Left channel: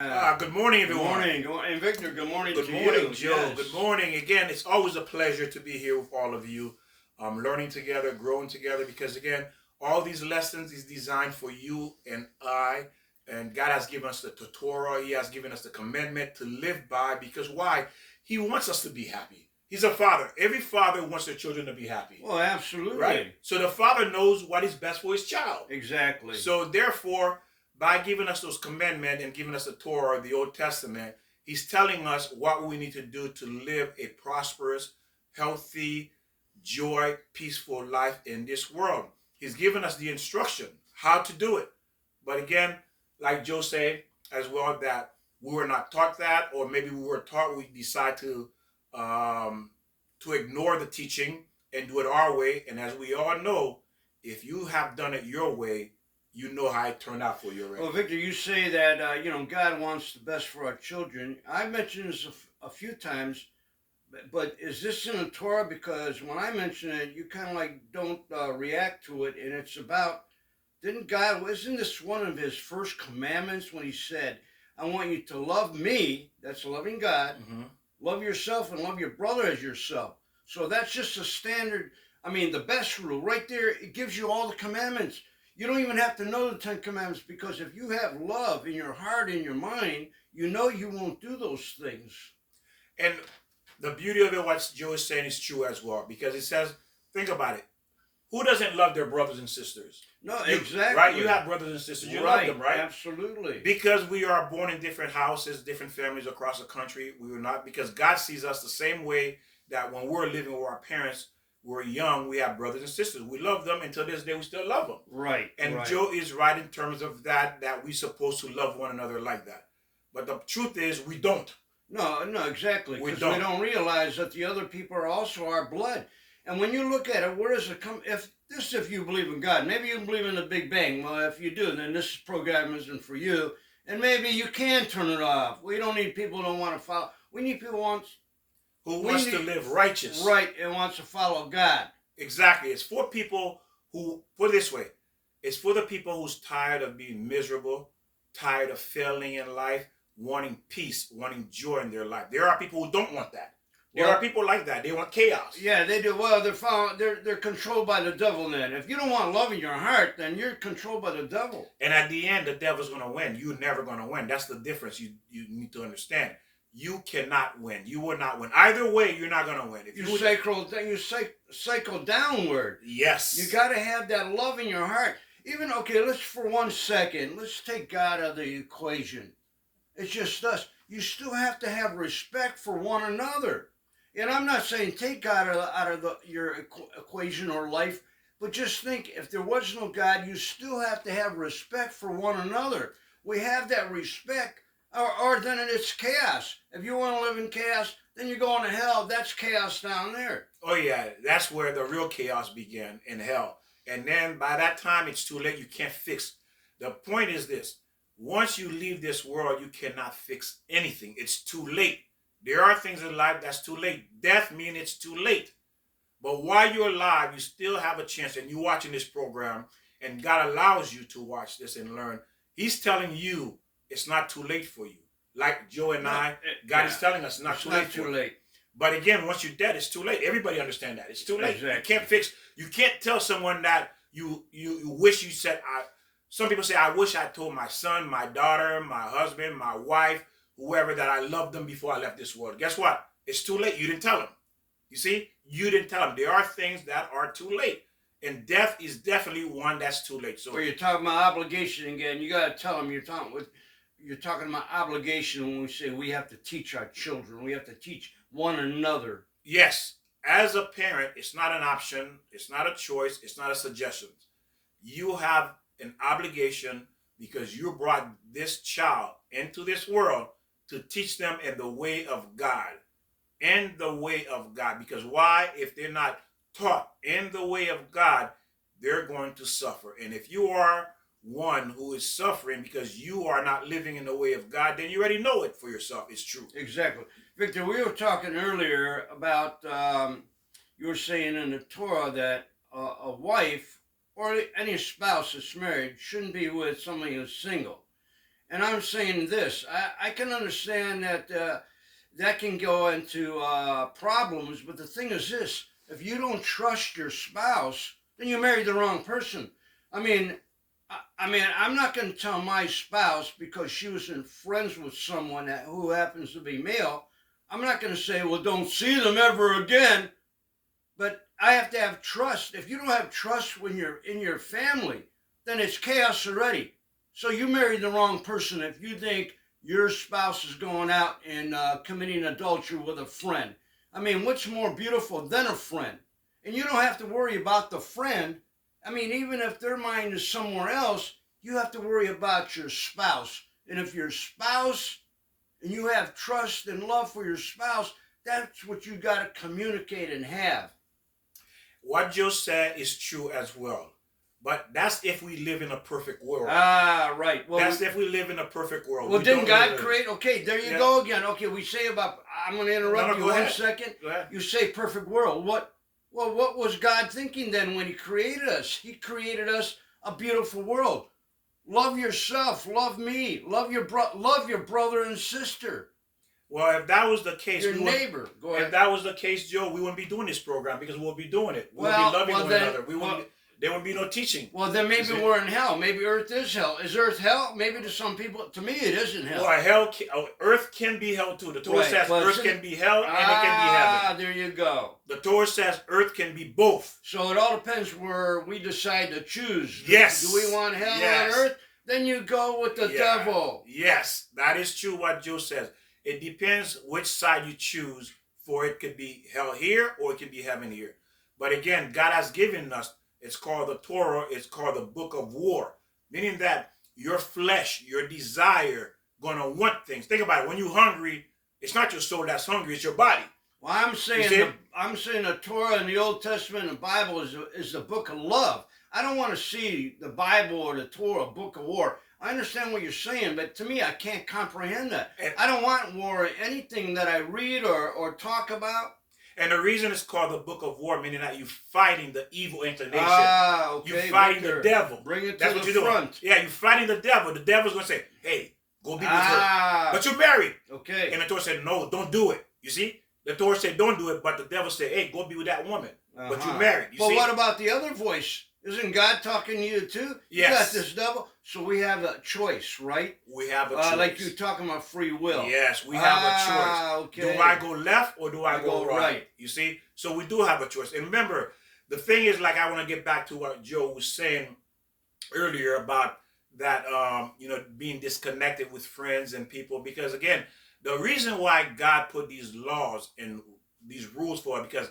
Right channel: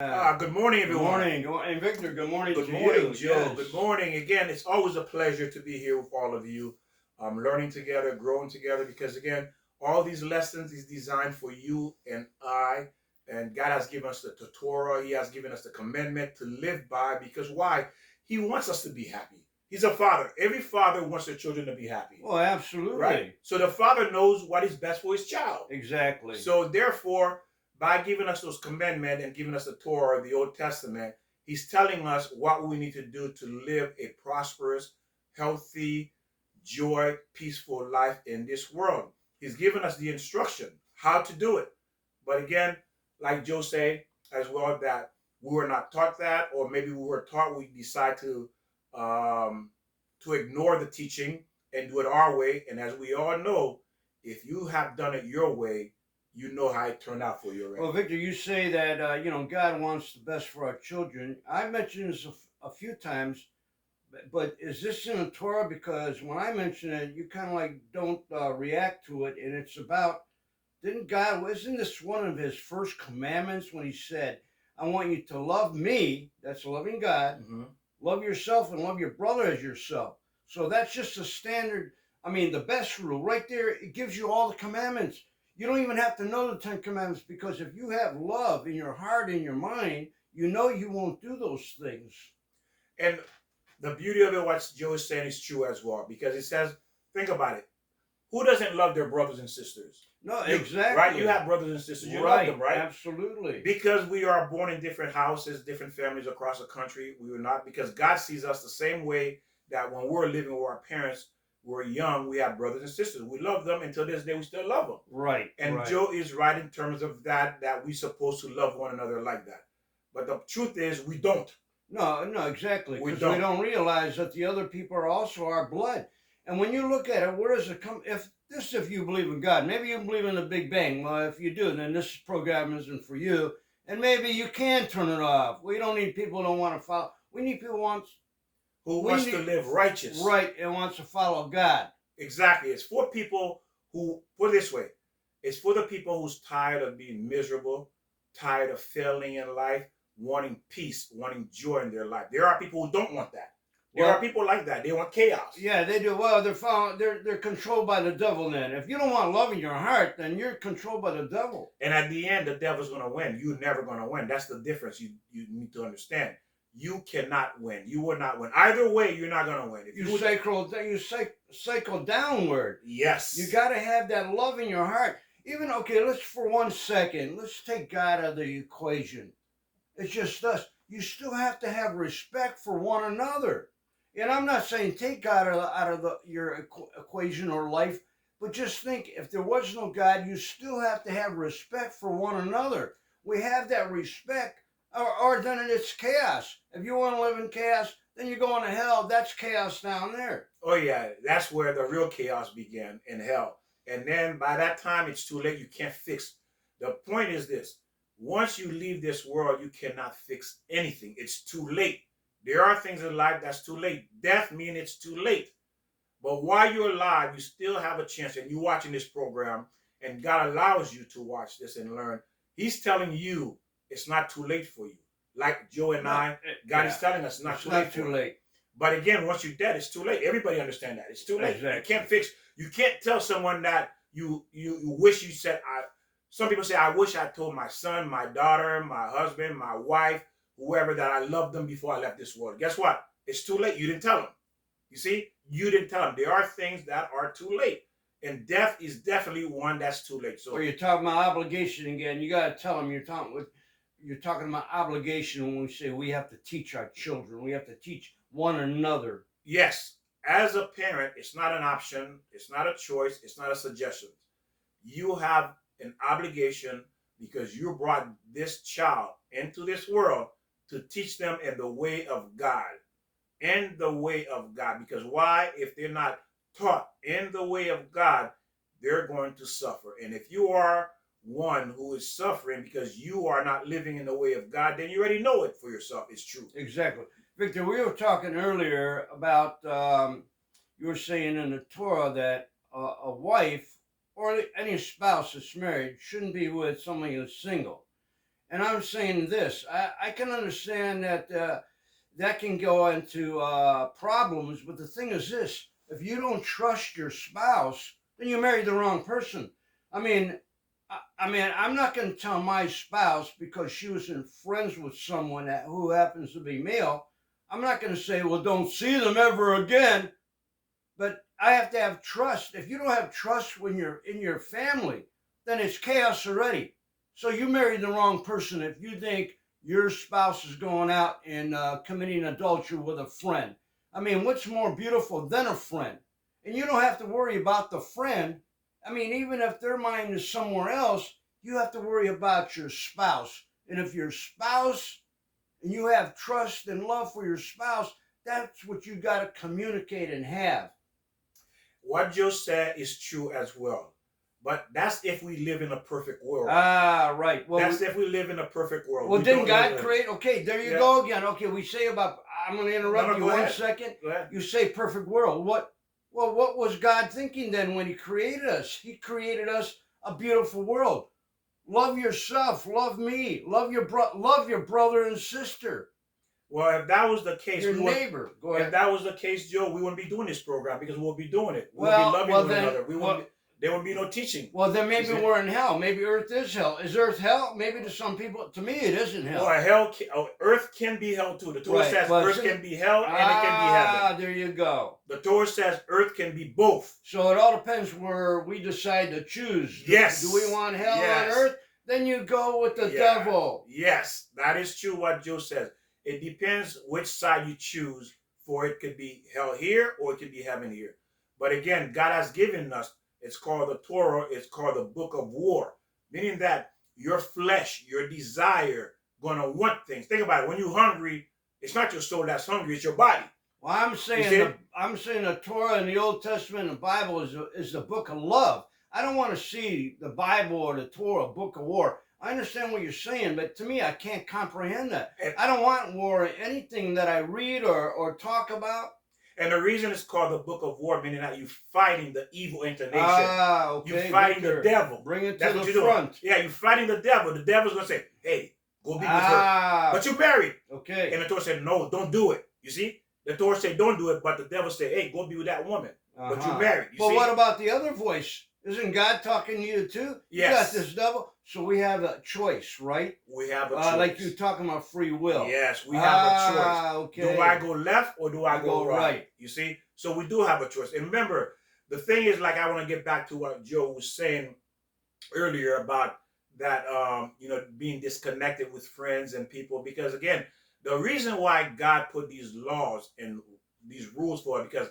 Good morning, Good everyone. morning. Good morning, Victor. Good morning Good to morning, you. Joe. Good Yes. morning again. It's always a pleasure to be here with all of you, learning together, growing together. Because again, all these lessons is designed for you and I. And God has given us the Torah. He has given us the commandment to live by. Because why? He wants us to be happy. He's a father. Every father wants their children to be happy, Well, right? absolutely. So the father knows what is best for his child. Exactly. So therefore, by giving us those commandments and giving us the Torah, the Old Testament, he's telling us what we need to do to live a prosperous, healthy, joy, peaceful life in this world. He's given us the instruction how to do it. But again, like Joe said as well, that we were not taught that, or maybe we were taught, we decide to ignore the teaching and do it our way. And as we all know, if you have done it your way, you know how it turned out for you already. Well, Victor, you say that God wants the best for our children. I mentioned this a few times, but is this in the Torah? Because when I mention it, you kind of like don't react to it, and it's about didn't God? Isn't this one of His first commandments when He said, "I want you to love me"? That's loving God. Mm-hmm. Love yourself and love your brother as yourself. So that's just a standard. I mean, the best rule right there. It gives you all the commandments. You don't even have to know the 10 commandments because if you have love in your heart, in your mind, you know you won't do those things. And the beauty of it, what Joe is saying, is true as well, because it says, think about it. Who doesn't love their brothers and sisters? No, exactly. Right? You have brothers and sisters. You right, love them, right? Absolutely. Because we are born in different houses, different families across the country. We were not, because God sees us the same way that when we're living with our parents, we're young, we have brothers and sisters. We love them until this day, we still love them. Right. And right. Joe is right in terms of that we're supposed to love one another like that. But the truth is, we don't. No, exactly. We Because we don't. don't realize that the other people are also our blood. And when you look at it, where does it come? If you believe in God, maybe you believe in the Big Bang. Well, if you do, then this program isn't for you. And maybe you can turn it off. We don't need people who don't want to follow. We need people who wants to live righteous. Right, and wants to follow God. Exactly. It's for people who, put it this way, it's for the people who's tired of being miserable, tired of failing in life, wanting peace, wanting joy in their life. There are people who don't want that. There are people like that. They want chaos. Yeah, they do. Well, they're controlled by the devil then. If you don't want love in your heart, then you're controlled by the devil. And at the end, the devil's going to win. You're never going to win. That's the difference you need to understand. You cannot win. You will not win. Either way, you're not going to win. If you cycle downward. Yes. You got to have that love in your heart. Even, okay, let's for 1 second, let's take God out of the equation. It's just us. You still have to have respect for one another. And I'm not saying take God out of your equation or life, but just think if there was no God, you still have to have respect for one another. We have that respect, or then it's chaos. If you want to live in chaos, then you're going to hell. That's chaos down there. Oh, yeah. That's where the real chaos began, in hell. And then by that time, it's too late. You can't fix. The point is this. Once you leave this world, you cannot fix anything. It's too late. There are things in life that's too late. Death means it's too late. But while you're alive, you still have a chance. And you're watching this program, and God allows you to watch this and learn. He's telling you it's not too late for you. Like Joe and God is telling us it's not too late. But again, once you're dead, it's too late. Everybody understand that. It's too late. Exactly. You can't fix. You can't tell someone that you wish you said. Some people say, I wish I told my son, my daughter, my husband, my wife, whoever, that I loved them before I left this world. Guess what? It's too late. You didn't tell them. You see? You didn't tell them. There are things that are too late. And death is definitely one that's too late. So, well, you're talking about obligation again. You got to tell them you're talking about obligation when we say we have to teach our children. We have to teach one another. Yes. As a parent, it's not an option. It's not a choice. It's not a suggestion. You have an obligation because you brought this child into this world to teach them in the way of God. In the way of God. Because why? If they're not taught in the way of God, they're going to suffer. And if you are one who is suffering because you are not living in the way of God, then you already know it for yourself. It's true. Exactly. Victor, we were talking earlier about, you were saying in the Torah that a wife or any spouse that's married shouldn't be with somebody who's single. And I'm saying this. I can understand that that can go into problems, but the thing is this: if you don't trust your spouse, then you married the wrong person. I mean, I'm not going to tell my spouse because she was in friends with someone who happens to be male. I'm not going to say, well, don't see them ever again. But I have to have trust. If you don't have trust when you're in your family, then it's chaos already. So you married the wrong person if you think your spouse is going out and committing adultery with a friend. I mean, what's more beautiful than a friend? And you don't have to worry about the friend. I mean, even if their mind is somewhere else, you have to worry about your spouse. And if your spouse and you have trust and love for your spouse, that's what you got to communicate and have. What Joe said is true as well. But that's if we live in a perfect world. Ah, right. Well, that's if we live in a perfect world. Well, didn't God create? Okay, there you go again. Okay, we say about. I'm going to interrupt you 1 second. Go ahead. You say perfect world. What? Well, what was God thinking then when He created us? He created us a beautiful world. Love yourself. Love me. Love your brother and sister. Well, if that was the case, your neighbor. Go ahead. If that was the case, Joe, we wouldn't be doing this program because we'll be doing it. We'll be loving one another. There won't be no teaching. Well, then maybe we're in hell. Maybe Earth is hell. Is Earth hell? Maybe to some people. To me, it isn't hell. Well, Earth can be hell too. The Torah says Earth can be hell and it can be heaven. Ah, there you go. The Torah says Earth can be both. So it all depends where we decide to choose. Yes. Do we want hell on Earth? Then you go with the devil. Yes, that is true what Joe says. It depends which side you choose, for it could be hell here or it could be heaven here. But again, God has given us, it's called the Torah, it's called the book of war, meaning that your flesh, your desire, going to want things. Think about it. When you're hungry, it's not your soul that's hungry, it's your body. Well, I'm saying the Torah in the Old Testament and the Bible is the book of love. I don't want to see the Bible or the Torah a book of war. I understand what you're saying, but to me, I can't comprehend that. I don't want war. Anything that I read or talk about. And the reason it's called the book of war, meaning that you're fighting the evil inclination. Ah, okay. You're fighting the devil. Bring it to the front. Yeah, you're fighting the devil. The devil's going to say, hey, go be with her. But you're married. Okay. And the Torah said, no, don't do it. You see? The Torah said, don't do it, but the devil said, hey, go be with that woman. But you're married. But what about the other voice? Isn't God talking to you too? Yes. You got this devil. So we have a choice, right? We have a choice. Like you're talking about free will. Yes, we have a choice. Okay. Do I go left or do I go right? You see? So we do have a choice. And remember, the thing is, like, I want to get back to what Joe was saying earlier about that, being disconnected with friends and people. Because, again, the reason why God put these laws and these rules for it, because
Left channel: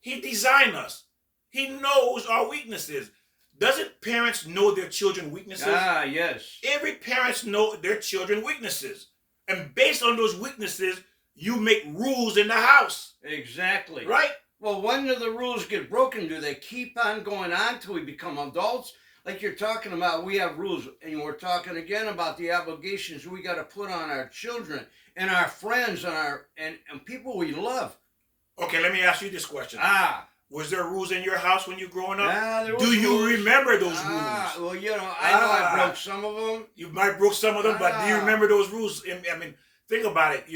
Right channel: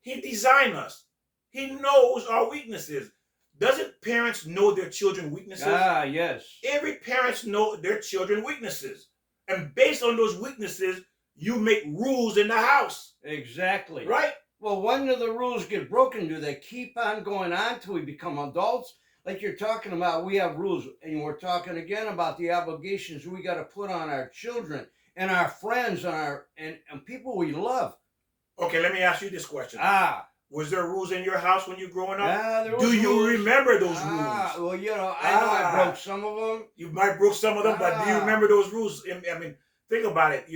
He designed us. He knows our weaknesses. Doesn't parents know their children's weaknesses? Ah, yes. Every parents know their children's weaknesses. And based on those weaknesses, you make rules in the house. Exactly. Right? Well, when do the rules get broken? Do they keep on going on till we become adults? Like you're talking about, we have rules. And we're talking again about the obligations we got to put on our children and our friends and people we love. Okay, let me ask you this question. Was there rules in your house when you were growing up? There Do you rules. Remember those rules? Well, I know I broke some of them. You might broke some of them, but do you remember those rules? I mean, think about it.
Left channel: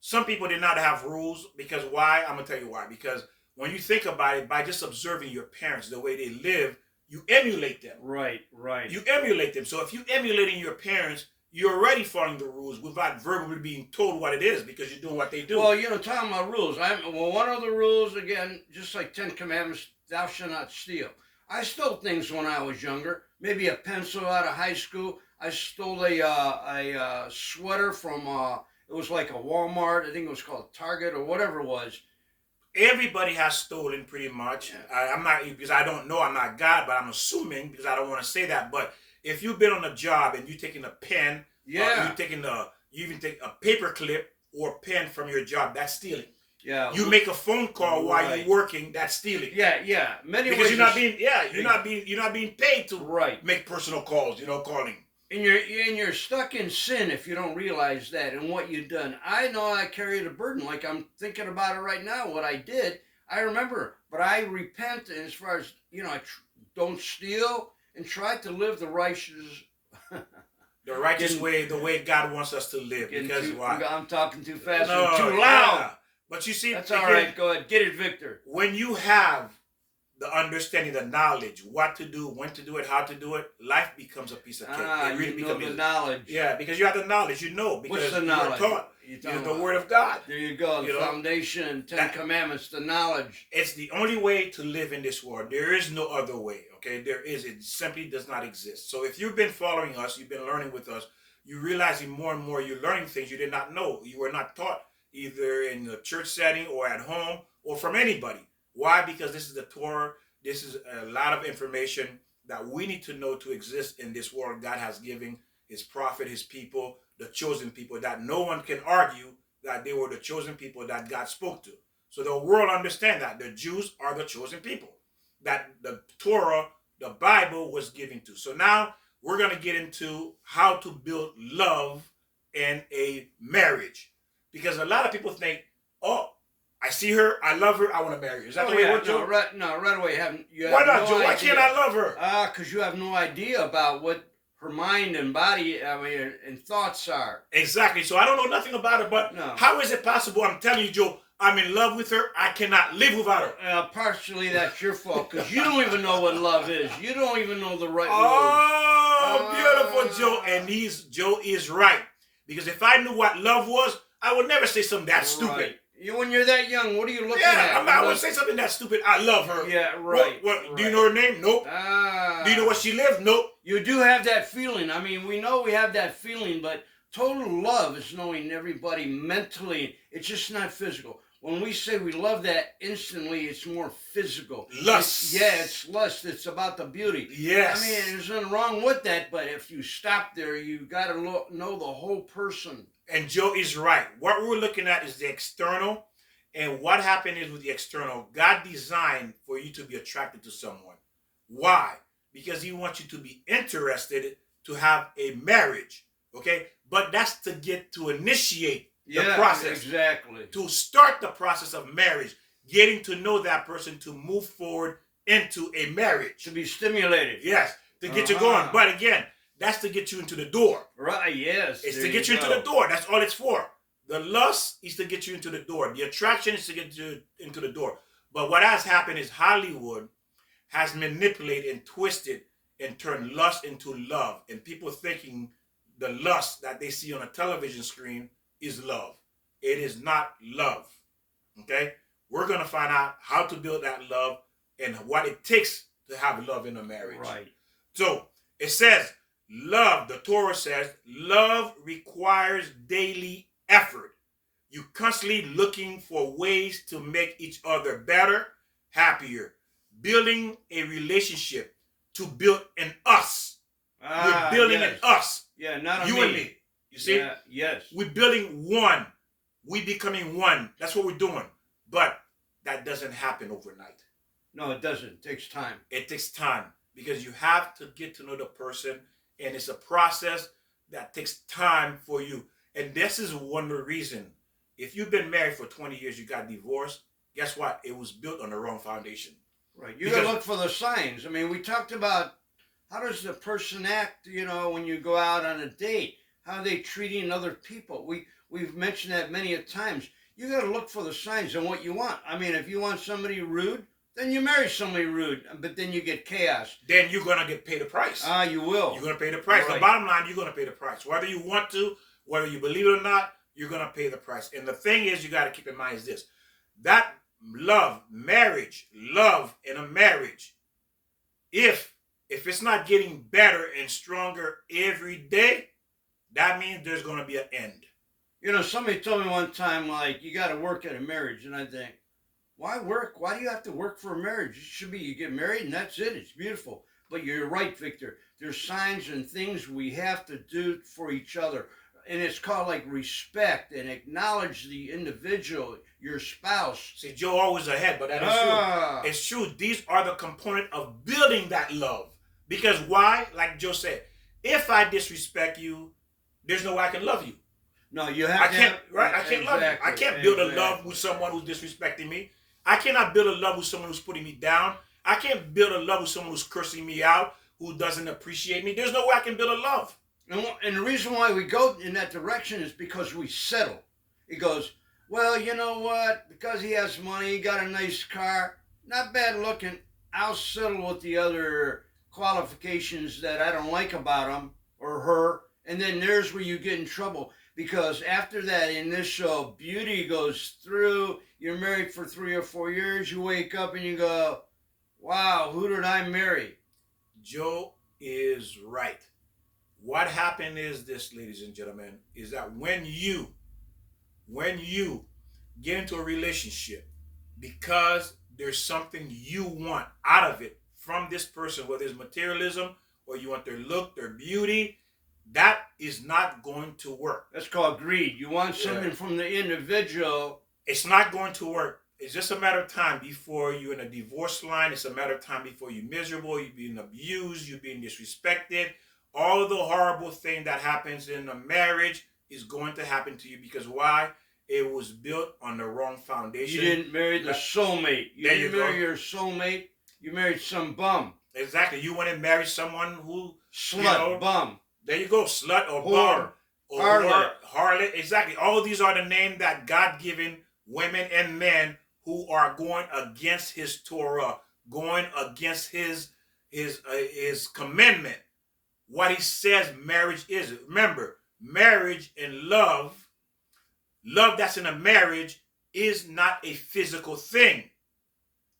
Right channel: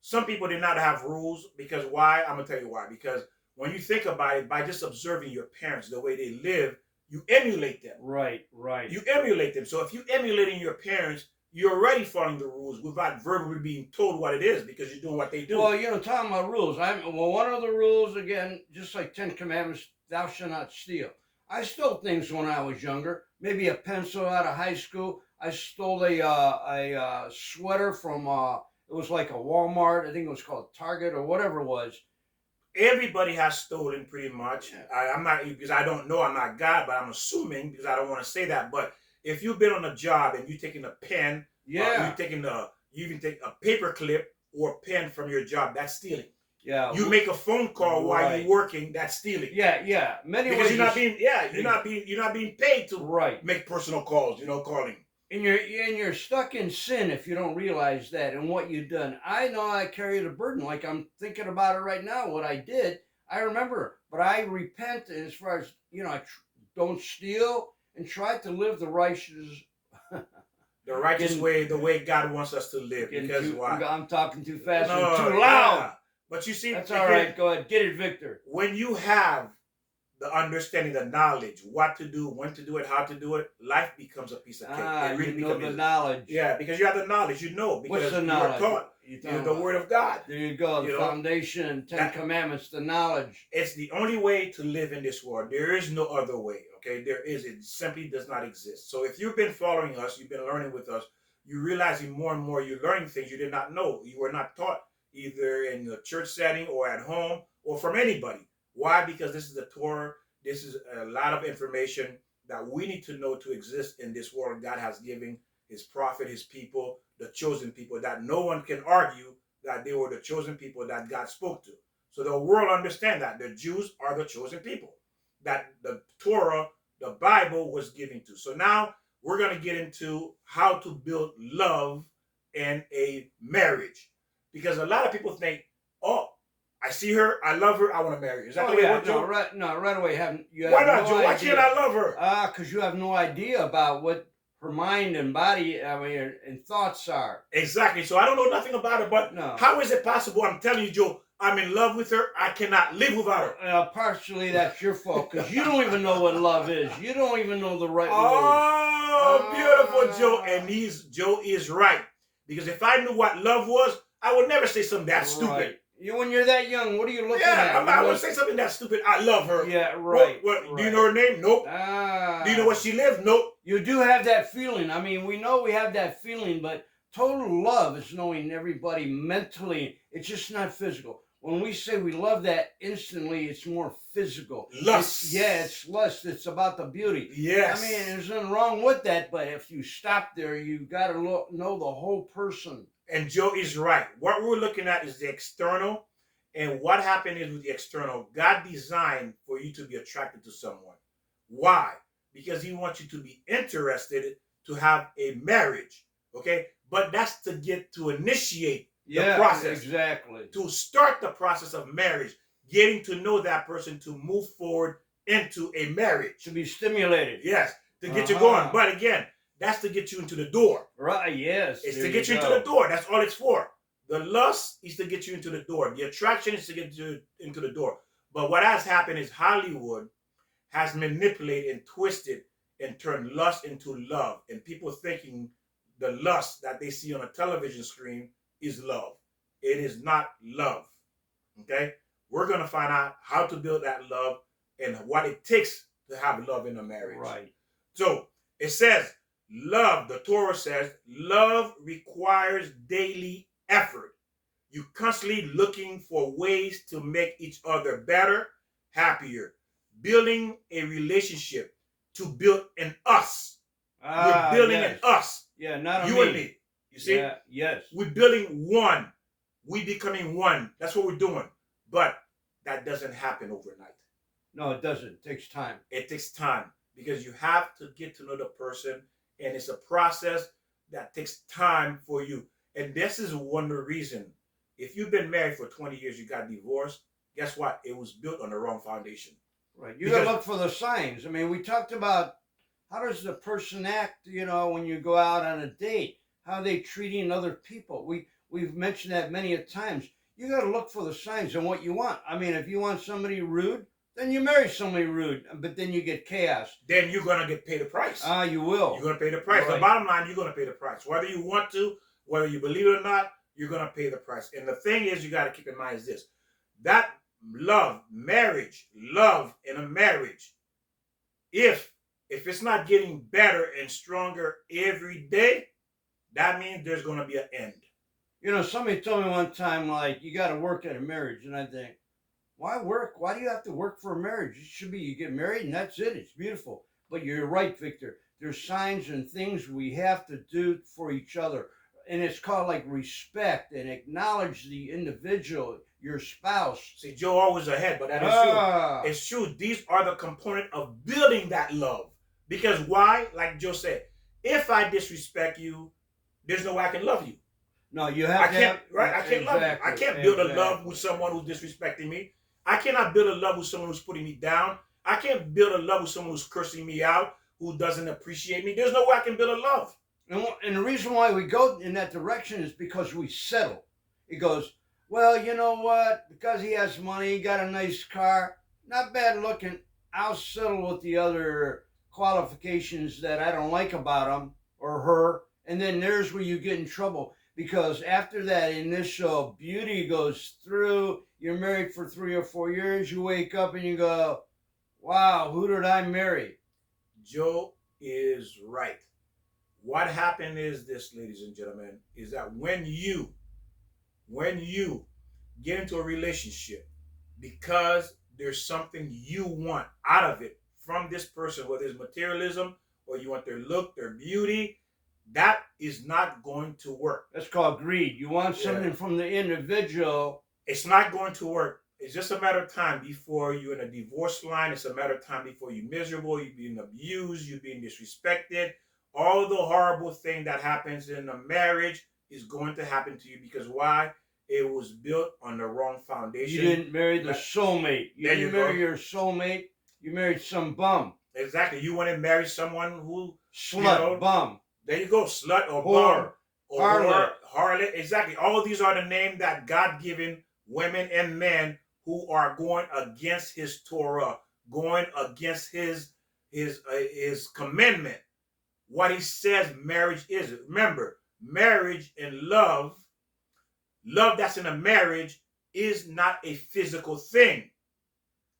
Some people did not have rules because why? I'm going to tell you why. Because when you think about it, by just observing your parents, the way they live, you emulate them. Right. You emulate them. So if you're emulating your parents, you're already following the rules without verbally being told what it is because you're doing what they do. Well, talking about rules. One of the rules, again, just like 10 Commandments, thou shalt not steal. I stole things when I was younger. Maybe a pencil out of high school. I stole a sweater from, it was like a Walmart. I think it was called Target or whatever it was. Everybody has stolen pretty much. Yeah. I'm not, because I don't know, I'm not God, but I'm assuming because I don't want to say that. But if you've been on a job and you're taking a pen, you even take a paper clip or pen from your job, that's stealing. Yeah. You make a phone call while you're working, that's stealing. Yeah. Many because ways you're not being paid to make personal calls, calling. And you're stuck in sin if you don't realize that and what you've done. I know I carried a burden, like I'm thinking about it right now, what I did. I remember, but I repent as far as, I don't steal and try to live the righteous The righteous Getting- way, the way God wants us to live. Getting Because too- why? I'm talking too fast No, and too yeah. loud. But you see, That's all because right. Go ahead. Get it, Victor. when you have the understanding, the knowledge, what to do, when to do it, how to do it, life becomes a piece of cake. It really You know becomes the easy. knowledge. Yeah, because you have the knowledge, you know. Because What's the you knowledge? were taught. You You know, the Word of God. There you go. The You know, foundation, Ten that- Commandments, the knowledge. It's the only way to live in this world. There is no other way. Okay, it simply does not exist. So if you've been following us, you've been learning with us, you're realizing more and more you're learning things you did not know. You were not taught either in the church setting or at home or from anybody. Why? Because this is the Torah. This is a lot of information that we need to know to exist in this world God has given his prophet, his people, the chosen people, that no one can argue that they were the chosen people that God spoke to. So the world understand that the Jews are the chosen people that the Torah, the Bible, was given to. So now we're going to get into how to build love in a marriage. Because a lot of people think, oh, I see her, I love her, I want to marry her. Is that the way it works, Joe? right away. You Why have not, no Joe? Why idea. can't I love her? Because you have no idea about what her mind and body, and thoughts are. Exactly. So I don't know nothing about her, but No. how is it possible? I'm telling you, Joe, I'm in love with her. I cannot live without her. Partially that's your fault because you don't even know what love is. You don't even know the right word. Oh, beautiful, Joe. And Joe is right. Because if I knew what love was, I would never say something that stupid. Right. When you're that young, what are you looking at? I would say something that stupid. I love her. Yeah, right. Do you know her name? Nope. Do you know where she lives? Nope. You do have that feeling. I mean, we know we have that feeling, but total love is knowing everybody mentally. It's just not physical. When we say we love that instantly, it's more physical. Lust. It's lust. It's about the beauty. Yes. I mean, there's nothing wrong with that, but if you stop there, you got to know the whole person. And Joe is right. What we're looking at is the external. And what happened is with the external, God designed for you to be attracted to someone. Why? Because he wants you to be interested to have a marriage. Okay? But that's to initiate the process. Exactly. To start the process of marriage, getting to know that person to move forward into a marriage. To be stimulated. Yes, to get you going. But again, that's to get you into the door. Right, yes. It's to get you into the door. That's all it's for. The lust is to get you into the door. The attraction is to get you into the door. But what has happened is Hollywood has manipulated and twisted and turned lust into love. And people thinking the lust that they see on a television screen is love. It is not love. Okay? We're going to find out how to build that love and what it takes to have love in a marriage. Right. So it says, love, the Torah says, love requires daily effort. You constantly looking for ways to make each other better, happier, building a relationship to build in us. We're building in us. Yeah, not you me. and me. You see? Yeah, yes. We're building one. We're becoming one. That's what we're doing. But that doesn't happen overnight. No, it doesn't. It takes time. It takes time because you have to get to know the person, and it's a process that takes time for you. And this is one of the reasons. If you've been married for 20 years, you got divorced, guess what? It was built on the wrong foundation. Right. You got to look for the signs. I mean, we talked about how does the person act, when you go out on a date? How are they treating other people? We've mentioned that many a times. You got to look for the signs and what you want. I mean, if you want somebody rude, then you marry somebody rude, but then you get chaos. Then you're going to get paid the price. You will. You're going to pay the price. Right. The bottom line, you're going to pay the price. Whether you want to, whether you believe it or not, you're going to pay the price. And the thing is, you got to keep in mind is this. That love in a marriage, if it's not getting better and stronger every day, that means there's going to be an end. Somebody told me one time, you got to work at a marriage. And I think, why work? Why do you have to work for a marriage? It should be you get married and that's it. It's beautiful. But you're right, Victor. There's signs and things we have to do for each other. And it's called respect and acknowledge the individual, your spouse. See, Joe always ahead, but that is true. It's true. These are the component of building that love. Because why? Like Joe said, if I disrespect you, there's no way I can love you. No, you have to have, right? I can't love you. I can't build a love with someone who's disrespecting me. I cannot build a love with someone who's putting me down. I can't build a love with someone who's cursing me out, who doesn't appreciate me. There's no way I can build a love. And the reason why we go in that direction is because we settle. It goes, well, you know what? Because he has money, he got a nice car, not bad looking. I'll settle with the other qualifications that I don't like about him or her. And then there's where you get in trouble because after that initial beauty goes through, you're married for 3 or 4 years, you wake up and you go, wow, who did I marry? Joe is right. What happened is this, ladies and gentlemen, is that when you get into a relationship because there's something you want out of it from this person, whether it's materialism or you want their look, their beauty, that is not going to work. That's called greed. You want something from the individual. It's not going to work. It's just a matter of time before you're in a divorce line. It's a matter of time before you're miserable, you're being abused, you're being disrespected. All the horrible thing that happens in a marriage is going to happen to you because why? It was built on the wrong foundation. You didn't marry the soulmate. You didn't marry your soulmate. You married some bum. Exactly. You want to marry someone who slut, bum. There you go, slut or whore, bum or harlot. Harlot. Exactly. All of these are the names that God given women and men who are going against His Torah, going against His commandment. What He says marriage is. Remember, marriage and love that's in a marriage is not a physical thing.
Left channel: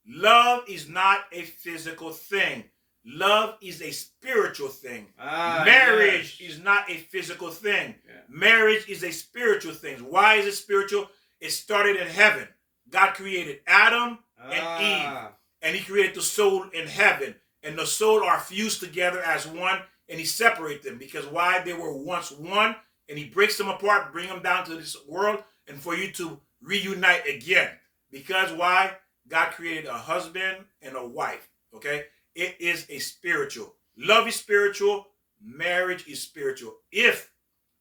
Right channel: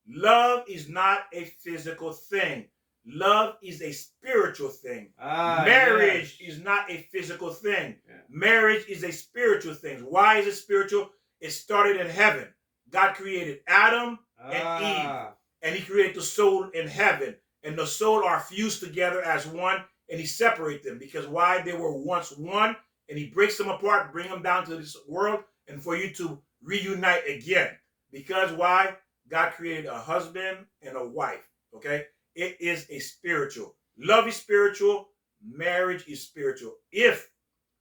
Love is not a physical thing. Love is a spiritual thing. Marriage is not a physical thing. Yeah. Marriage is a spiritual thing. Why is it spiritual? It started in heaven. God created Adam and Eve. And He created the soul in heaven. And the soul are fused together as one. And He separates them. Because why? They were once one. And He breaks them apart, bring them down to this world. And for you to reunite again. Because why? God created a husband and a wife. Okay? It is a spiritual. Love is spiritual. Marriage is spiritual. If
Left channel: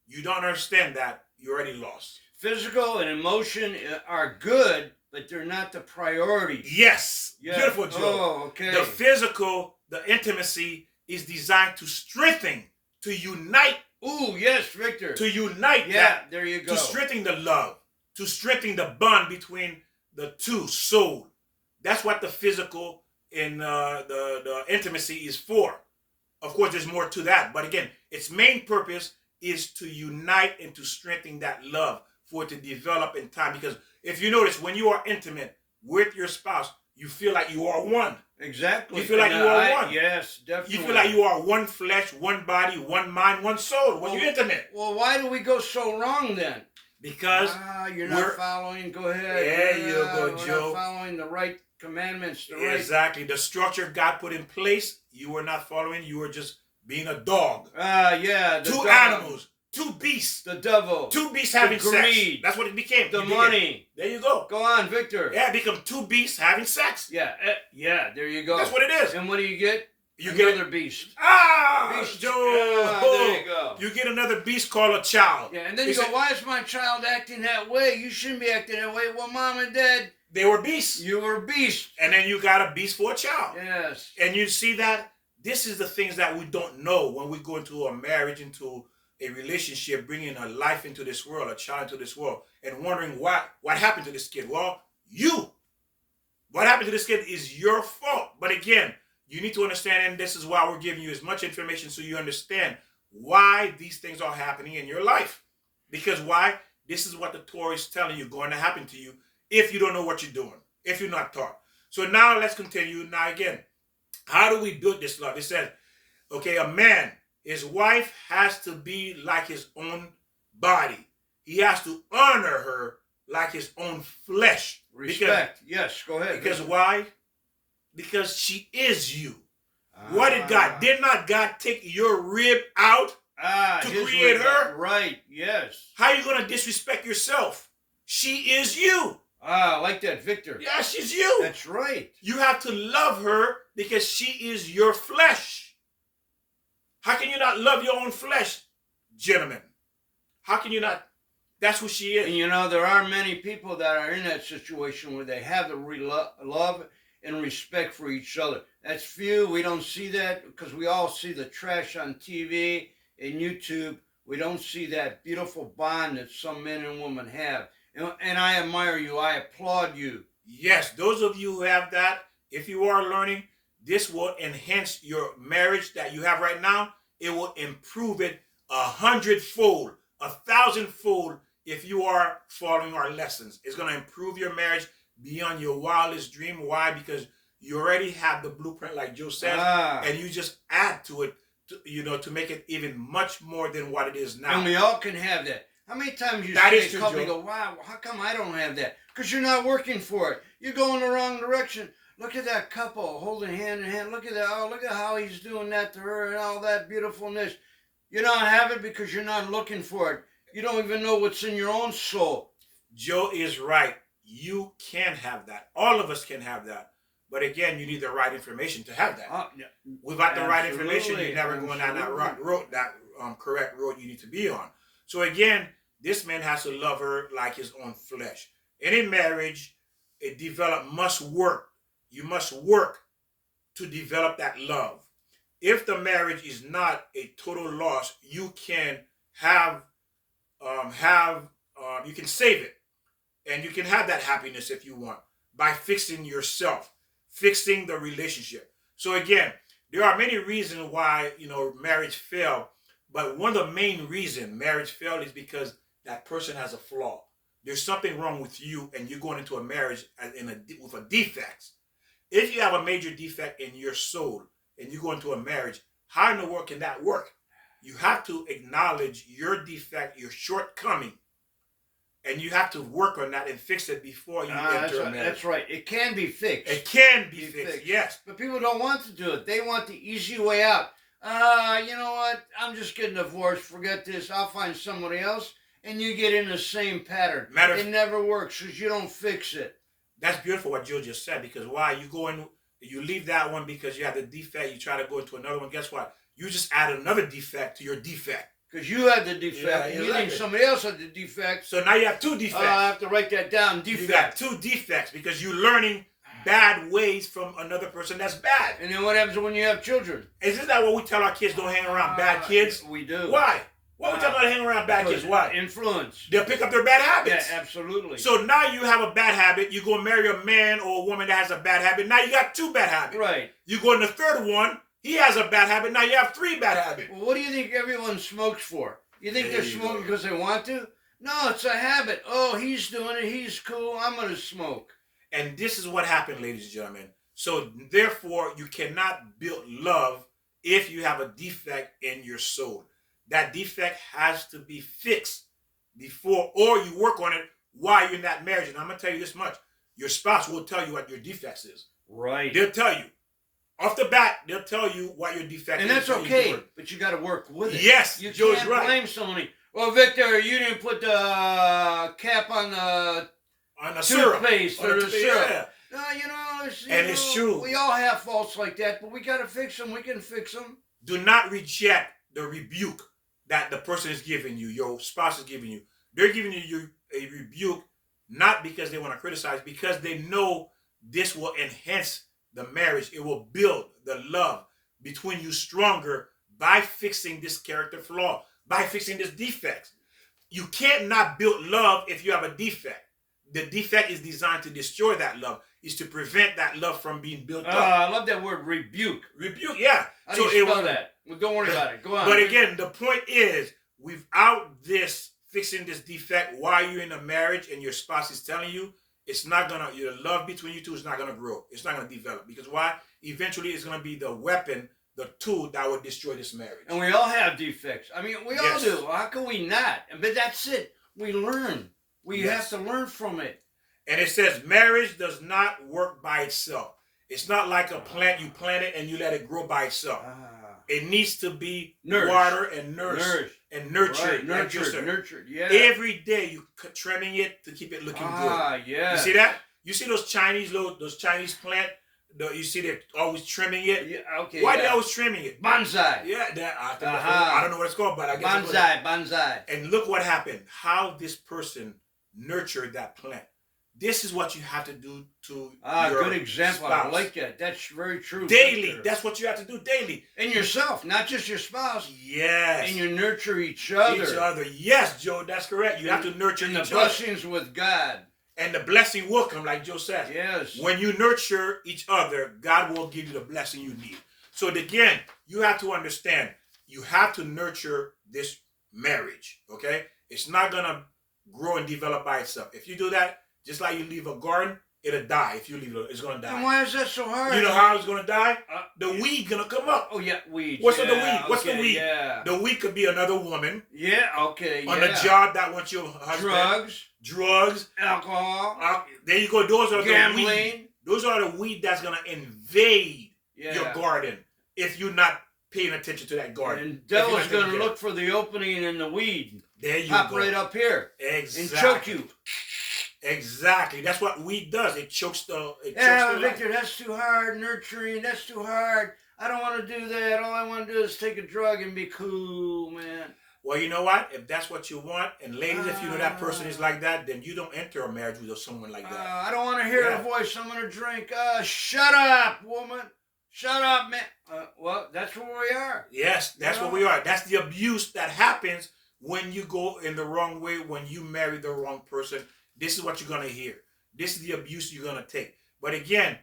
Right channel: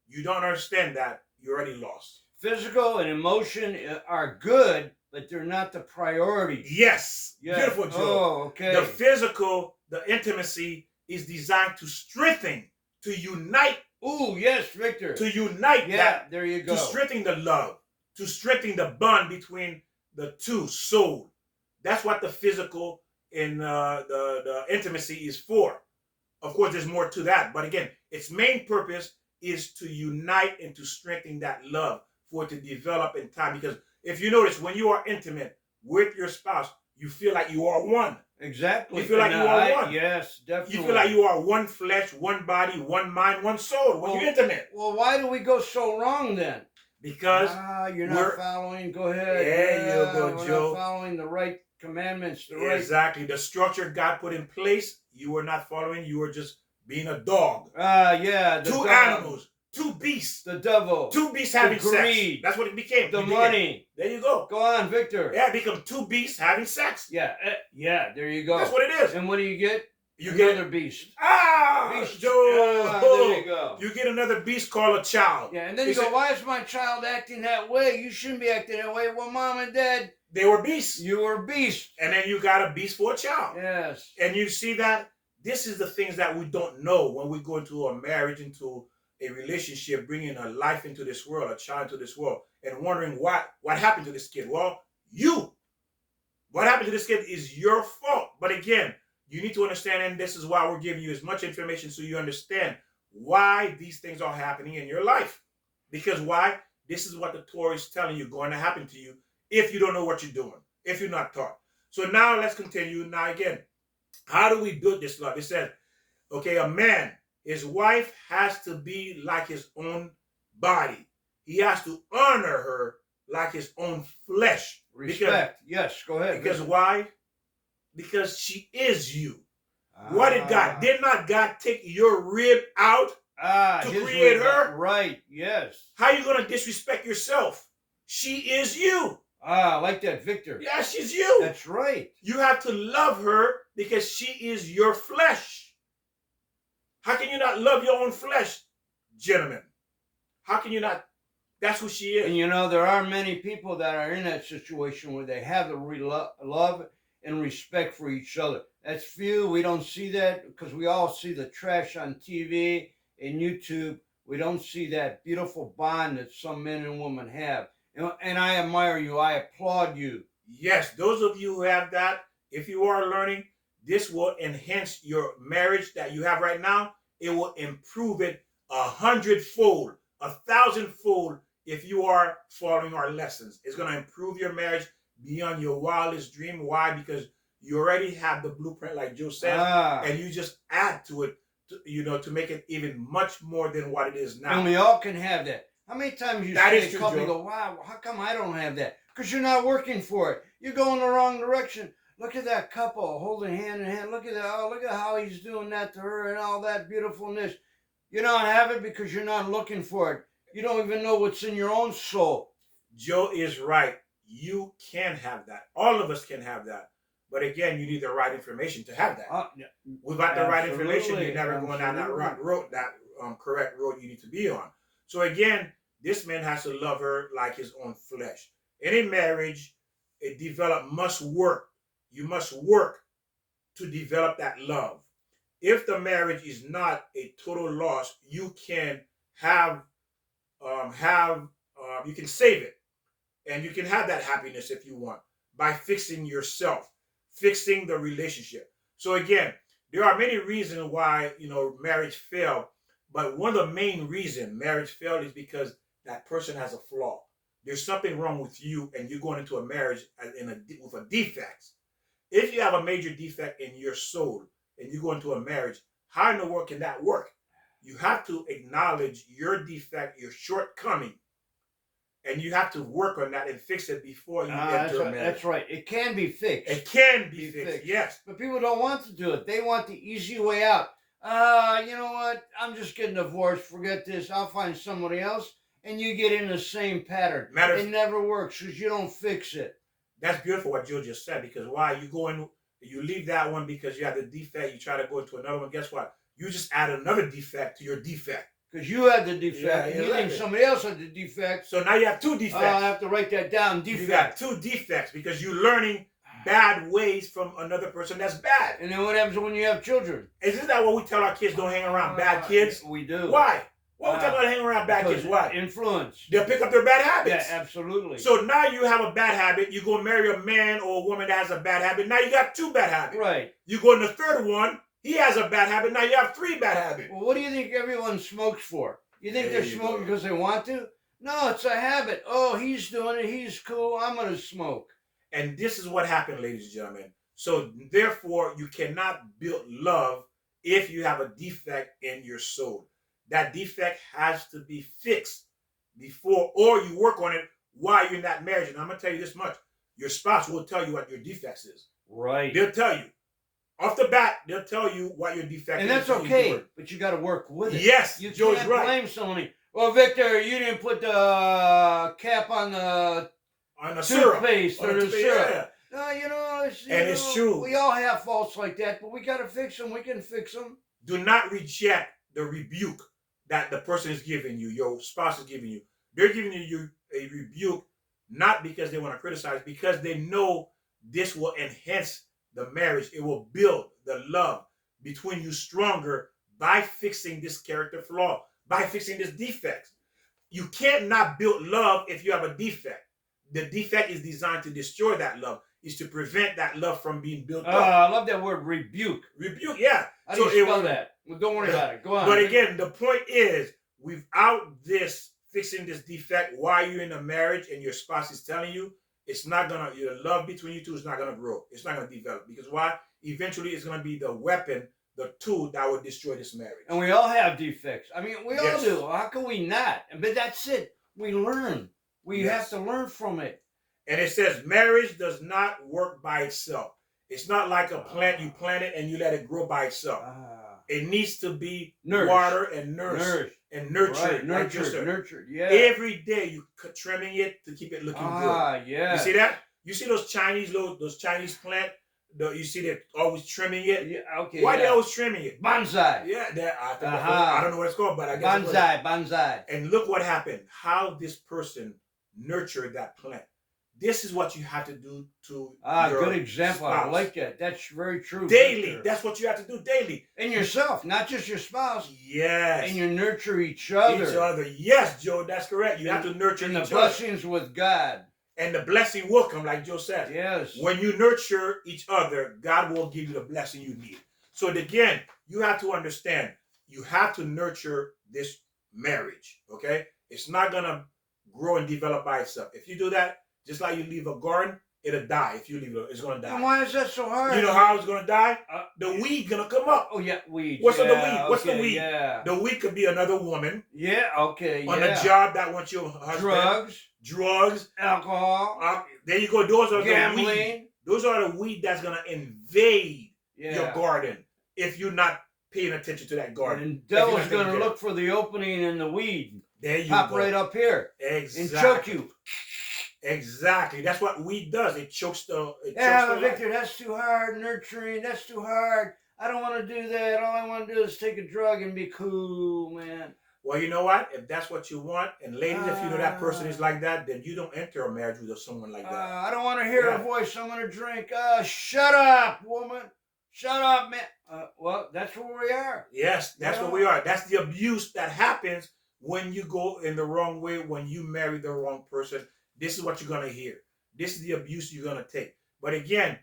you don't understand that, you're already lost. Physical and emotion are good, but they're not the priority. Yes. Beautiful, Joe. Oh, okay. The physical, the intimacy is designed to strengthen, to unite. Ooh, yes, Victor. To unite that. There you go. To strengthen the love. To strengthen the bond between the two souls. That's what the physical and the intimacy is for. Of course, there's more to that. But again, its main purpose is to unite and to strengthen that love for it to develop in time. Because if you notice, when you are intimate with your spouse, you feel like you are one. Exactly. You feel like you are one. Yes, definitely. You feel like you are one flesh, one body, one mind, one soul when you're intimate. Well, why do we go so wrong then? Because you're not following. Go ahead. There you go, Joe. We're not following the right commandments. Exactly. The structure God put in place, you were not following. You were just being a dog. Two animals. Two beasts. The devil. Two beasts having greed. sex. That's what it became. The money. There you go. Go on, Victor. Yeah, it become two beasts having sex. Yeah, there you go. That's what it is. And what do you get? You get another beast. Beast. Joe. There you go. You get another beast called a child. Yeah, and then you go, why is my child acting that way? You shouldn't be acting that way. Well, Mom and Dad, they were beasts. You were beasts. And then you got a beast for a child. Yes. And you see that this is the things that we don't know when we go into a marriage, into a relationship, bringing a life into this world, a child into this world, and wondering what happened to this kid. Well, what happened to this kid is your fault. But again, you need to understand, and this is why we're giving you as much information so you understand why these things are happening in your life. Because why? This is what the Torah is telling you going to happen to you if you don't know what you're doing, if you're not taught. So now let's continue. Now again, how do we build this love? It says, okay, a man, his wife has to be like his own body. He has to honor her like his own flesh. Respect. Yes, go ahead. Because why? Because she is you. What did God? Did not God take your rib out to create her? Right, yes. How are you going to disrespect yourself? She is you. I like that, Victor. Yeah, she's you. That's right. You have to love her because she is your flesh. How can you not love your own flesh, gentlemen? How can you not? That's who she is. And you know, there are many people that are in that situation where they have the love and respect for each other. That's few. We don't see that because we all see the trash on TV in YouTube, we don't see that beautiful bond that some men and women have. And I admire you. I applaud you. Yes, those of you who have that, if you are learning, this will enhance your marriage that you have right now. It will improve it 100-fold, 1,000-fold if you are following our lessons. It's going to improve your marriage beyond your wildest dream. Why? Because you already have the blueprint, like Joe said, and you just add to it, to make it even much more than what it is now. And we all can have that. How many times you see a couple and go, wow, how come I don't have that? Because you're not working for it. You're going the wrong direction. Look at that couple holding hand in hand. Look at that. Oh, look at how he's doing that to her and all that beautifulness. You don't have it because you're not looking for it. You don't even know what's in your own soul. Joe is right. You can have that. All of us can have that. But again, you need the right information to have that. Yeah. Without the right information, you're never going down that road, correct road you need to be on. So again, this man has to love her like his own flesh. And in marriage, must work. You must work to develop that love. If the marriage is not a total loss, you can you can save it, and you can have that happiness if you want by fixing yourself, fixing the relationship. So again, there are many reasons why marriage failed, but one of the main reasons marriage failed is because that person has a flaw. There's something wrong with you, and you're going into a marriage with a defect. If you have a major defect in your soul and you go into a marriage, how in the world can that work? You have to acknowledge your defect, your shortcoming, and you have to work on that and fix it before you enter a marriage. That's right. It can be fixed. It can be fixed, yes. But people don't want to do it. They want the easy way out. You know what? I'm just getting divorced. Forget this. I'll find somebody else. And you get in the same pattern. It never works because you don't fix it. That's beautiful what Joe just said, because why? You leave that one because you have the defect, you try to go into another one. Guess what? You just add another defect to your defect. Because you had the defect, and you think somebody else had the defect. So now you have two defects. I have to write that down, defect. You got two defects because you're learning bad ways from another person that's bad. And then what happens when you have children? Isn't that what we tell our kids? Don't hang around bad kids? We do. Why? Why are we talking about hanging around bad kids? Why? Influence. They'll pick up their bad habits. Yeah, absolutely. So now you have a bad habit. You go marry a man or a woman that has a bad habit. Now you got two bad habits. Right. You go in the third one. He has a bad habit. Now you have three bad habits. Well, what do you think everyone smokes for? You think they're smoking because they want to? No, it's a habit. Oh, he's doing it. He's cool. I'm going to smoke. And this is what happened, ladies and gentlemen. So therefore, you cannot build love if you have a defect in your soul. That defect has to be fixed before, or you work on it while you're in that marriage. And I'm going to tell you this much. Your spouse will tell you what your defects is. Right. They'll tell you. Off the bat, they'll tell you what your defect is. And that's okay, but you got to work with it. Yes, you Joe's can't right. blame somebody. Well, Victor, you didn't put the cap on the toothpaste or the syrup. Yeah. No, it's true. We all have faults like that, but we got to fix them. We can fix them. Do not reject the rebuke that the person is giving you, your spouse is giving you. They're giving you a rebuke not because they want to criticize, because they know this will enhance the marriage. It will build the love between you stronger by fixing this character flaw, by fixing this defect. You can't not build love if you have a defect. The defect is designed to destroy that love, is to prevent that love from being built up. I love that word, rebuke. Rebuke, yeah. How do you spell that? Well, don't worry about it. Go on. But again, the point is, without this, fixing this defect while you're in a marriage and your spouse is telling you, it's not going to, your love between you two is not going to grow. It's not going to develop. Because why? Eventually, it's going to be the weapon, the tool that will destroy this marriage. And we all have defects. I mean, we all do. How can we not? But that's it. We learn. We have to learn from it. And it says marriage does not work by itself. It's not like a plant. You plant it and you let it grow by itself. It needs to be watered and nourished and nurtured. Right. Nurtured, yeah. Every day you trimming it to keep it looking good. Yeah. You see that? You see those Chinese plant? You see they always trimming it? Yeah, okay. Why they always trimming it? Bonsai. Yeah, I don't know what it's called, but I guess bonsai. And look what happened. How this person nurtured that plant. This is what you have to do to Good your example. I spouse. like that. That's very true. Daily. Victor. That's what you have to do daily. And yourself, not just your spouse. Yes. And you nurture each other. Each other. Yes, Joe, that's correct. You have to nurture and each the other. blessings with God. And the blessing will come, like Joe says. Yes. When you nurture each other, God will give you the blessing you need. So again, you have to understand, you have to nurture this marriage, okay? It's not going to grow and develop by itself. If you do that, just like you leave a garden, it'll die. If you leave it, it's going to die. And why is that so hard? You know how it's going to die? The weed going to come up. Oh, yeah, weeds. What's yeah, the weed? What's the weed? Yeah. The weed could be another woman. Yeah, okay, on a job that wants your husband. Drugs. Alcohol. There you go. Those are gambling. The weed. Those are the weed that's going to invade Yeah. your garden if you're not paying attention to that garden. And the devil's going to look for the opening in the weed. There you Pop go. right up here. Exactly. And choke you. Exactly. That's what weed does. It chokes the. Victor, that's too hard. Nurturing, that's too hard. I don't want to do that. All I want to do is take a drug and be cool, man. Well, you know what? If that's what you want, and ladies, if you know that person is like that, then you don't enter a marriage with someone like that. I don't want to hear a voice. I'm going to drink. Shut up, woman. Shut up, man. Well, that's where we are. Yes, that's where we are. That's the abuse that happens when you go in the wrong way, when you marry the wrong person. This is what you're going to hear. This is the abuse you're going to take. But again,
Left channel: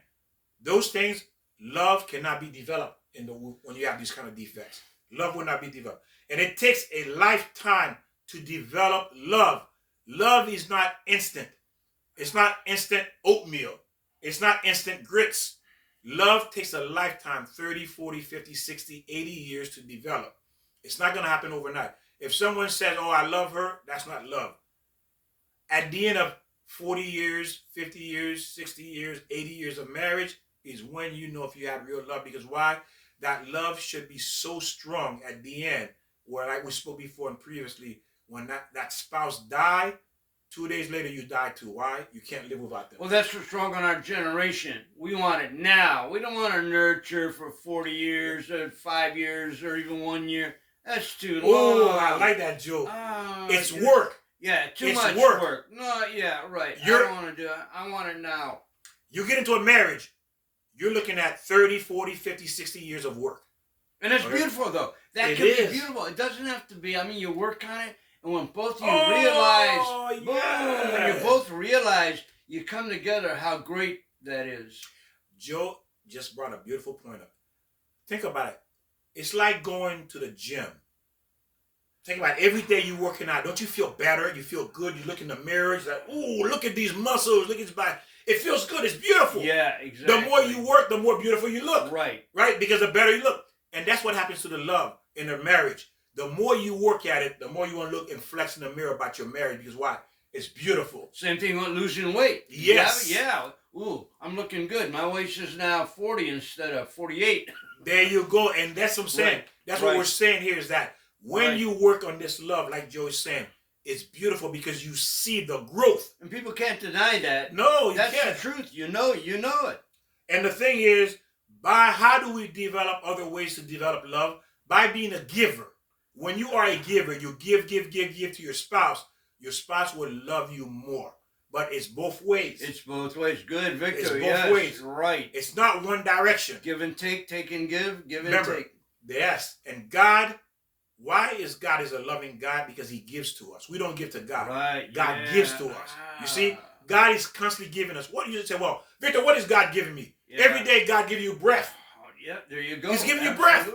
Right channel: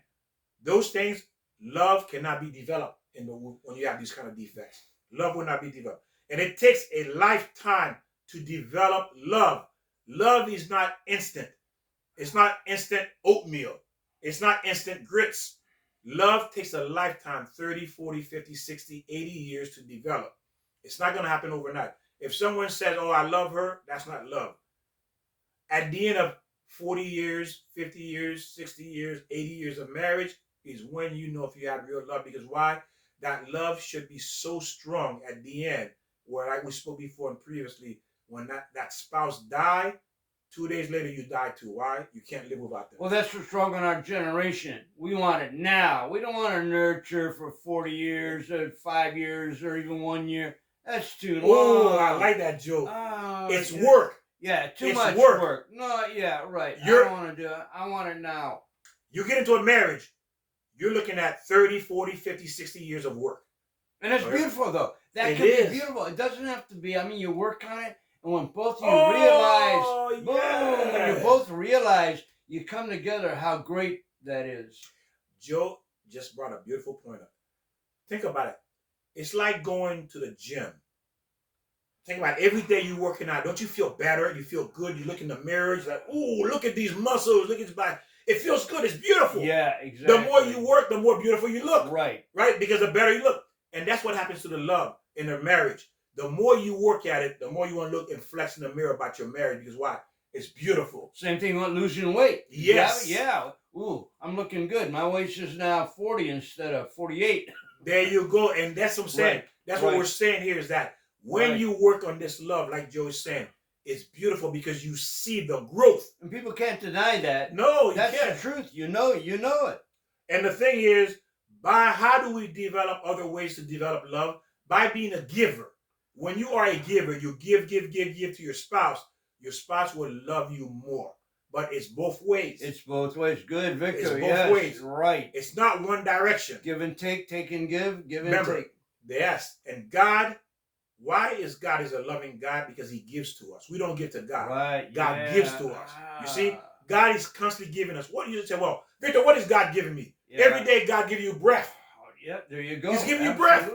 those things, love cannot be developed when you have these kind of defects. Love will not be developed. And it takes a lifetime to develop love. Love is not instant. It's not instant oatmeal. It's not instant grits. Love takes a lifetime, 30, 40, 50, 60, 80 years to develop. It's not going to happen overnight. If someone says, oh, I love her, that's not love. At the end of 40 years, 50 years, 60 years, 80 years of marriage is when you know if you have real love. Because why? That love should be so strong at the end, where like we spoke before and previously, when that spouse died, 2 days later you die too. Why? You can't live without them. Well, that's what's wrong on our generation. We want it now. We don't want to nurture for 40 years or 5 years or even 1 year. That's too long. Oh, I like that joke. It's work. Yeah, too much work. work. No, yeah, right. I don't want to do it. I want it now. You get into a marriage, you're looking at 30, 40, 50, 60 years of work. And that's beautiful, though. That can be beautiful. It doesn't have to be. I mean, you work on it, and when both of you realize, boom, when you both realize, you come together, how great that is. Joe just brought a beautiful point up. Think about it. It's like going to the gym. Think about it. Every day you're working out. Don't you feel better? You feel good. You look in the mirror. You're like, ooh, look at these muscles. Look at this body. It feels good. It's beautiful. Yeah, exactly. The more you work, the more beautiful you look. Right. Right? Because the better you look. And that's what happens to the love in a marriage. The more you work at it, the more you want to look and flex in the mirror about your marriage. Because why? It's beautiful. Same thing with losing weight. Yes. Yeah. Ooh, I'm looking good. My waist is now 40 instead of 48. There you go. And that's what I'm saying. Right. That's what we're saying here is that when you work on this love, like Joe is saying, it's beautiful because you see the growth. And people can't deny that. No, you That's can't. the truth. You know it. And the thing is, how do we develop other ways to develop love? By being a giver. When you are a giver, you give to your spouse. Your spouse will love you more. But it's both ways. It's both ways. Good, Victor. It's both ways. Right. It's not one direction. Give and take, take and give, Remember, and take. Yes. And God, why is God is a loving God? Because he gives to us. We don't give to God. Right. God gives to us. You see, God is constantly giving us. What do you say? Well, Victor, what is God giving me? Yeah. Every day God gives you breath. Yeah, there you go. He's giving you breath.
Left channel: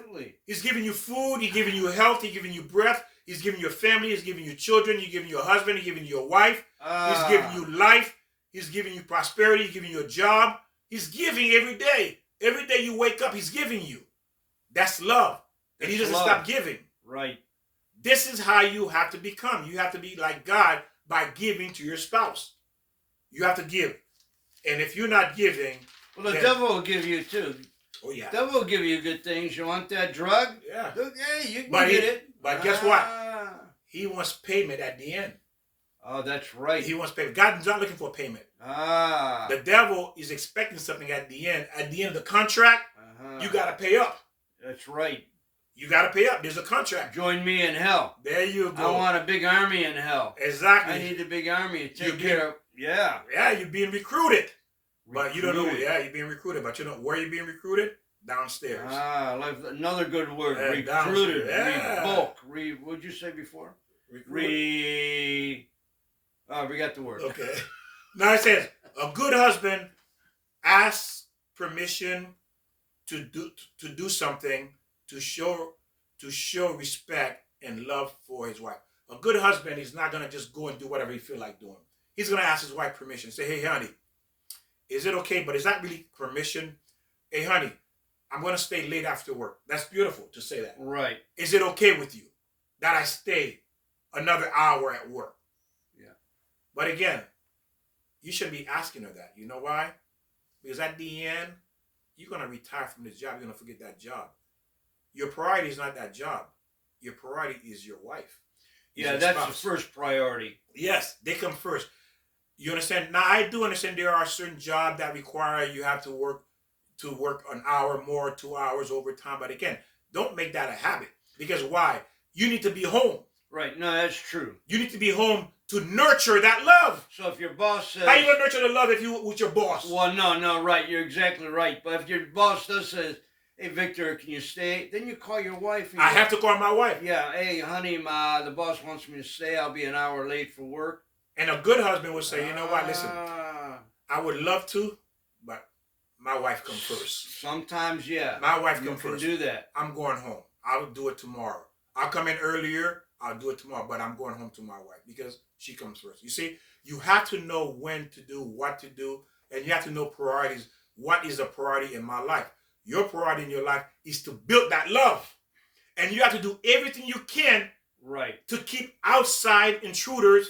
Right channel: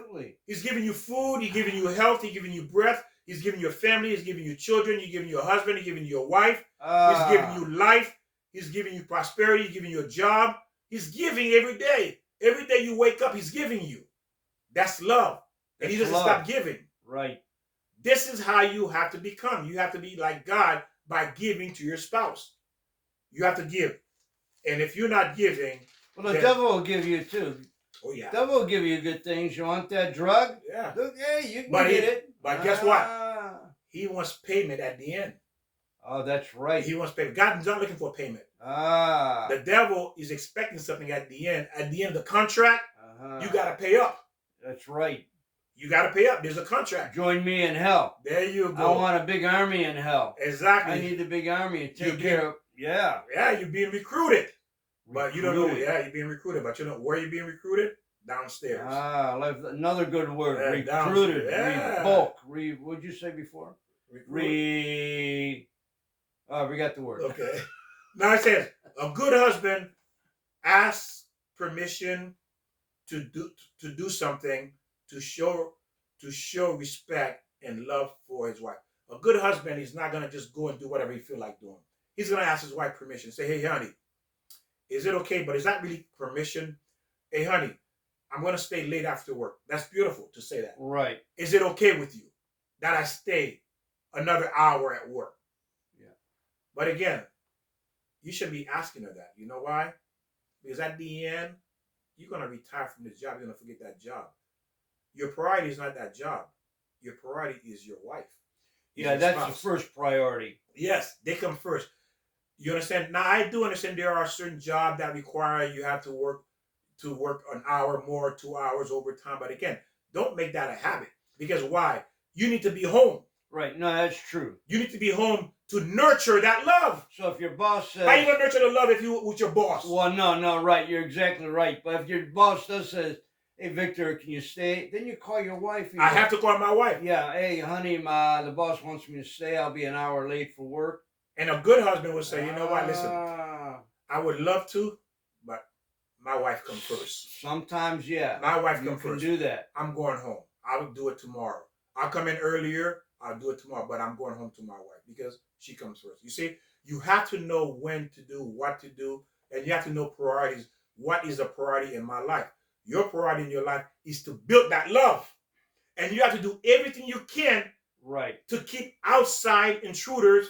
He's giving you food. He's giving you health. He's giving you breath. He's giving you a family. He's giving you children. He's giving you a husband. He's giving you a wife. He's giving you life. He's giving you prosperity. He's giving you a job. He's giving every day. Every day you wake up, he's giving you. That's love. And he doesn't stop giving. Right. This is how you have to become. You have to be like God by giving to your spouse. You have to give. And if you're not giving... Well, the devil will give you too. Oh, yeah. The devil will give you good things. You want that drug? Yeah. Look, hey, you can get it. But guess what? He wants payment at the end. Oh, that's right. He wants payment. God's not looking for payment. The devil is expecting something at the end. At the end of the contract, you got to pay up. That's right. You got to pay up. There's a contract. Join me in hell. There you go. I want a big army in hell. Exactly. I need a big army to take care of Yeah. Yeah, you're being recruited. But you don't know. Recruited. Yeah, you're being recruited. But you know where you're being recruited? Downstairs. Ah, like another good word. Yeah, Recruited. yeah. Revoke. What'd you say before? Recruited. We got the word. Okay. Now it says a good husband asks permission to do something to show respect and love for his wife. A good husband is not gonna just go and do whatever he feel like doing. He's gonna ask his wife permission. Say, hey honey, is it okay? But is that really permission? Hey honey, I'm gonna stay late after work. That's beautiful to say that. Right. Is it okay with you that I stay another hour at work? Yeah. But again, you should be asking her that. You know why? Because at the end, you're going to retire from this job. You're going to forget that job. Your priority is not that job. Your priority is your wife. Yeah, that's the first priority. Yes, they come first. You understand? Now, I do understand there are certain jobs that require you have to work an hour more, 2 hours overtime. But again, don't make that a habit. Because why? You need to be home. Right. No, that's true. You need to be home to nurture that love. So if your boss says, how you gonna nurture the love if you with your boss? Well, no, right. You're exactly right. But if your boss does says, hey, Victor, can you stay? Then you call your wife. I have to call my wife. Yeah. Hey, honey, the boss wants me to stay. I'll be an hour late for work. And a good husband would say, you know what? Listen, I would love to, but my wife comes first. Sometimes, yeah. My wife comes first. You can do that. I'm going home. I'll do it tomorrow. I'll come in earlier. I'll do it tomorrow, but I'm going home to my wife because she comes first. You see, you have to know when to do, what to do, and you have to know priorities. What is a priority in my life? Your priority in your life is to build that love. And you have to do everything you can to keep outside intruders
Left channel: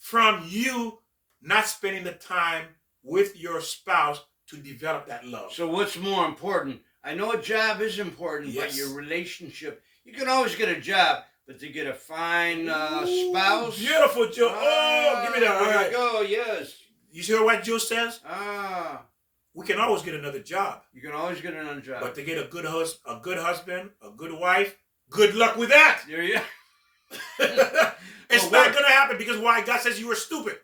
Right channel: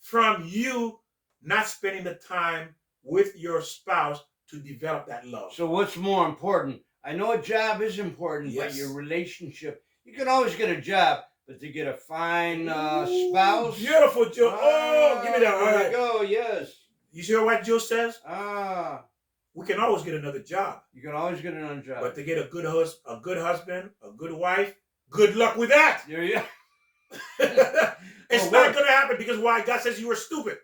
from you not spending the time with your spouse to develop that love. So what's more important? I know a job is important, but your relationship, you can always get a job. But to get a fine spouse. Beautiful, Joe. Give me that. There you go, yes. You hear what Joe says? We can always get another job. You can always get another job. But to get a good husband, a good wife, good luck with that. There you It's not going to happen because why? God says you were stupid.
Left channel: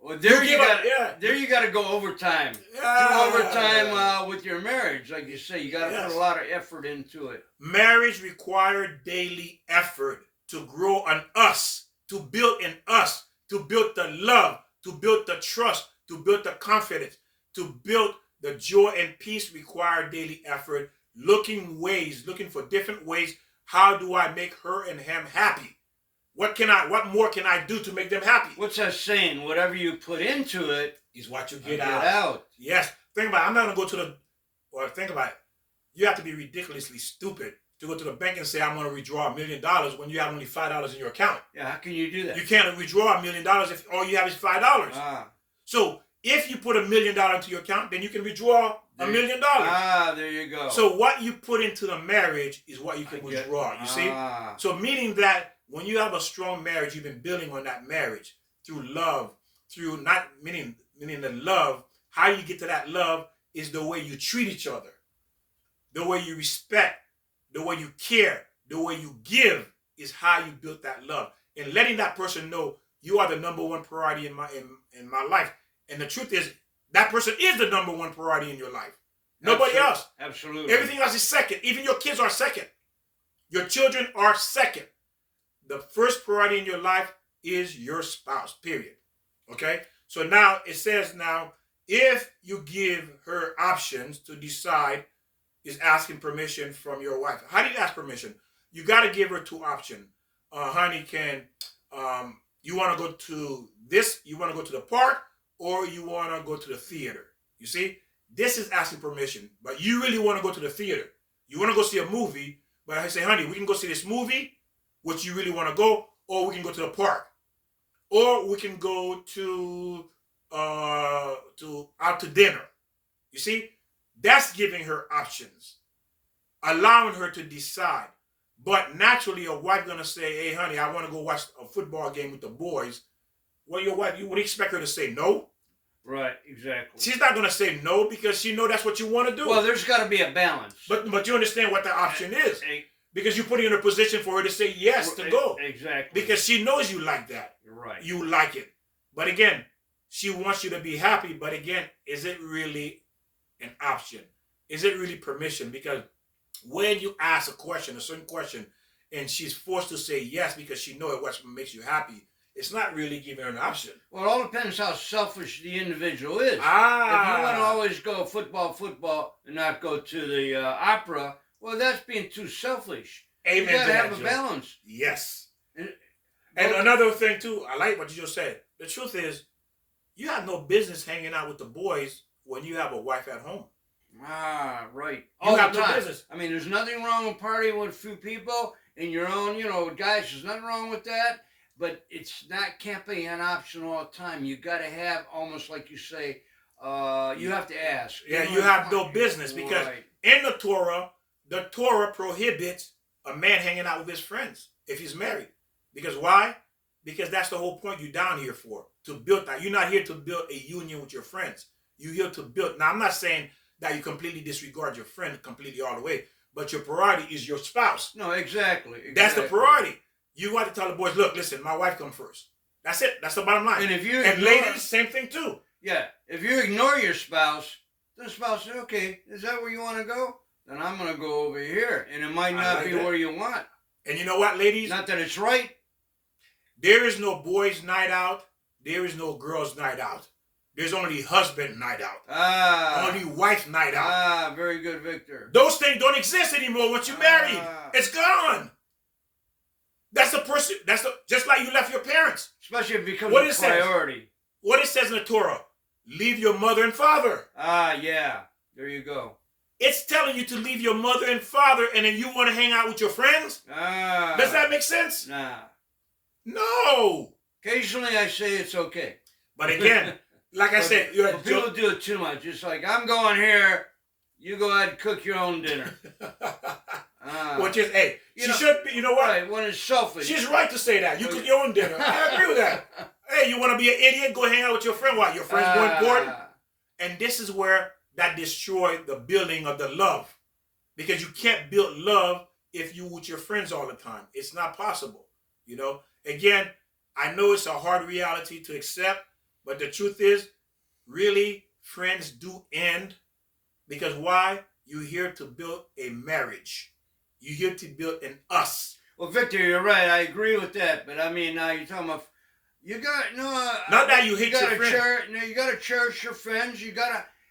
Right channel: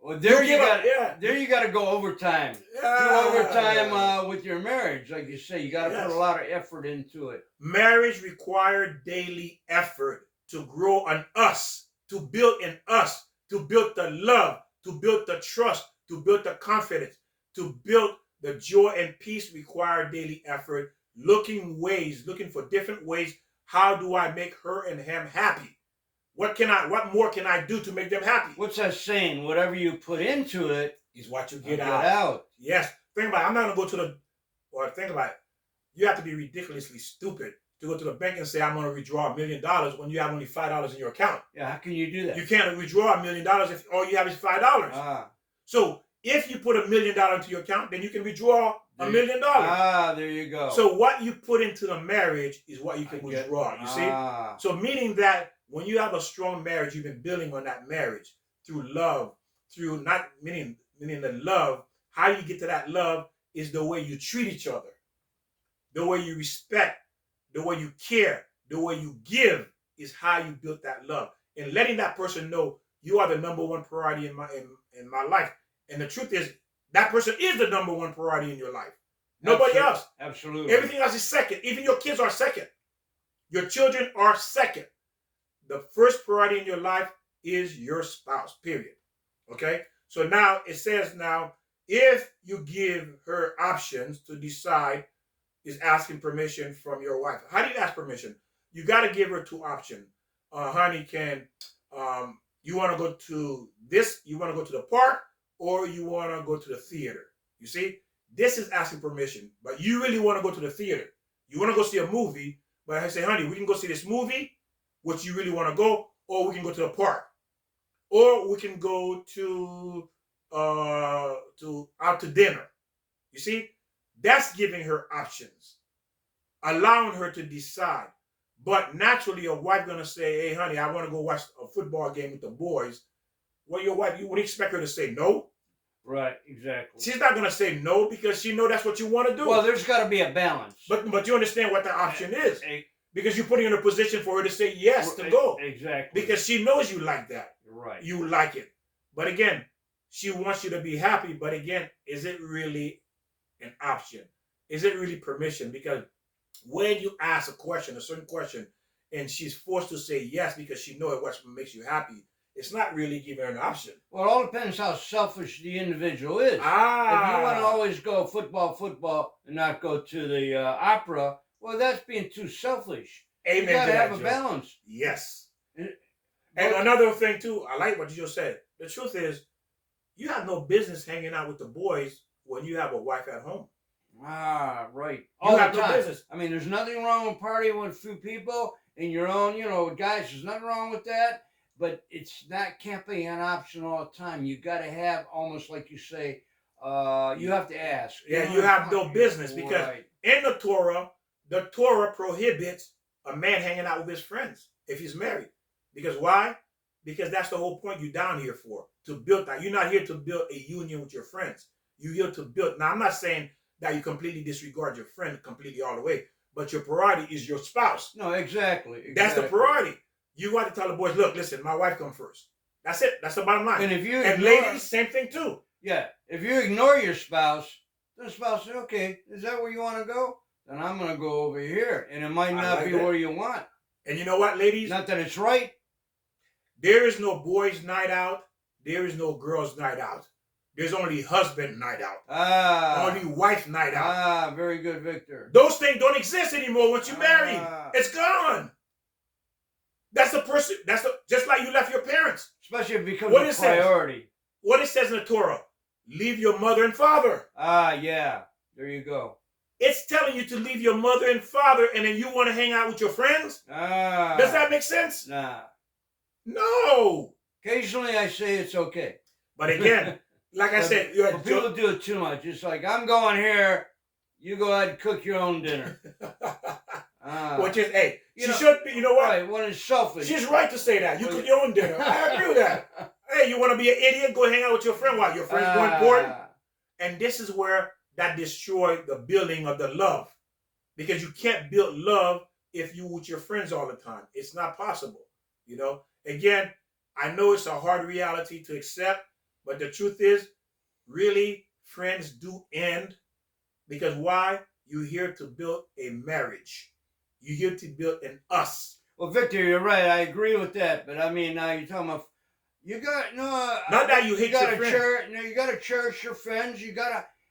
Well, there you got to go overtime. Do overtime with your marriage, like you say. You got to put a lot of effort into it. Marriage requires daily effort to grow on us, to build in us, to build the love, to build the trust, to build the confidence, to build the joy and peace. Require daily effort, looking for different ways. How do I make her and him happy? What more can I do to make them happy? What's that saying? Whatever you put into it is what you get out. Yes. Think about it. I'm not going to go think about it. You have to be ridiculously stupid to go to the bank and say, I'm going to withdraw $1 million when you have only $5 in your account. Yeah, how can you do that? You can't withdraw $1 million if all you have is $5. So if you put $1 million into your account, then you can withdraw $1 million. There you go. So what you put into the marriage is what you can withdraw. You see? So meaning that when you have a strong marriage, you've been building on that marriage through love, through not meaning the love. How you get to that love is the way you treat each other, the way you respect, the way you care, the way you give is how you build that love. And letting that person know you are the number one priority in my life. And the truth is that person is the number one priority in your life. Nobody else. Absolutely. Everything else is second. Even your kids are second. Your children are second. The first priority in your life is your spouse, period. Okay? So now it says if you give her options to decide, is asking permission from your wife. How do you ask permission? You got to give her 2 options. Honey, you want to go to this, you want to go to the park, or you want to go to the theater? You see? This is asking permission, but you really want to go to the theater. You want to go see a movie, but I say, honey, we can go see this movie, which you really want to go, or we can go to the park, or we can go to out to dinner. You see, that's giving her options, allowing her to decide. But naturally, a wife gonna say, "Hey, honey, I want to go watch a football game with the boys." Well, your wife, you would expect her to say no. Right, exactly. She's not gonna say no because she know that's what you want to do. Well, there's got to be a balance. But you understand what the option is. Because you're putting her in a position for her to say yes to go. Exactly. Because she knows you like that. Right. You like it. But again, she wants you to be happy, but again, is it really an option? Is it really permission? Because when you ask a certain question, and she's forced to say yes because she knows what makes you happy, it's not really giving her an option. Well, it all depends how selfish the individual is. If you want to always go football, and not go to the opera, well, that's being too selfish. Amen. You got to have a balance. Yes. And another thing too, I like what you just said. The truth is, you have no business hanging out with the boys when you have a wife at home. Ah, right. You have no business. I mean, there's nothing wrong with partying with a few people in your own, guys, there's nothing wrong with that. But it's not, can't be an option all the time. You got to have, almost like you say, you have to ask. Yeah, you have no business because in the Torah prohibits a man hanging out with his friends if he's married. Because why? Because that's the whole point you're down here for, to build that. You're not here to build a union with your friends. You're here to build. Now, I'm not saying that you completely disregard your friend completely all the way, but your priority is your spouse. No, exactly. That's the priority. You got to tell the boys, look, listen, my wife come first. That's it. That's the bottom line. And ladies, same thing too. Yeah. If you ignore your spouse, the spouse says, okay, is that where you want to go? Then I'm going to go over here. And it might not be where you want. And you know what, ladies? Not that it's right. There is no boys' night out. There is no girls' night out. There's only husband night out. Only wife night out. Very good, Victor. Those things don't exist anymore once you're married. It's gone. That's the person. Just like you left your parents. Especially if it becomes a priority. What it says in the Torah, leave your mother and father. Yeah. There you go. It's telling you to leave your mother and father, and then you want to hang out with your friends? Does that make sense? Nah. No. Occasionally I say it's okay. But again, like I said, people do it too much. It's like, I'm going here. You go ahead and cook your own dinner. Which is, hey, she should be, you know what? Right, when it's selfish. She's right to say that. You cook your own dinner. I agree with that. Hey, you want to be an idiot? Go hang out with your friend. Why? Your friend's more important? And this is where that destroyed the building of the love. Because you can't build love if you with your friends all the time. It's not possible. Again, I know it's a hard reality to accept, but the truth is, really, friends do end. Because why? You're here to build a marriage. You're here to build an us. Well, Victor, you're right. I agree with that. But I mean, now you're talking about not that you hate your friends. You got to cherish your friends.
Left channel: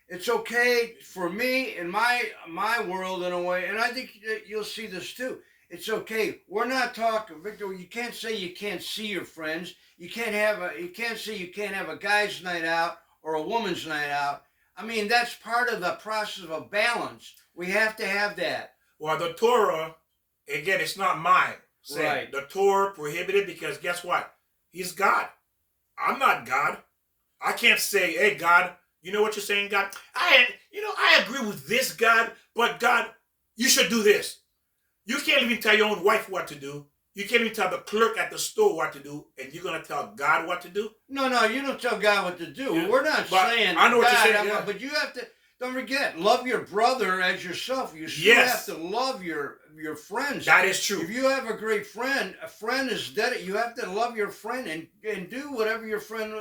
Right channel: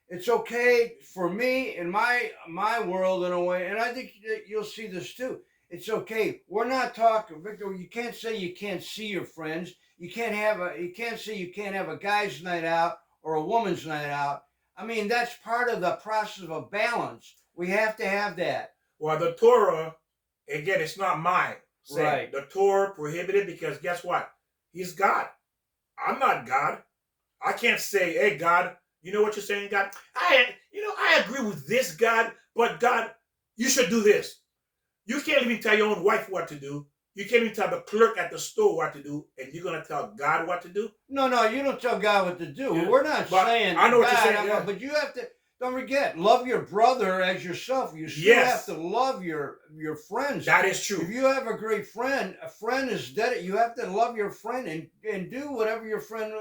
It's okay for me in my world in a way, and I think you'll see this too. It's okay. We're not talking, Victor. You can't say you can't see your friends. You can't say you can't have a guy's night out or a woman's night out. I mean, that's part of the process of a balance. We have to have that. Well, the Torah, again, it's not mine. Right. The Torah prohibited because guess what? He's God. I'm not God. I can't say, hey, God, you know what you're saying, God? I agree with this, God, but God, you should do this. You can't even tell your own wife what to do. You can't even tell the clerk at the store what to do, and you're going to tell God what to do? No, you don't tell God what to do. Yeah. We're not saying I know what God, you're saying, but you have to, don't forget, love your brother as yourself. You still have to love your friends. That is true. If you have a great friend, a friend is dead. You have to love your friend and do whatever your friend,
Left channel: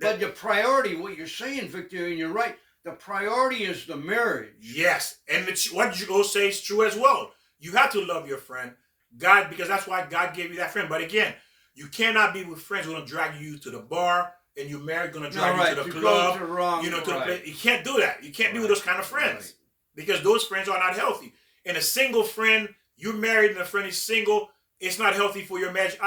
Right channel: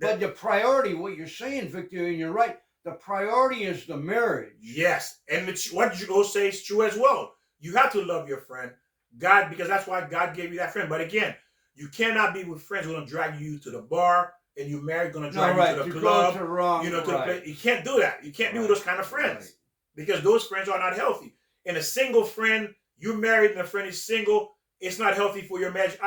But the priority, what you're saying, Victor, and you're right, the priority is the marriage. Yes, and what you go say is true as well. You have to love your friend. God, because that's why God gave you that friend. But again, you cannot be with friends who are going to drag you to the bar, and you're married, going to drag you to the club. To the place. You can't do that. You can't be with those kind of friends because those friends are not healthy. And a single friend, you're married and a friend is single, it's not healthy for your marriage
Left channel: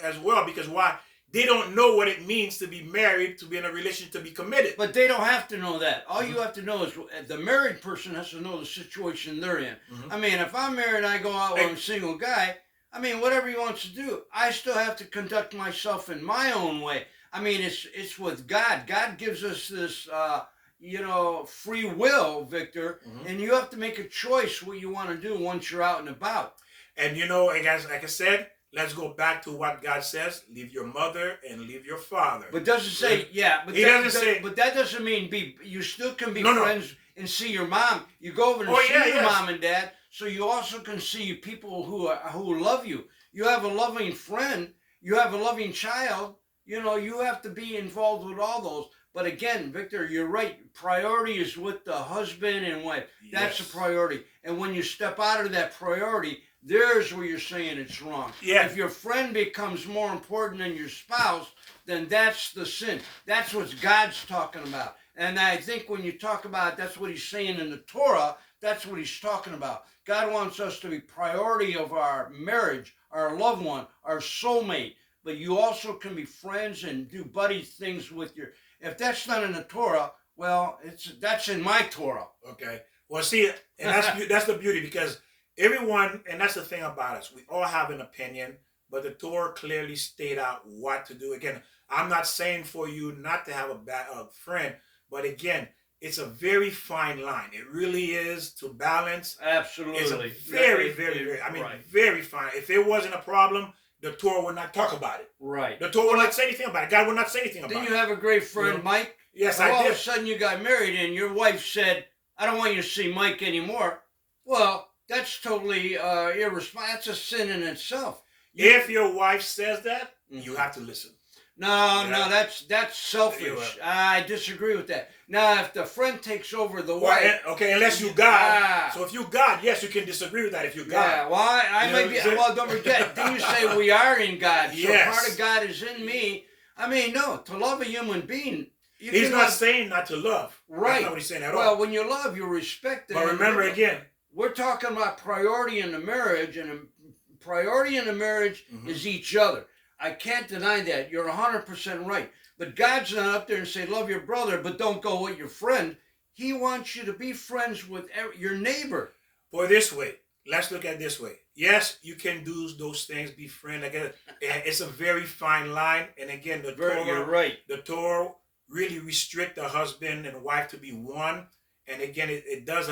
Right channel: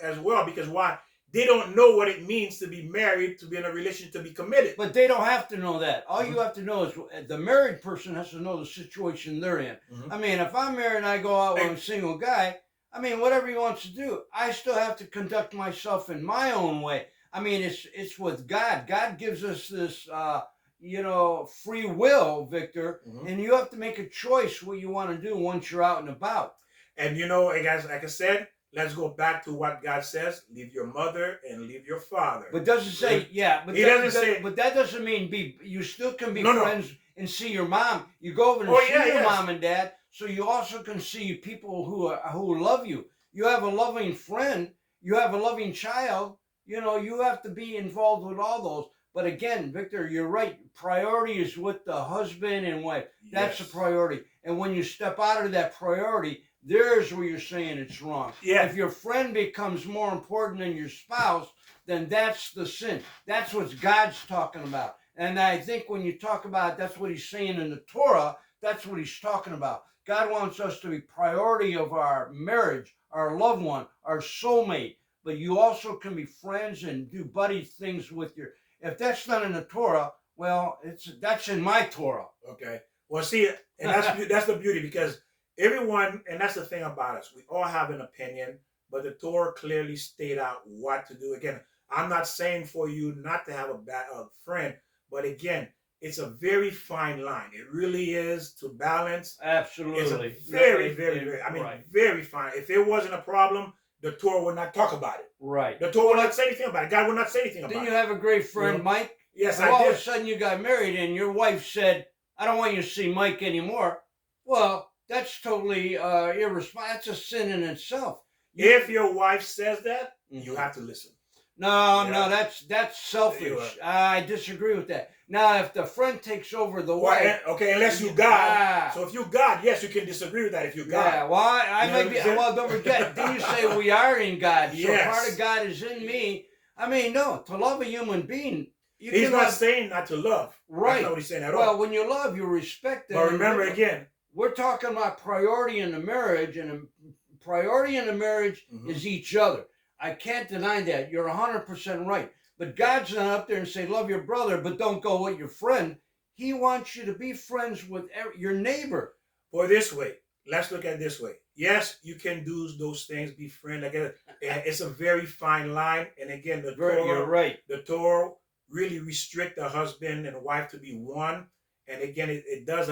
as well. Because why? They don't know what it means to be married, to be in a relationship, to be committed. But they don't have to know that. All you have to know is the married person has to know the situation they're in. I mean, if I'm married and I go out with a single guy, I mean, whatever he wants to do, I still have to conduct myself in my own way. I mean, it's with God. God gives us this, free will, Victor, and you have to make a choice what you want to do once you're out and about. And guys, like I said, let's go back to what God says: leave your mother and leave your father. But doesn't say, but that doesn't mean you still can be friends and see your mom. You go over and see your mom and dad, so you also can see people who love you. You have a loving friend. You have a loving child. You have to be involved with all those. But again, Victor, you're right. Priority is with the husband and wife. That's the Yes. priority. And when you step out of that priority, there's where you're saying it's wrong. Yeah. If your friend becomes more important than your spouse, then that's the sin. That's what God's talking about. And I think when you talk about that's what he's saying in the Torah, that's what he's talking about. God wants us to be priority of our marriage, our loved one, our soulmate. But you also can be friends and do buddy things with your. If that's not in the Torah, well, that's in my Torah. Okay. Well, see, and that's the beauty, because everyone, and that's the thing about us. We all have an opinion, but the Torah clearly state out what to do. Again, I'm not saying for you not to have a friend, but again, it's a very fine line. It really is, to balance. Absolutely. It's a very, very, very. I mean, right. very fine. If it wasn't a problem, the Torah would not talk about it. Right. The Torah would not say anything about it. God would not say anything about Didn't it. you have a great friend, Yeah. Mike? Yes, And I all did. of a sudden you got married and your wife said, I don't want you to see Mike anymore. Well, that's totally irresponsible. That's a sin in itself. If your wife says that, you Mhm. have to listen. No, Yeah. no, that's selfish. You I disagree with that. Now, if the friend takes over the Well, wife, okay, unless you God. Ah. So if you God, yes, you can disagree with that if you God. yeah, well, I You might know be. what I'm saying? Well, don't forget. Didn't you say we are in God? So Yes. part of God is in me. I mean, no, to love a human being, you He's can not love, saying not to love. right. That's not what he's saying at Well, all. when you love, you respect it. But remember again, We're talking about priority in the marriage, and a priority in the marriage is each other. I can't deny that. You're 100% right. But God's not up there and say, love your brother, but don't go with your friend. He wants you to be friends with your neighbor. Or this way, let's look at it this way. Yes, you can do those things, be friend. Like it's a very fine line. And again, You're right. the Torah really restrict the husband and wife to be one. And again, it does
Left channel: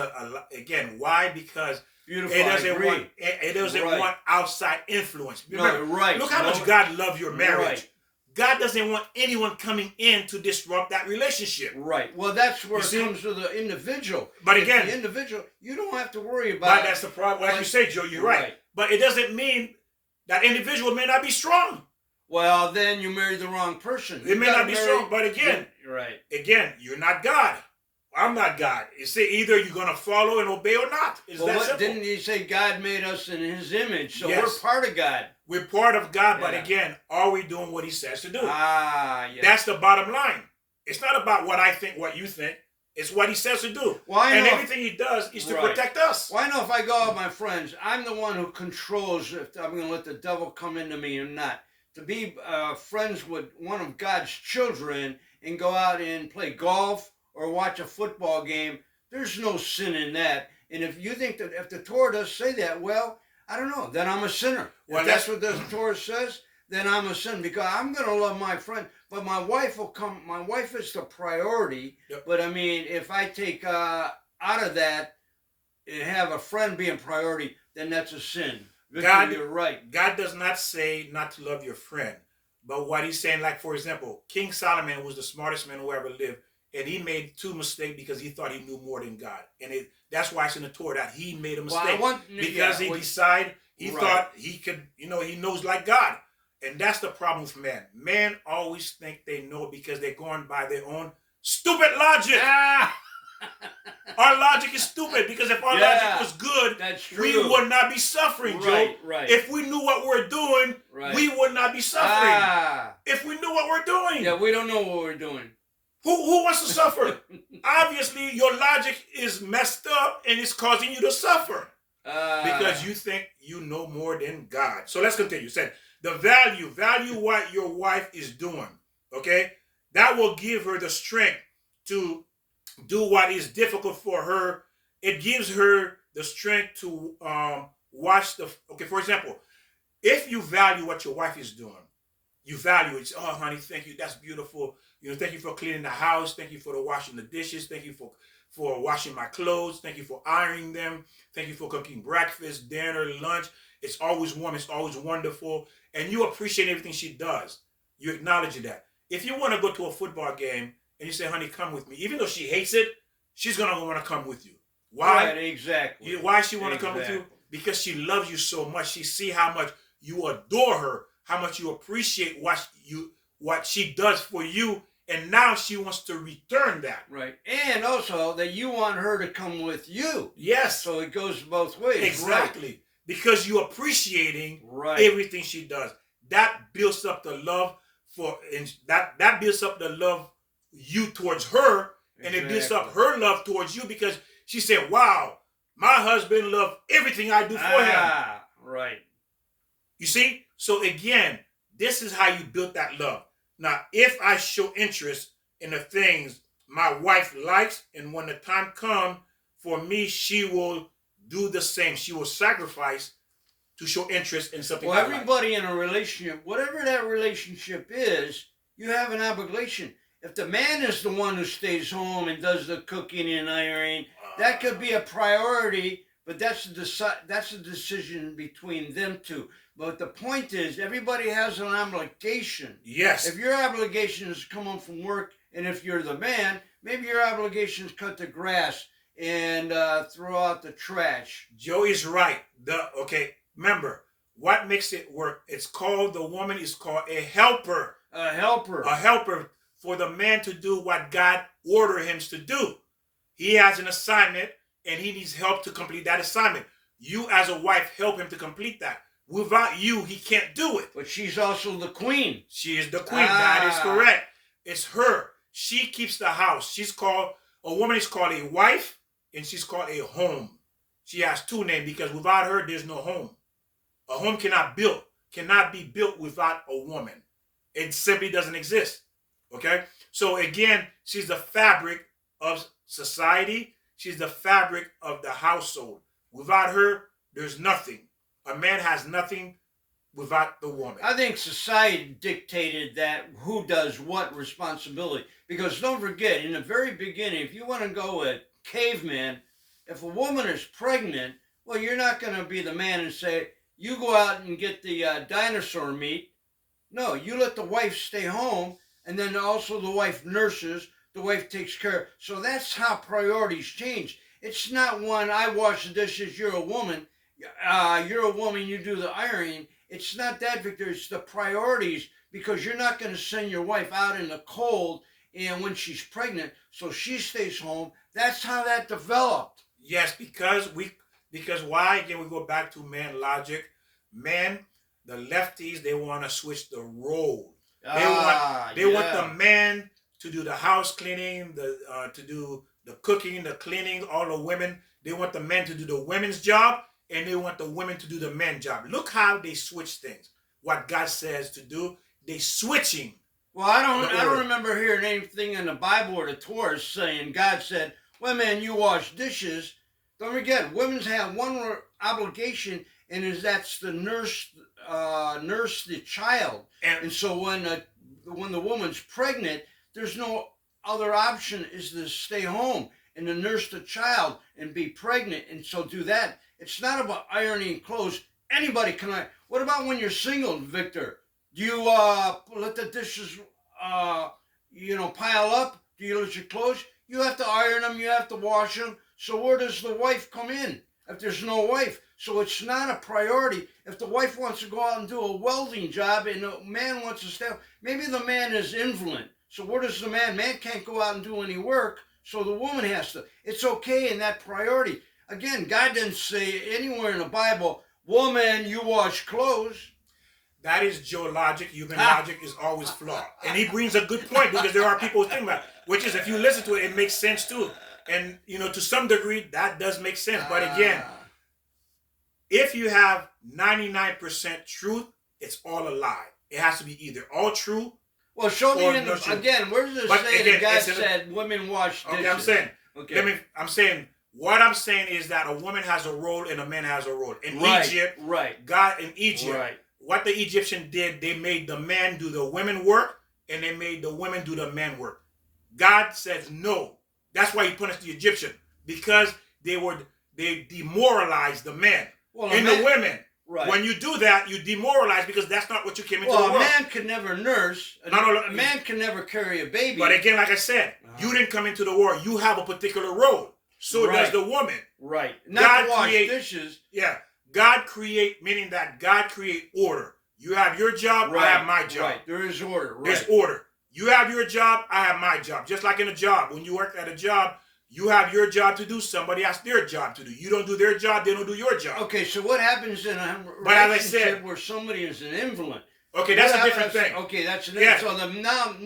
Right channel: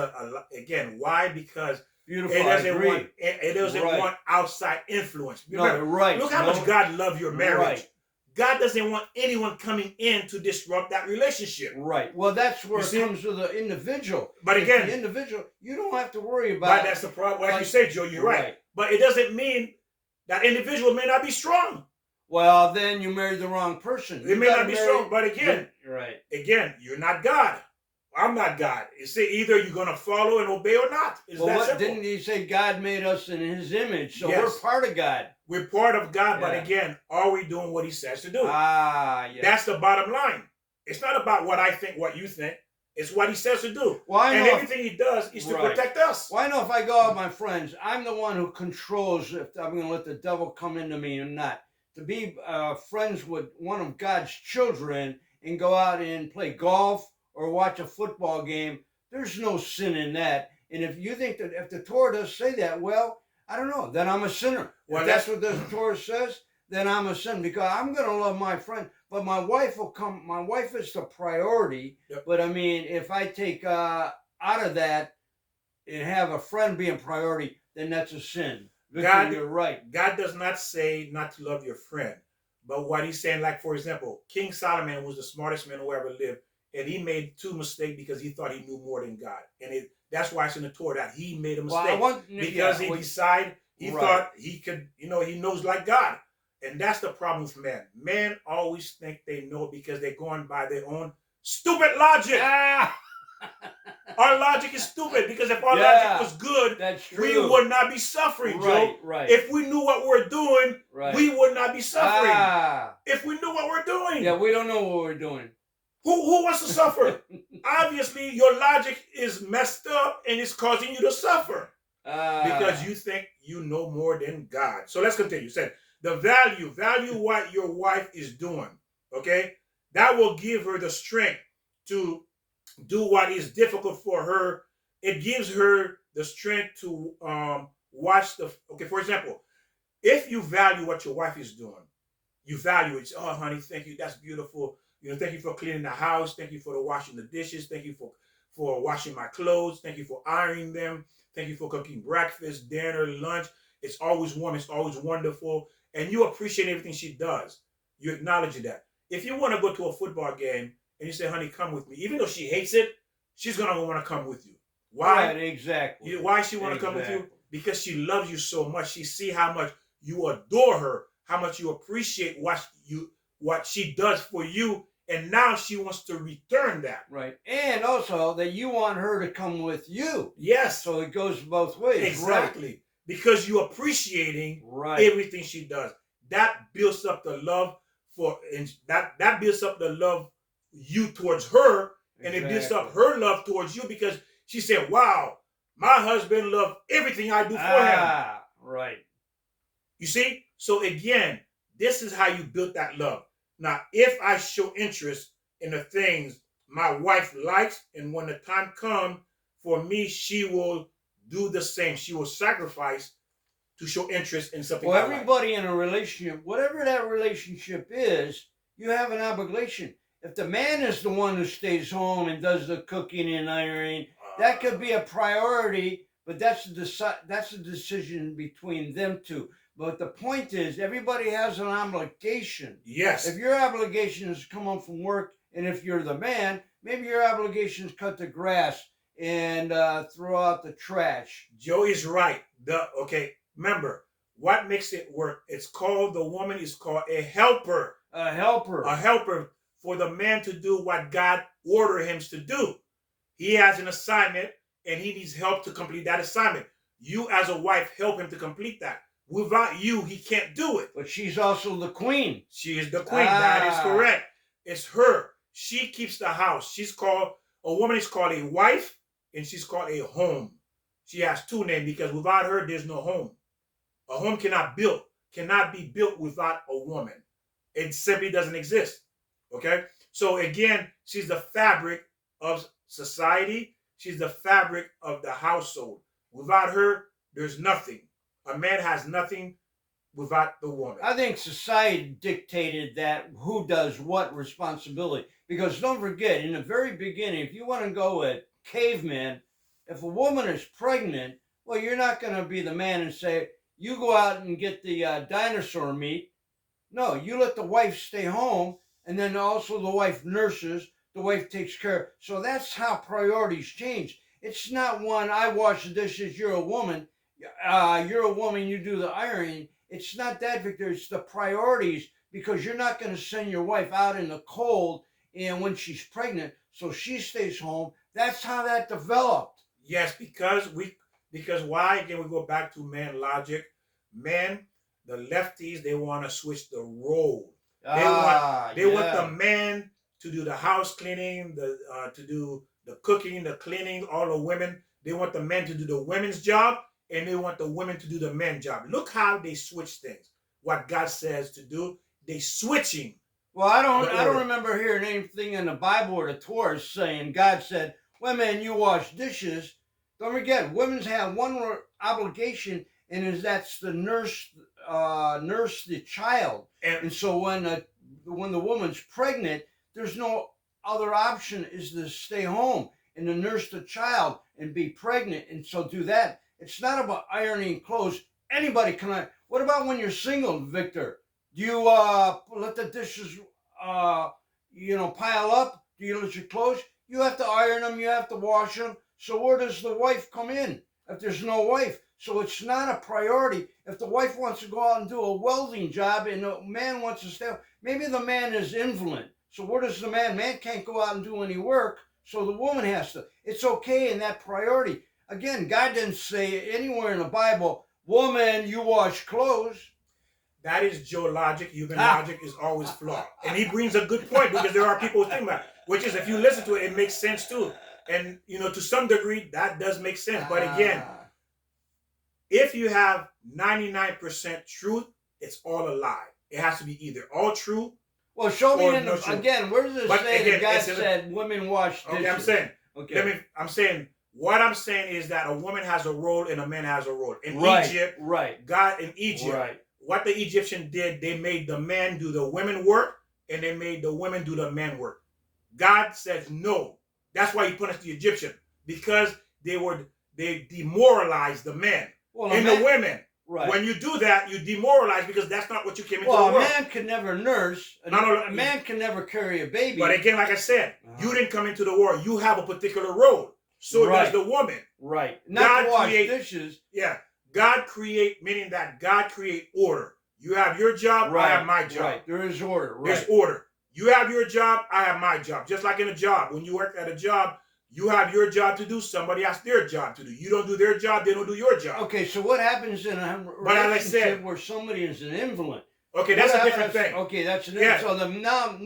again. Why? Because Beautiful. it I doesn't agree. want it doesn't Right. want outside influence. No, Remember, right. look how much God loves your marriage. Right. God doesn't want anyone coming in to disrupt that relationship. Right. Well, that's where You it see? comes to the individual. But If again, the individual, you don't have to worry about. but that's the problem. Like you say, Joe, you're right. Right. But it doesn't mean that individual may not be strong. Well, then you married the wrong person. It may not be strong. But again, right. you're not God. I'm not God. It's either you're gonna follow and obey or not. It's Well, that simple. didn't he say God made us in His image? So Yes. we're part of God. We're part of God, but Yeah. again, are we doing what He says to do? Ah, yes. That's the bottom line. It's not about what I think, what you think. It's what He says to do. Well, I And know. everything He does is to Right. protect us. Well, I know if I go out with my friends, I'm the one who controls if I'm going to let the devil come into me or not. To be friends with one of God's children and go out and play golf or watch a football game, there's no sin in that. And if you think that if the Torah does say that, well, I don't know, then I'm a sinner. Well, If that's what the Torah says, then I'm a sinner because I'm going to love my friend. But my wife will come. My wife is the priority. Yep. But I mean, if I take out of that and have a friend being priority, then that's a sin. Victor, God- you're right. God does not say not to love your friend. But what He's saying, like for example, King Solomon was the smartest man who ever lived. And he made two mistakes because he thought he knew more than God. And that's why it's in the Torah that he made a mistake. Because he decided, he Right. thought he could, he knows like God. And that's the problem with men. Men always think they know because they're going by their own stupid logic. Ah, Our logic is stupid because if our Yeah. logic was good, that's we true. would not be suffering, Right, Joe. right. If we knew what we're doing, right. we would not be suffering. Ah, If we knew what we're doing. yeah, we don't know what we're doing. Who wants to suffer? Obviously, your logic is messed up and it's causing you to suffer because you think you know more than God. So let's continue. Said the value what your wife is doing. Okay, that will give her the strength to do what is difficult for her. It gives her the strength to watch the. Okay, for example, if you value what your wife is doing, you value it. Oh, honey, thank you. That's beautiful. Thank you for cleaning the house. Thank you for washing the dishes. Thank you for washing my clothes. Thank you for ironing them. Thank you for cooking breakfast, dinner, lunch. It's always warm. It's always wonderful. And you appreciate everything she does. You acknowledge that. If you want to go to a football game and you say, honey, come with me, even though she hates it, she's going to want to come with you. Why? Right, exactly. Why she want to come with you? Because she loves you so much. She see how much you adore her, how much you appreciate what she does for you, and now she wants to return that. Right. And also that you want her to come with you. Yes, So it goes both ways. exactly. Because you're appreciating Right. everything she does. That builds up the love and that builds up the love you towards her, and it builds up her love towards you because she said, "Wow, my husband loves everything I do for him." Right. You see? So again, this is how you build that love. Now, if I show interest in the things my wife likes, and when the time comes for me, she will do the same. She will sacrifice to show interest in something. Well, I like. everybody in a relationship, whatever that relationship is, you have an obligation. If the man is the one who stays home and does the cooking and ironing, that could be a priority, but that's a decision between them two. But the point is, everybody has an obligation. Yes. If your obligation is to come home from work, and if you're the man, maybe your obligation is cut the grass and throw out the trash. Joe is right. Okay, remember, what makes it work? The woman is called a helper. A helper. A helper for the man to do what God ordered him to do. He has an assignment and he needs help to complete that assignment. You as a wife help him to complete that. Without you, he can't do it. But she's also the queen. She is the queen. That is correct. It's her. She keeps the house. A woman is called a wife and she's called a home. She has two names because without her, there's no home. A home cannot be built without a woman. It simply doesn't exist. Okay? So again, she's the fabric of society. She's the fabric of the household. Without her, there's nothing. A man has nothing without the woman. I think society dictated that who does what responsibility. Because don't forget, in the very beginning, if you want to go with caveman, if a woman is pregnant, well, you're not going to be the man and say, you go out and get the dinosaur meat. No, you let the wife stay home, and then also the wife nurses, the wife takes care. So that's how priorities change. It's not one, I wash the dishes, you're a woman, you do the ironing. It's not that, Victor. It's the priorities, because you're not going to send your wife out in the cold and when she's pregnant, so she stays home. That's how that developed. Yes, because why? Again, we go back to man logic. Men, the lefties, they want to switch the role. They want the man to do the house cleaning, to do the cooking, the cleaning. All the women, they want the men to do the women's job, and they want the women to do the men's job. Look how they switch things. What God says to do, they switching. Well, I don't remember hearing anything in the Bible or the Torah saying God said, "Women, you wash dishes." Don't forget, women have one obligation, and that's to nurse the child. And so when the woman's pregnant, there's no other option is to stay home and to nurse the child and be pregnant, and so do that. It's not about ironing clothes. Anybody can iron. What about when you're single, Victor? Do you let the dishes pile up? Do you let your clothes? You have to iron them. You have to wash them. So where does the wife come in if there's no wife? So it's not a priority. If the wife wants to go out and do a welding job and the man wants to stay, maybe the man is invalid. So where does the man? Man can't go out and do any work, so the woman has to. It's okay in that priority. Again, God didn't say anywhere in the Bible, woman, you wash clothes. That is Joe logic. Human logic is always flawed. And he brings a good point, because there are people who think about it, which is, if you listen to it, it makes sense too. And, to some degree, that does make sense. But again, if you have 99% truth, it's all a lie. It has to be either all true. Well, show me again, where does it say that God said women wash dishes? Okay, I'm saying, what I'm saying is that a woman has a role and a man has a role. In Egypt, what the Egyptian did, they made the man do the women work, and they made the women do the man work. God says no. That's why he punished the Egyptian, because they demoralized the men the women. Right. When you do that, you demoralize, because that's not what you came into the world. Well, a man can never nurse. A man can never carry a baby. But again, like I said, you didn't come into the world. You have a particular role. So does the woman. Right. Not to wash dishes. Yeah. God create, meaning that God create order. You have your job, I have my job. Right. There is order. Right. There's order. You have your job, I have my job. Just like in a job. When you work at a job, you have your job to do. Somebody has their job to do. You don't do their job, they don't do your job. Okay, so what happens in a But as I relationship said, where somebody is an invalid? okay, that's What a different happens- thing. Okay, that's an Yeah. So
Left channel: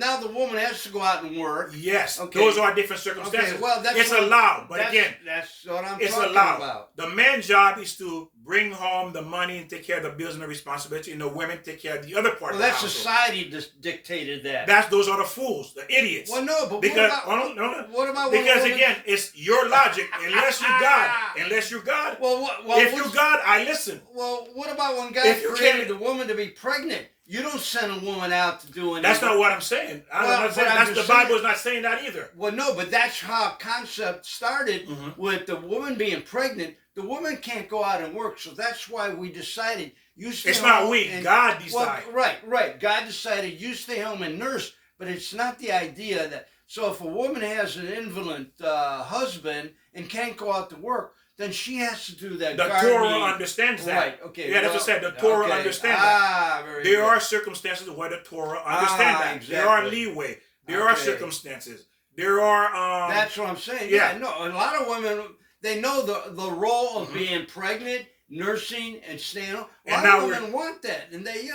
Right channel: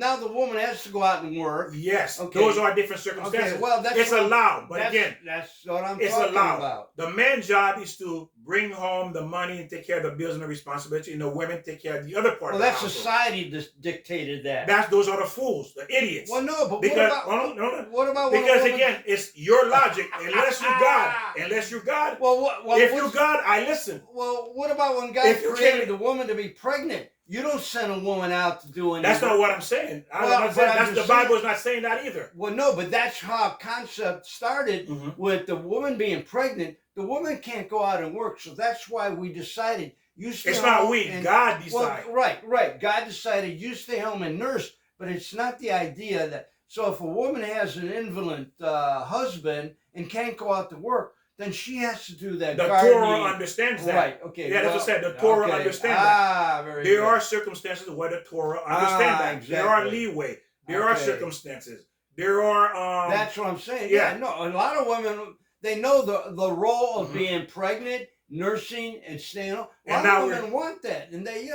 now the woman has to go out and work. Yes, Okay. those are different circumstances. Okay, well that's it's what- allowed, but that's, again, that's what I'm it's talking allowed. about. The man's job is to bring home the money and take care of the bills and the responsibility, and the women take care of the other part Well, of the that household. society dictated that. Those are the fools, the idiots. Well, no, but Because what about when a because woman- again, it's your logic. Unless you're God, Well, if you're God, I listen. Well, what about when God If you created can't- a woman to be pregnant? You don't send a woman out to do anything. That's not what I'm saying. The Bible is not saying that either. Well, no, but that's how concept started Mhm. with the woman being pregnant. The woman can't go out and work, so that's why we decided you stay It's home. not we. and- God Well, decided. right. God decided you stay home and nurse, but it's not the idea that. So if a woman has an invalid husband and can't go out to work, then she has to do that. The gardening. Torah understands that. Right. Okay. Yeah, that's what I said. The Torah understands that. Very There good. are circumstances where the Torah understands that. Exactly. There are leeway. There are Okay. circumstances. There are. That's what I'm saying. yeah. Yeah. No, a lot of women they know the role of Mhm. being pregnant, nursing, and staying home. A And lot now of we're- women want that, and they,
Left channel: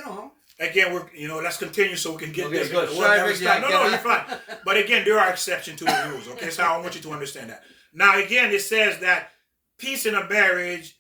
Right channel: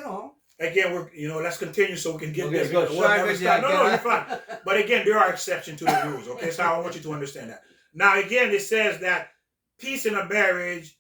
Again, let's continue so we can get Okay, this. good. Well, Sorry, that was Ricky, I fine. No, you're fine. But again, there are exceptions to the rules. Okay, so I want you to understand that. Now, again, it says that peace in a marriage,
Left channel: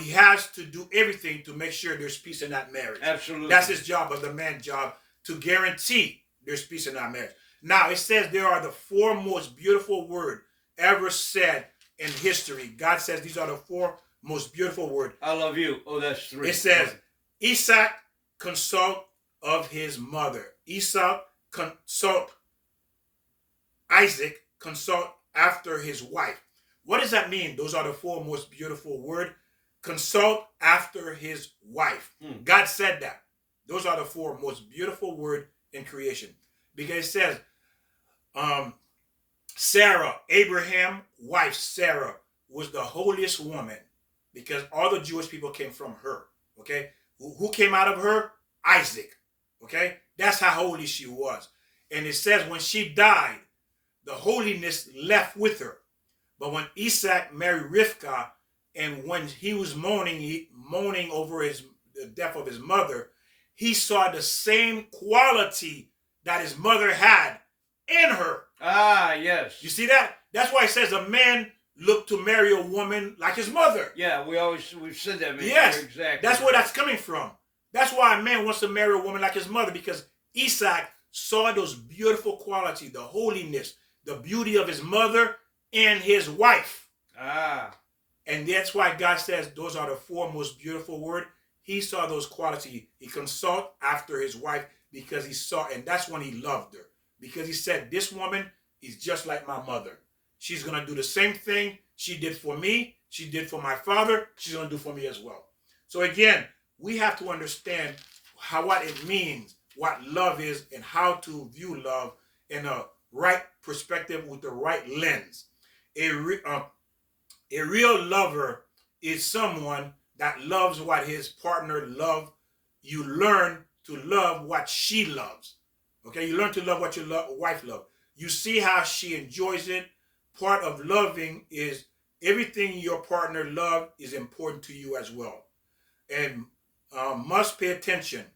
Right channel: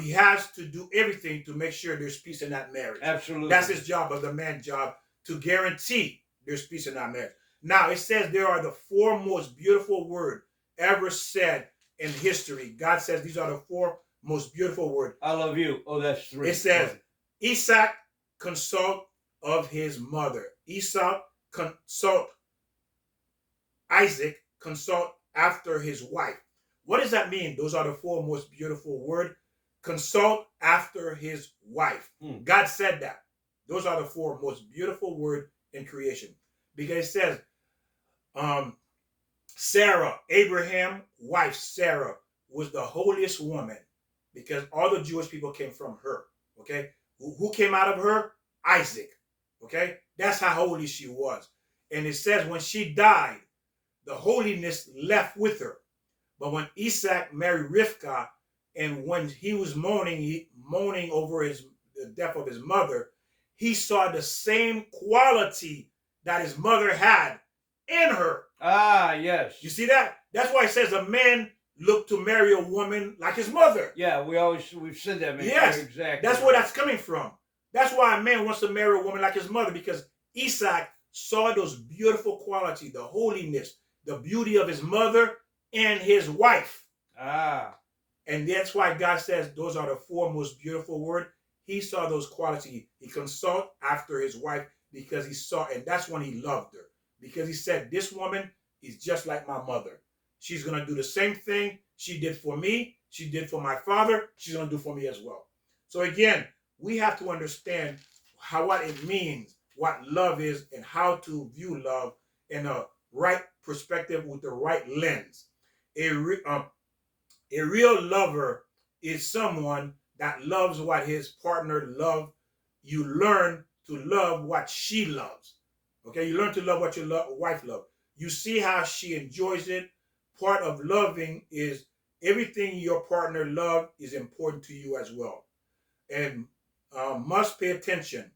he has to do everything to make sure there's peace in that marriage. Absolutely. That's his job, of the man's job, to guarantee there's peace in that marriage. Now, it says there are the four most beautiful words ever said in history. God says these are the four most beautiful words. I love you. Oh, that's 3. It says, Isaac consult of his mother. Esau consult Isaac, consult after his wife. What does that mean? Those are the four most beautiful words. Consult after his wife. God said that. Those are the four most beautiful words in creation. Because it says, Sarah, Abraham's wife, Sarah, was the holiest woman because all the Jewish people came from her. Okay? Who came out of her? Isaac. Okay? That's how holy she was. And it says when she died, the holiness left with her. But when Isaac married Rivkah, and when he was mourning over the death of his mother, he saw the same quality that his mother had in her. Yes. You see that? That's why it says a man looked to marry a woman like his mother. Yeah, we've said that. Man. Yes, exactly. that's where that's coming from. That's why a man wants to marry a woman like his mother, because Isaac saw those beautiful qualities, the holiness, the beauty of his mother and his wife. And that's why God says those are the four most beautiful words. He saw those qualities. He consulted after his wife because he saw, and that's when he loved her. Because he said, this woman is just like my mother. She's going to do the same thing she did for me. She did for my father. She's going to do for me as well. So again, we have to understand what it means, what love is, and how to view love in a right perspective with the right lens. A real lover is someone that loves what his partner loves. You learn to love what she loves. Okay, you learn to love what your wife loves. You see how she enjoys it. Part of loving is everything your partner loves is important to you as well. And must pay attention,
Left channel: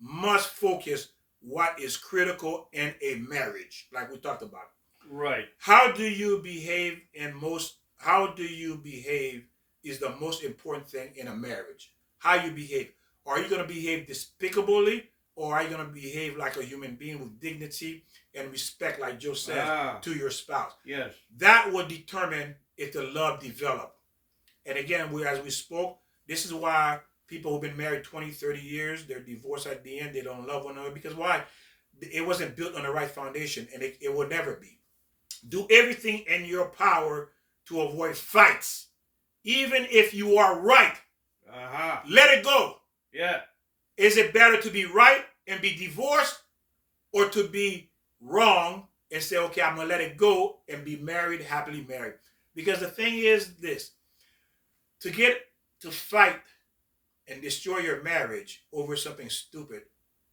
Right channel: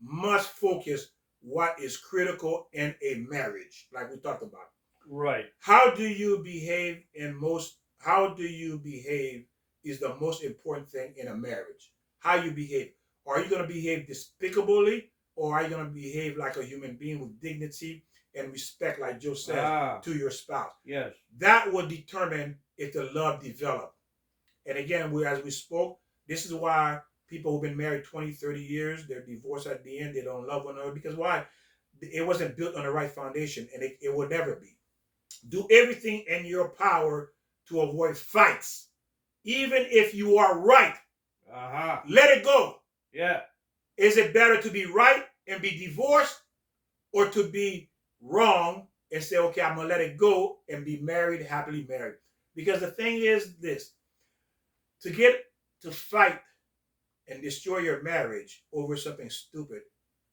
must focus what is critical in a marriage, like we talked about. Right. How do you behave is the most important thing in a marriage. How you behave. Are you going to behave despicably, or are you going to behave like a human being with dignity and respect, like Joe says, to your spouse? Yes. That will determine if the love develops. And again, as we spoke, this is why people who've been married 20, 30 years, they're divorced at the end, they don't love one another. Because why? It wasn't built on the right foundation, and it will never be. Do everything in your power to avoid fights. Even if you are right, let it go. Yeah. Is it better to be right and be divorced, or to be wrong and say, okay, I'm going to let it go and be married, happily married? Because the thing is this, to get to fight and destroy your marriage over something stupid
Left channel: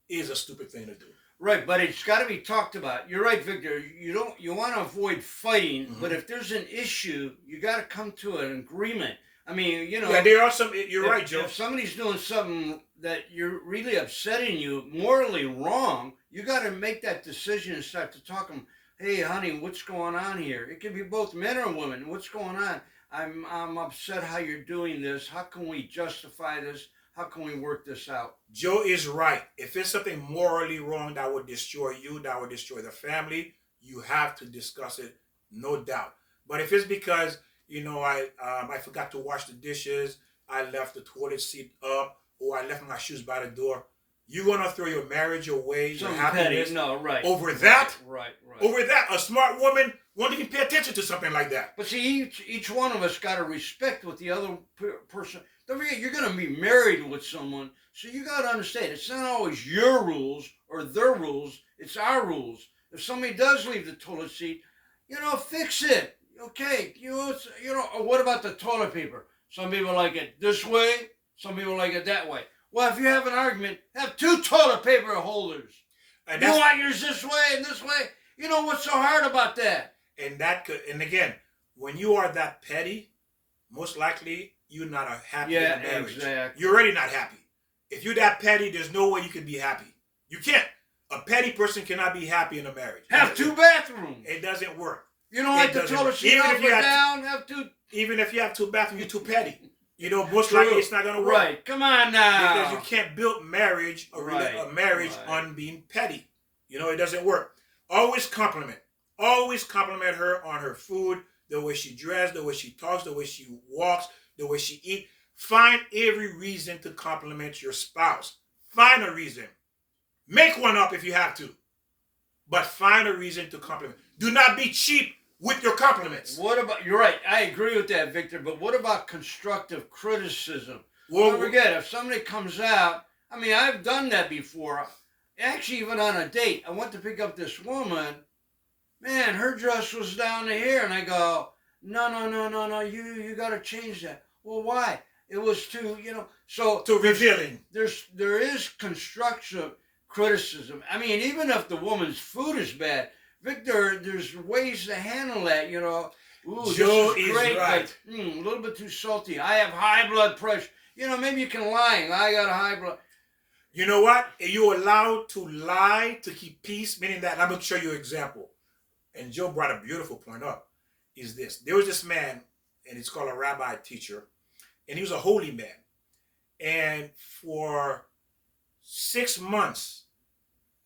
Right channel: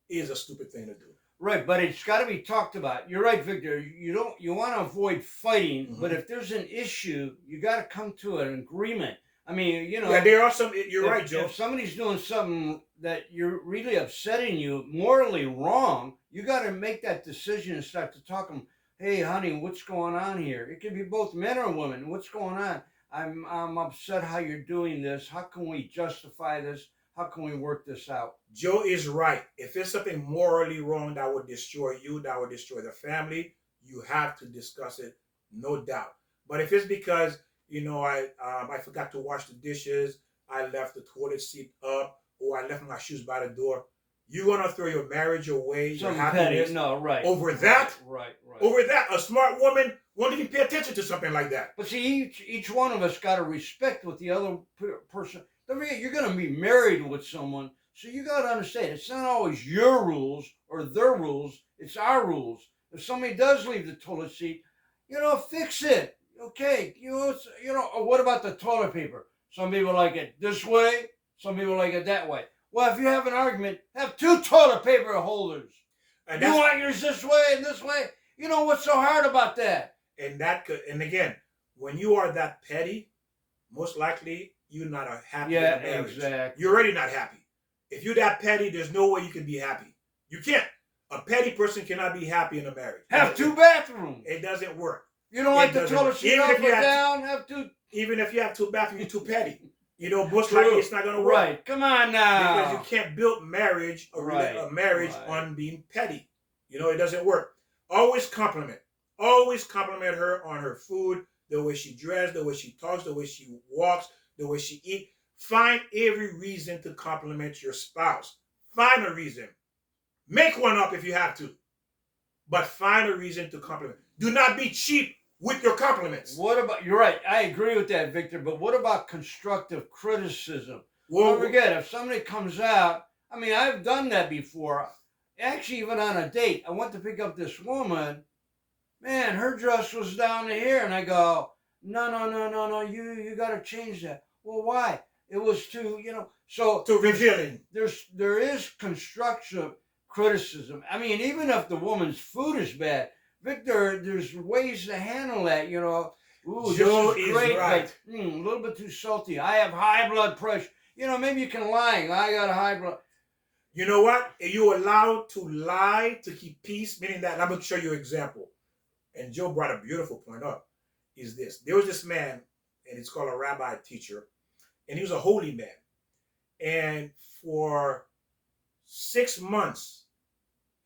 is a stupid thing to do. Right, but it's got to be talked about. You're right, Victor. You want to avoid fighting, but if there's an issue, you got to come to an agreement. I mean, Yeah, there are some. You're right, Joe. If somebody's doing something that you're really upsetting you, morally wrong, you got to make that decision and start to talk to them. Hey, honey, what's going on here? It could be both men or women. What's going on? I'm upset how you're doing this. How can we justify this? How can we work this out? Joe is right. If it's something morally wrong that would destroy you, that would destroy the family, you have to discuss it, no doubt. But if it's because I forgot to wash the dishes, I left the toilet seat up, or I left my shoes by the door, you're gonna throw your marriage away, your happiness, right. over that? Right. Over that, a smart woman won't even pay attention to something like that. But see, each one of us got to respect what the other person. Don't forget, you're going to be married with someone, so you got to understand it's not always your rules or their rules. It's our rules. If somebody does leave the toilet seat, fix it. Okay, what about the toilet paper? Some people like it this way. Some people like it that way. Well, if you have an argument, have 2 toilet paper holders. And you want yours this way and this way. What's so hard about that? And again, when you are that petty, most likely you're not happy in marriage. Exactly. You're already not happy. If you're that petty, there's no way you can be happy. You can't. A petty person cannot be happy in a marriage. Have 2 bathrooms. It doesn't work. You don't like the toilet seat up or down? Have 2. Even if you have 2 bathrooms, you're too petty. Most likely it's not going to work. Right. Come on now. Because you can't build marriage, a marriage on being petty. It doesn't work. Always compliment. Always compliment her on her food, the way she dressed, the way she talks, the way she walks, the way she eats. Find every reason to compliment your spouse. Find a reason. Make one up if you have to. But find a reason to compliment. Do not be cheap with your compliments. You're right. I agree with that, Victor. But what about constructive criticism? Well, don't forget, if somebody comes out, I've done that before. Actually, even on a date, I went to pick up this woman. Man, her dress was down to here. And I go, no, you got to change that. Well, why? It was too revealing. There is constructive criticism. Even if the woman's food is bad, Victor, there's ways to handle that, Ooh, Joe this is great, right. but a little bit too salty. I have high blood pressure. Maybe you can lie. I got high blood. You know what? You're allowed to lie to keep peace, meaning that, I'm going to show you an example. And Joe brought a beautiful point up, is this. There was this man, and he's called a rabbi teacher, and he was a holy man. And for 6 months,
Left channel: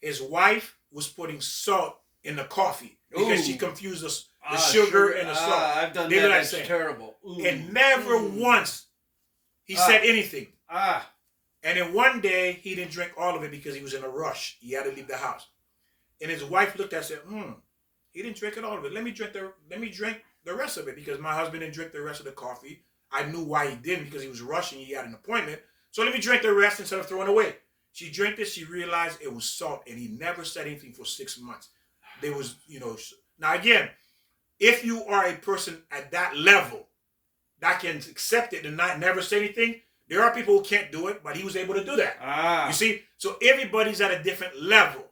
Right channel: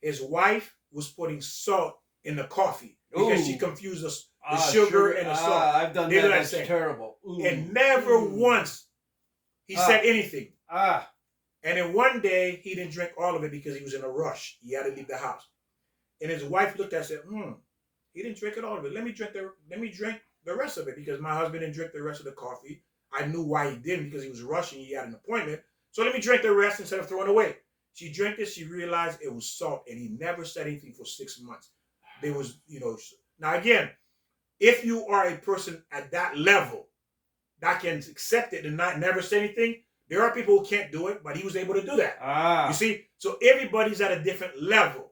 his wife was putting salt in the coffee because she confused the sugar and the salt. I've done that. That's terrible. Ooh. And never once he said anything. And then one day, he didn't drink all of it because he was in a rush. He had to leave the house. And his wife looked at it and said, he didn't drink it all of it. Let me drink the rest of it because my husband didn't drink the rest of the coffee. I knew why he didn't because he was rushing. He had an appointment. So let me drink the rest instead of throwing it away. She drank it. She realized it was salt. And he never said anything for 6 months. There was, Now, again, if you are a person at that level that can accept it and never say anything, there are people who can't do it, but he was able to do that. You see? So everybody's at a different level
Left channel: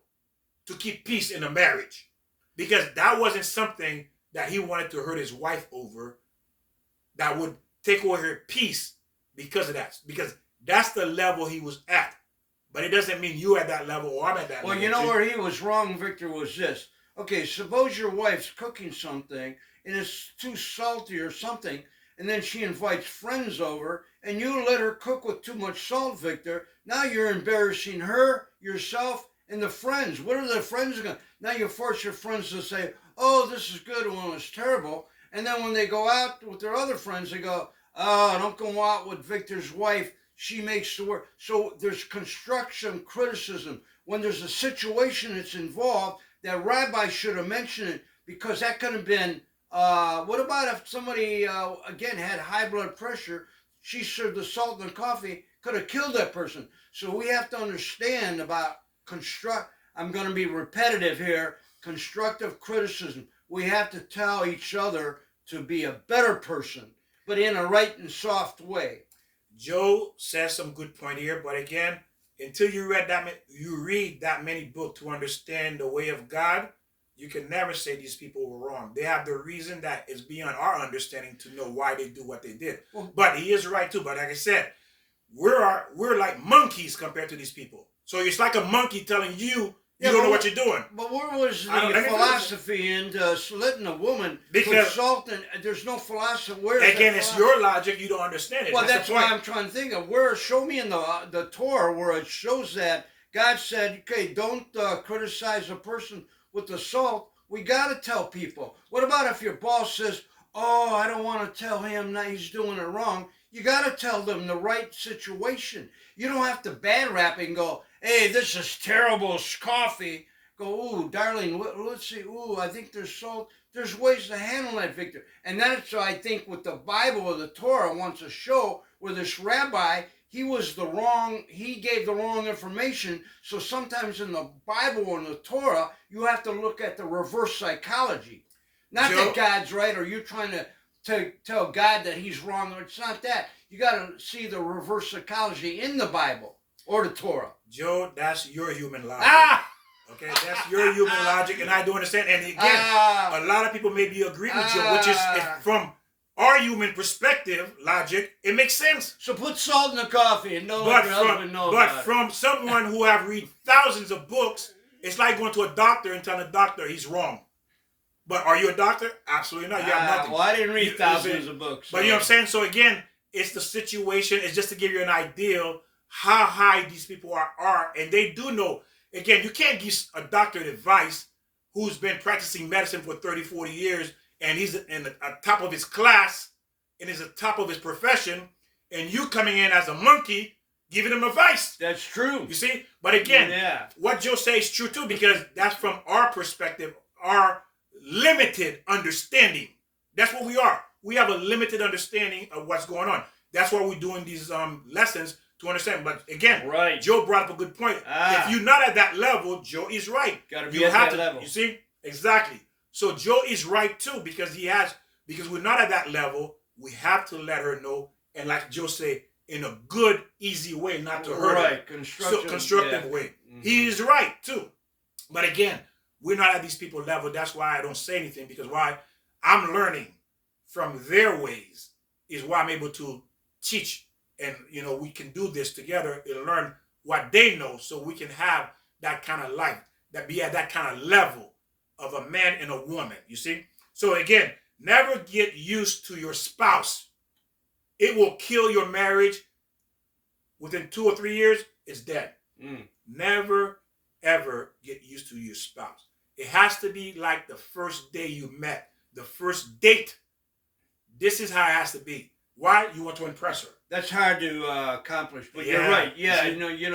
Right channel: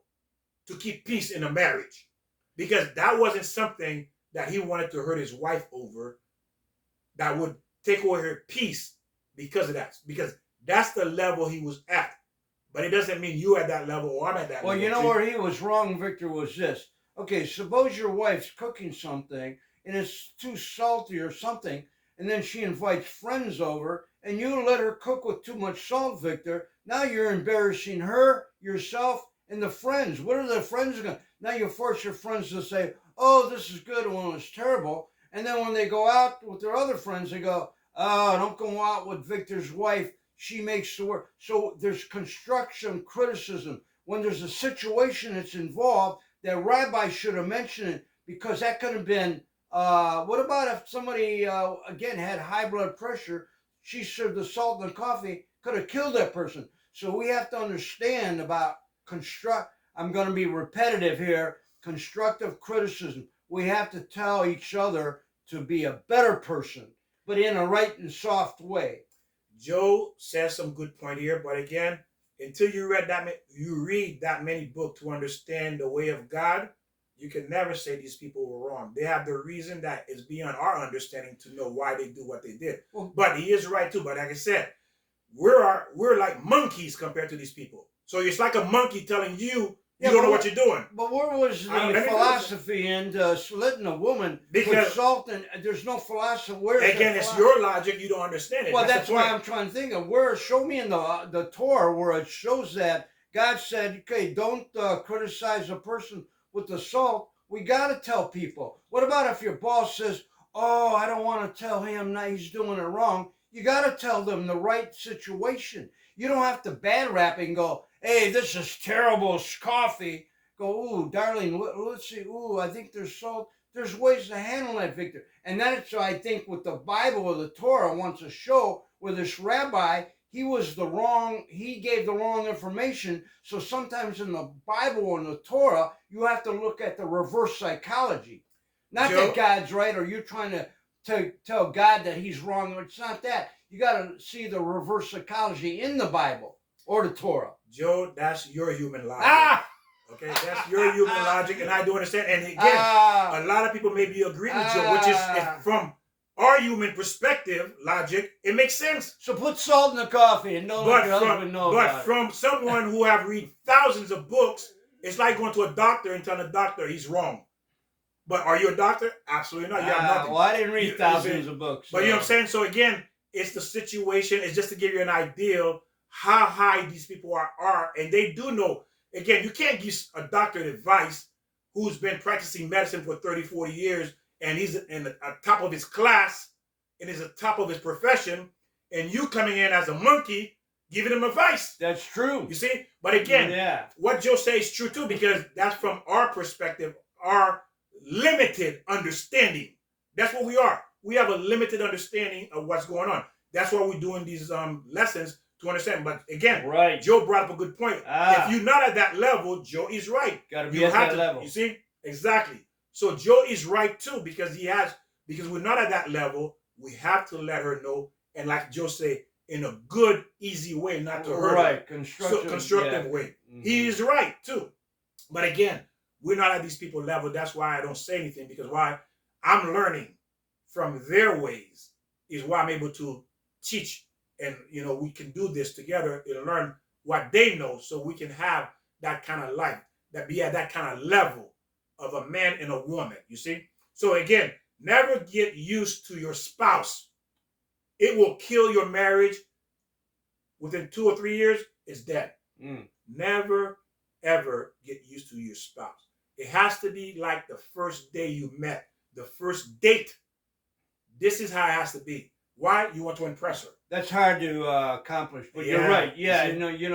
to keep peace in a marriage. Because that wasn't something that he wanted to hurt his wife over that would take away her peace because of that. Because that's the level he was at. But it doesn't mean you at that level or I'm at that level. Well, where he was wrong, Victor, was this. Okay, suppose your wife's cooking something and it's too salty or something, and then she invites friends over and you let her cook with too much salt, Victor. Now you're embarrassing her, yourself, and the friends. What are the friends going to... Now you force your friends to say, oh, this is good when it's terrible. And then when they go out with their other friends, they go, oh, don't go out with Victor's wife. She makes the work. So there's construction criticism. When there's a situation that's involved, that rabbi should have mentioned it because that could have been, what about if somebody, again, had high blood pressure, she served the salt in the coffee, could have killed that person. So we have to understand about I'm going to be repetitive here, constructive criticism. We have to tell each other to be a better person, but in a right and soft way. Joe says some good point here, but again, until you read that many books to understand the way of God, you can never say these people were wrong. They have the reason that is beyond our understanding to know why they do what they did. Well, But he is right too. But like I said, we're like monkeys compared to these people. So it's like a monkey telling you yeah, don't know but what you're doing. But where was I don't- the let me finish. philosophy in letting a woman put Because- salt in? There's no philosophy. Where's that Again, it's philosophy? your logic. You don't understand it. Well, that's that's the why point. I'm trying to think of where. Show me in the Torah where it shows that God said, "Okay, don't criticize a person with the salt." We got to tell people. What about if your boss says, "Oh, I don't want to tell him that he's doing it wrong." You got to tell them the right situation. You don't have to bad rap and go, "Hey, this is terrible coffee." Go, "Ooh, darling, let's see. Ooh, I think there's salt." There's ways to handle that, Victor. And that's why I think what the Bible or the Torah wants to show, where this rabbi, he gave the wrong information. So sometimes in the Bible or in the Torah, you have to look at the reverse psychology. Not Joe? that God's right or you're trying to tell God that he's wrong. It's not that. You got to see the reverse psychology in the Bible or the Torah. Joe, that's your human logic. Ah! Okay, that's your human logic, and I do understand. And again, Ah! a lot of people may be agreeing with Joe, which is from our human perspective, logic, it makes sense. So put salt in the coffee and don't let your husband know about it. From someone who have read thousands of books, it's like going to a doctor and telling a doctor he's wrong. But are you a doctor? Absolutely not. You have nothing. Well, I didn't read thousands of books. But you know what I'm saying? So again, it's the situation. It's just to give you an idea how high these people are. And they do know. Again, you can't give a doctor advice who's been practicing medicine for 30, 40 years, and he's in the top of his class, and is at the top of his profession, and you coming in as a monkey giving him advice. That's true. You see? But again, what Joe says is true too, because that's from our perspective, our limited understanding. That's what we are. We have a limited understanding of what's going on. That's why we're doing these lessons to understand. But again, right. Joe brought up a good point. If you're not at that level, Joe is right. Got to be at that level. You see? Exactly. So Joe is right too, because we're not at that level. We have to let her know, and like Joe said, in a good, easy way, not to hurt her. Right, constructive way. Mm-hmm. He is right too. But again, we're not at these people level. That's why I don't say anything, because why? I'm learning from their ways is why I'm able to teach, and we can do this together and learn what they know, so we can have that kind of life, that be at that kind of level of a man and a woman. You see? So again, never get used to your spouse. It will kill your marriage. Within 2 or 3 years, it's dead. Never, ever get used to your spouse. It has to be like the first day you met, the first date. This is how it has to be. Why? You want to impress her. That's hard to accomplish, but you're right. Yeah,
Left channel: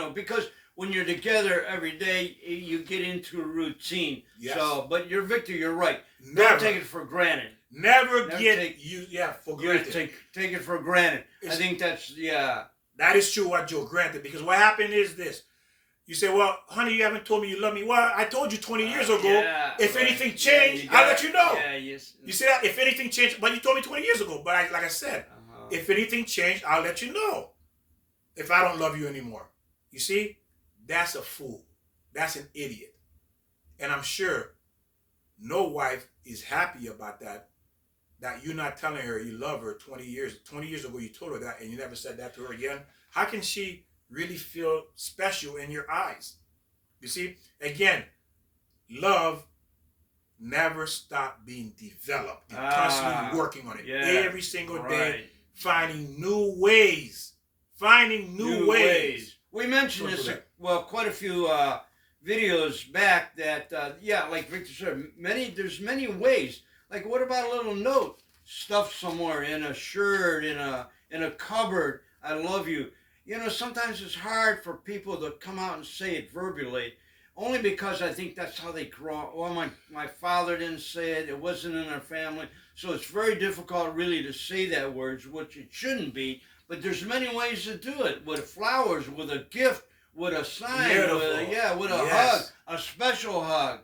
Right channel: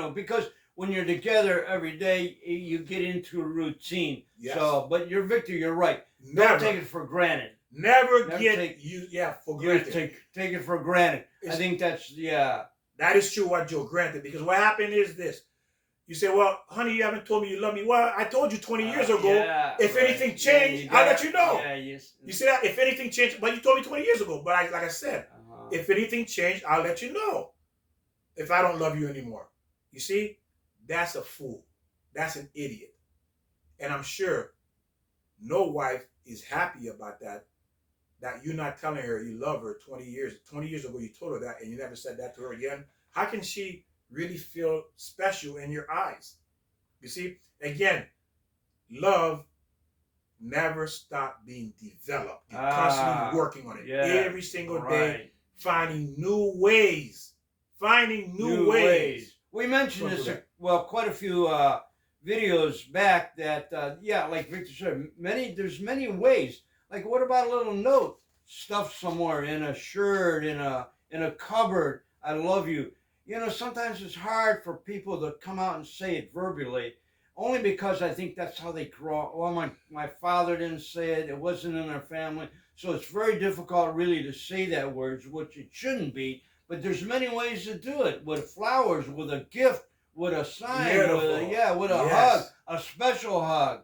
because when you're together every day, you get into a routine. Yes. So, but Victor, you're right. Never. Don't take it for granted. Never for granted. Take it for granted. I think that's That is true what Joe granted, because what happened is this. You say, well, honey, you haven't told me you love me. Well, I told you 20 years ago. If anything changed, I'll let you know. Yeah, yes. You see that? If anything changed, but you told me 20 years ago. But like I said, if anything changed, I'll let you know. If I don't love you anymore. You see? That's a fool. That's an idiot. And I'm sure no wife is happy about that you're not telling her you love her 20 years. 20 years ago, you told her that, and you never said that to her again. How can she really feel special in your eyes? You see, again, love never stopped being developed. You're constantly working on it every single day, finding new ways. We mentioned this, quite a few videos back that, like Victor said, there's many ways. Like, what about a little note stuffed somewhere in a shirt, in a cupboard? I love you. Sometimes it's hard for people to come out and say it verbally, only because I think that's how they grow up. Well, my father didn't say it. It wasn't in our family. So it's very difficult really to say that words, which it shouldn't be. But there's many ways to do it, with flowers, with a gift, with a sign, with a hug, a special hug.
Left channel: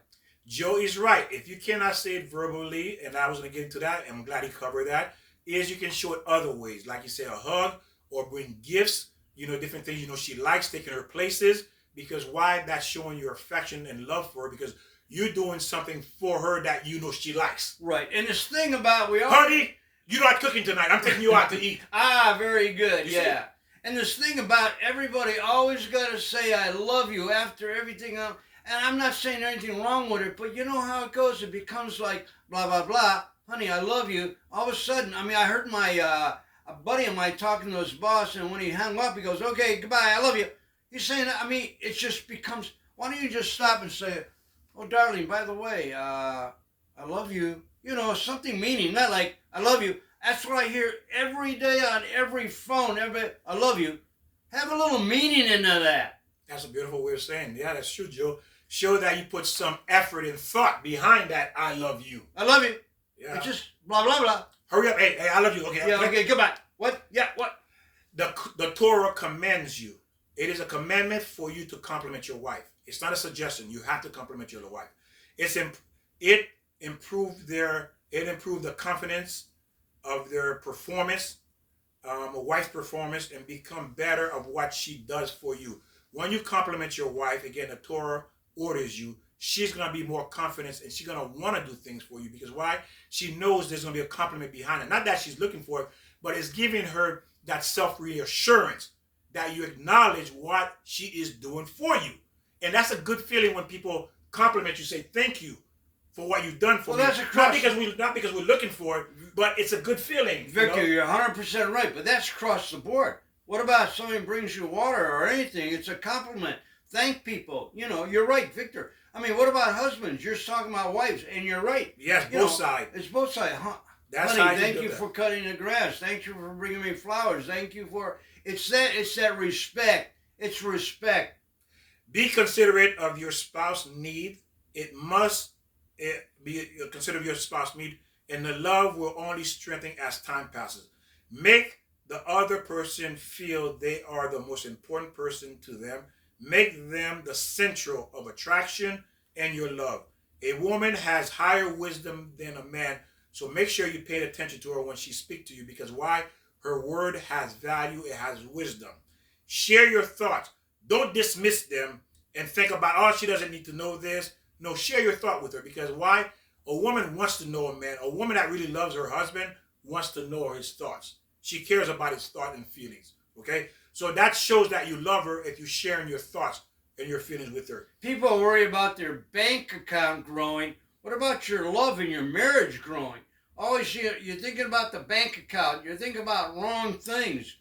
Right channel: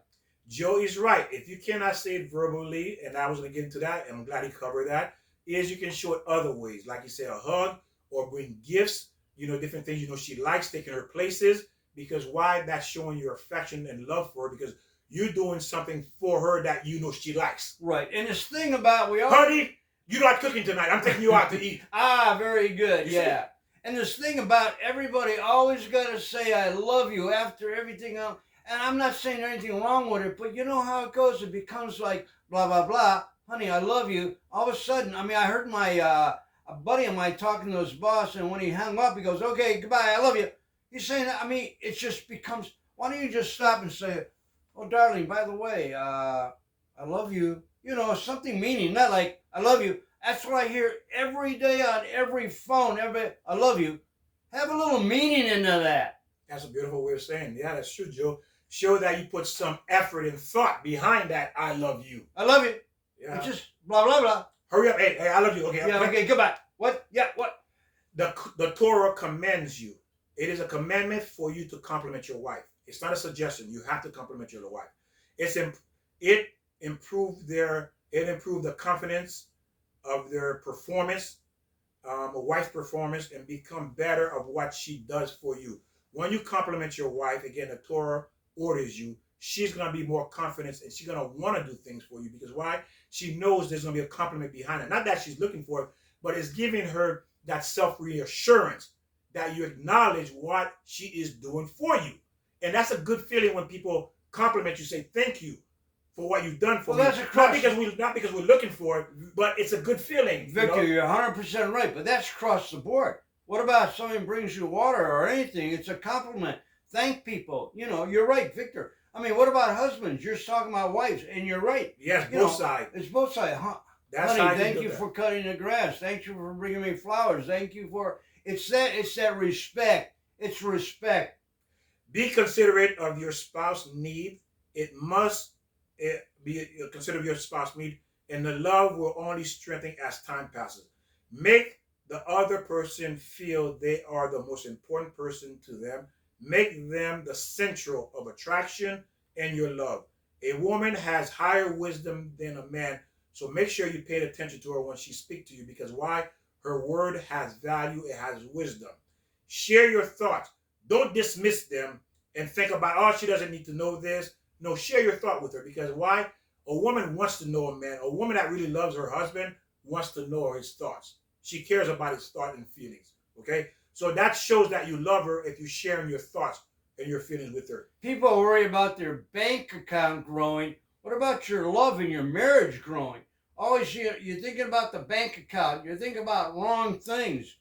Joe is right. If you cannot say it verbally, and I was going to get into that, and I'm glad he covered that, is you can show it other ways. Like you say, a hug, or bring gifts, different things, she likes, taking her places. Because why? That's showing your affection and love for her, because you're doing something for her that she likes. Right. And this thing about Honey, you like cooking tonight. I'm taking you out to eat. Very good. You Yeah. And this thing about everybody always got to say I love you after everything else. And I'm not saying anything wrong with it, but you know how it goes. It becomes like blah, blah, blah. Honey, I love you. All of a sudden, I heard my a buddy of mine talking to his boss, and when he hung up, he goes, okay, goodbye, I love you. He's saying, it just becomes, why don't you just stop and say, oh, darling, by the way, I love you. Something meaning, not like, I love you. That's what I hear every day on every phone. I love you. Have a little meaning into that. That's a beautiful way of saying, yeah, that's true, Joe. Show that you put some effort and thought behind that I love you. I love you. Yeah. It's just blah, blah, blah. Hurry up. Hey, I love you. Okay. Yeah, okay, goodbye. What? Yeah, what? The Torah commends you. It is a commandment for you to compliment your wife. It's not a suggestion. You have to compliment your wife. It improved the confidence of their performance, a wife's performance, and become better of what she does for you. When you compliment your wife, again, the Torah orders you, she's going to be more confident, and she's going to want to do things for you. Because why? She knows there's going to be a compliment behind it. Not that she's looking for it, but it's giving her that self-reassurance that you acknowledge what she is doing for you. And that's a good feeling when people compliment you, say thank you for what you've done for me. That's not because we're looking for it, but it's a good feeling. Victor, you're 100% right, but that's across the board. What about if somebody brings you water or anything? It's a compliment. Thank people. You're right, Victor. What about husbands? You're talking about wives, and you're right. Yes, both sides. It's both sides. That's Honey, thank you for cutting the grass. Thank you for bringing me flowers. Thank you for... It's that respect. It's respect. Be considerate of your spouse's need. It must be considerate of your spouse's need, and the love will only strengthen as time passes. Make the other person feel they are the most important person to them. Make them the central of attraction and your love. A woman has higher wisdom than a man, so make sure you pay attention to her when she speaks to you, because why? Her word has value, it has wisdom. Share your thoughts. Don't dismiss them and think about, oh, she doesn't need to know this. No, share your thought with her, because why? A woman wants to know a man. A woman that really loves her husband wants to know his thoughts. She cares about his thoughts and feelings, okay? So that shows that you love her if you're sharing your thoughts and your feelings with her. People worry about their bank account growing. What about your love and your marriage growing? Always you're thinking about the bank account. You're thinking about wrong things.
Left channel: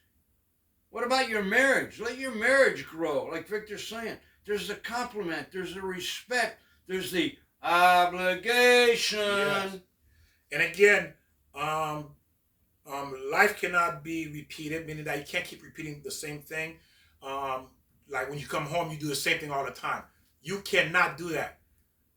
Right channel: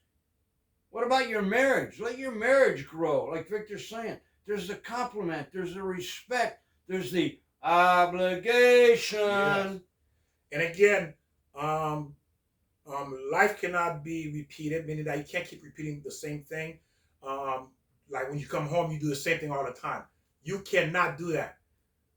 What about your marriage? Let your marriage grow. Like Victor's saying, there's the compliment, there's the respect, there's the obligation. Yes. And again, life cannot be repeated, meaning that you can't keep repeating the same thing. Like when you come home, you do the same thing all the time. You cannot do that.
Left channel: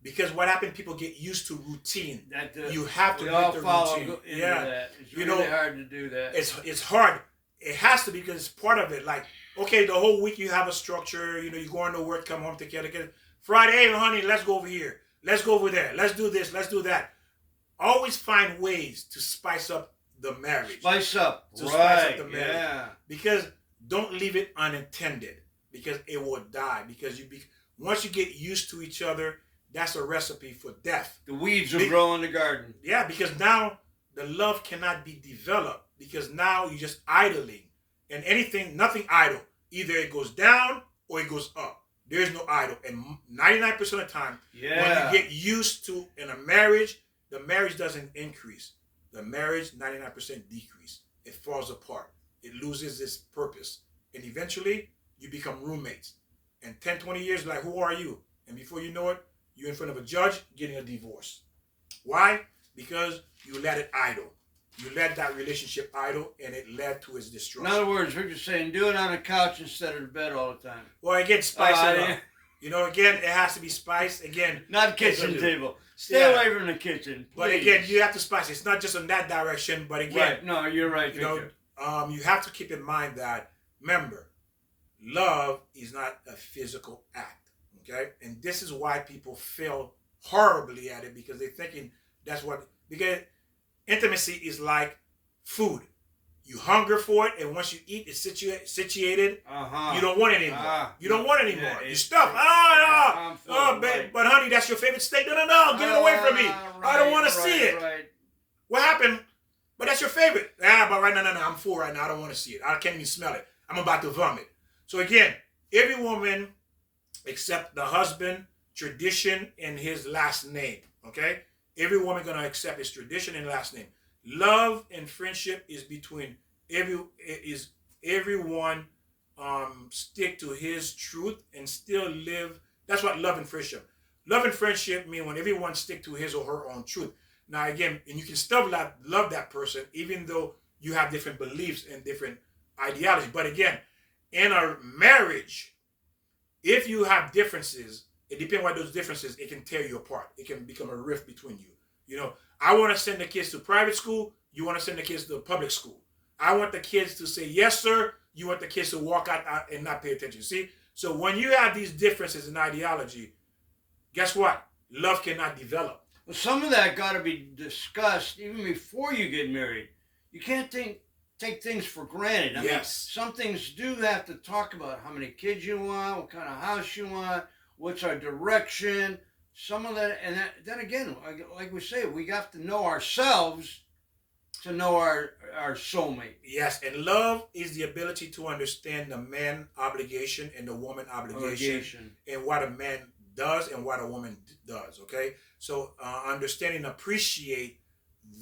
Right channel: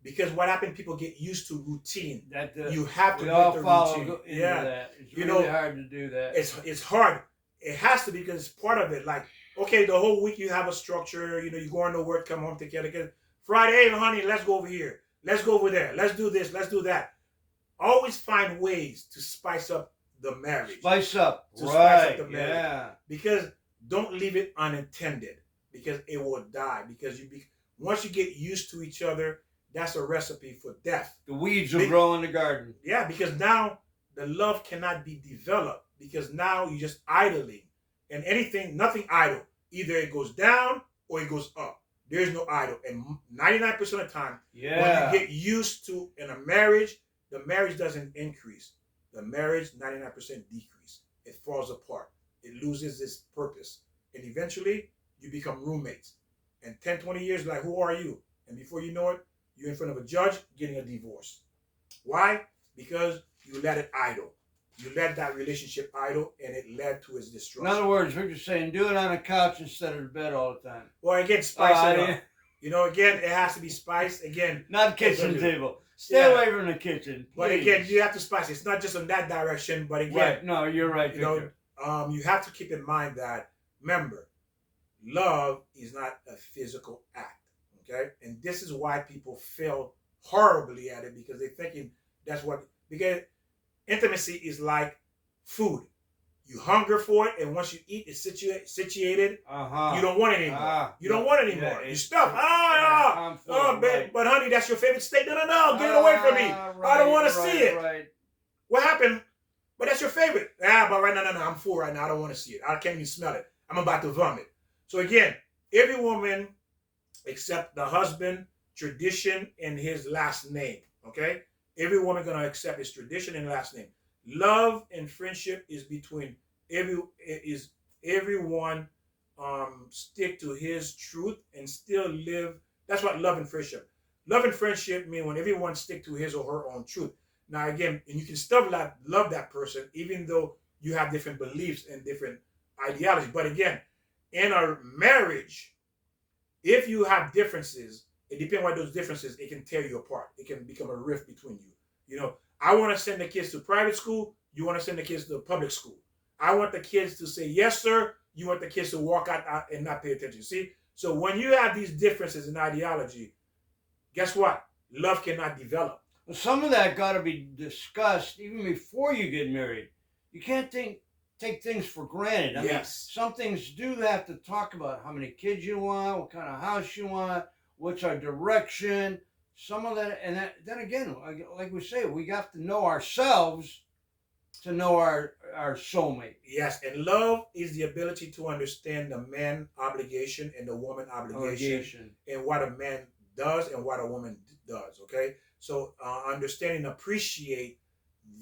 Because what happened, people get used to routine. You have to break the routine. That. It's really hard to do that. It's hard. It has to be, because it's part of it. Like, okay, the whole week you have a structure. You go on to work, come home, take care of the kids. Friday, hey, honey, let's go over here. Let's go over there. Let's do this. Let's do that. Always find ways to spice up the marriage. Spice up. Spice up the marriage. Yeah. Because don't leave it unintended, because it will die. Because once you get used to each other, that's a recipe for death. The weeds will grow in the garden. Yeah, because now the love cannot be developed, because now you're just idling. And nothing idle. Either it goes down or it goes up. There's no idle. And 99% of the time, when you get used to in a marriage, the marriage doesn't increase. The marriage, 99% decrease. It falls apart. It loses its purpose. And eventually, you become roommates. And 10, 20 years, like, who are you? And before you know it, you're in front of a judge getting a divorce. Why? Because you let it idle. You let that relationship idle, and it led to its destruction. In other words, Victor's saying, do it on a couch instead of the bed all the time. Well, again, spice it up. Again, it has to be spiced. Again, not kitchen table. Stay away from the kitchen, please. But again, you have to spice it. It's not just in that direction, but again. Right. No, you're right, Victor. You have to keep in mind that, remember, love is not a physical act. Okay? And this is why people fail horribly at it, because they're thinking because intimacy is like food. You hunger for it, and once you eat, it's situated. You don't want it anymore. You don't want it anymore. You stuff. But honey, that's your favorite steak. No. Give it away from me. I don't want to see it. Right. What happened? But that's your favorite. But right now, no. I'm full right now. I don't want to see it. I can't even smell it. I'm about to vomit. So again, every woman except the husband, tradition, and his last name. Okay? Every woman gonna accept his tradition and last name. Love and friendship is between everyone stick to his truth and still live. That's what love and friendship. Love and friendship mean when everyone stick to his or her own truth. Now again, and you can still love that person even though you have different beliefs and different ideologies. But again, in a marriage, if you have differences, it depends on those differences, it can tear you apart. It can become a rift between you. You know, I want to send the kids to private school. You want to send the kids to public school. I want the kids to say, yes, sir. You want the kids to walk out and not pay attention. See? So when you have these differences in ideology, guess what? Love cannot develop. Well, some of that got to be discussed even before you get married. You can't take things for granted. I mean, some things do have to talk about how many kids you want, what kind of house you want, what's our direction. Some of that, and then again, like we say, we got to know ourselves to know our soulmate. Yes, and love is the ability to understand the man obligation and the woman obligation. And what a man does and what a woman does, okay? So understand and appreciate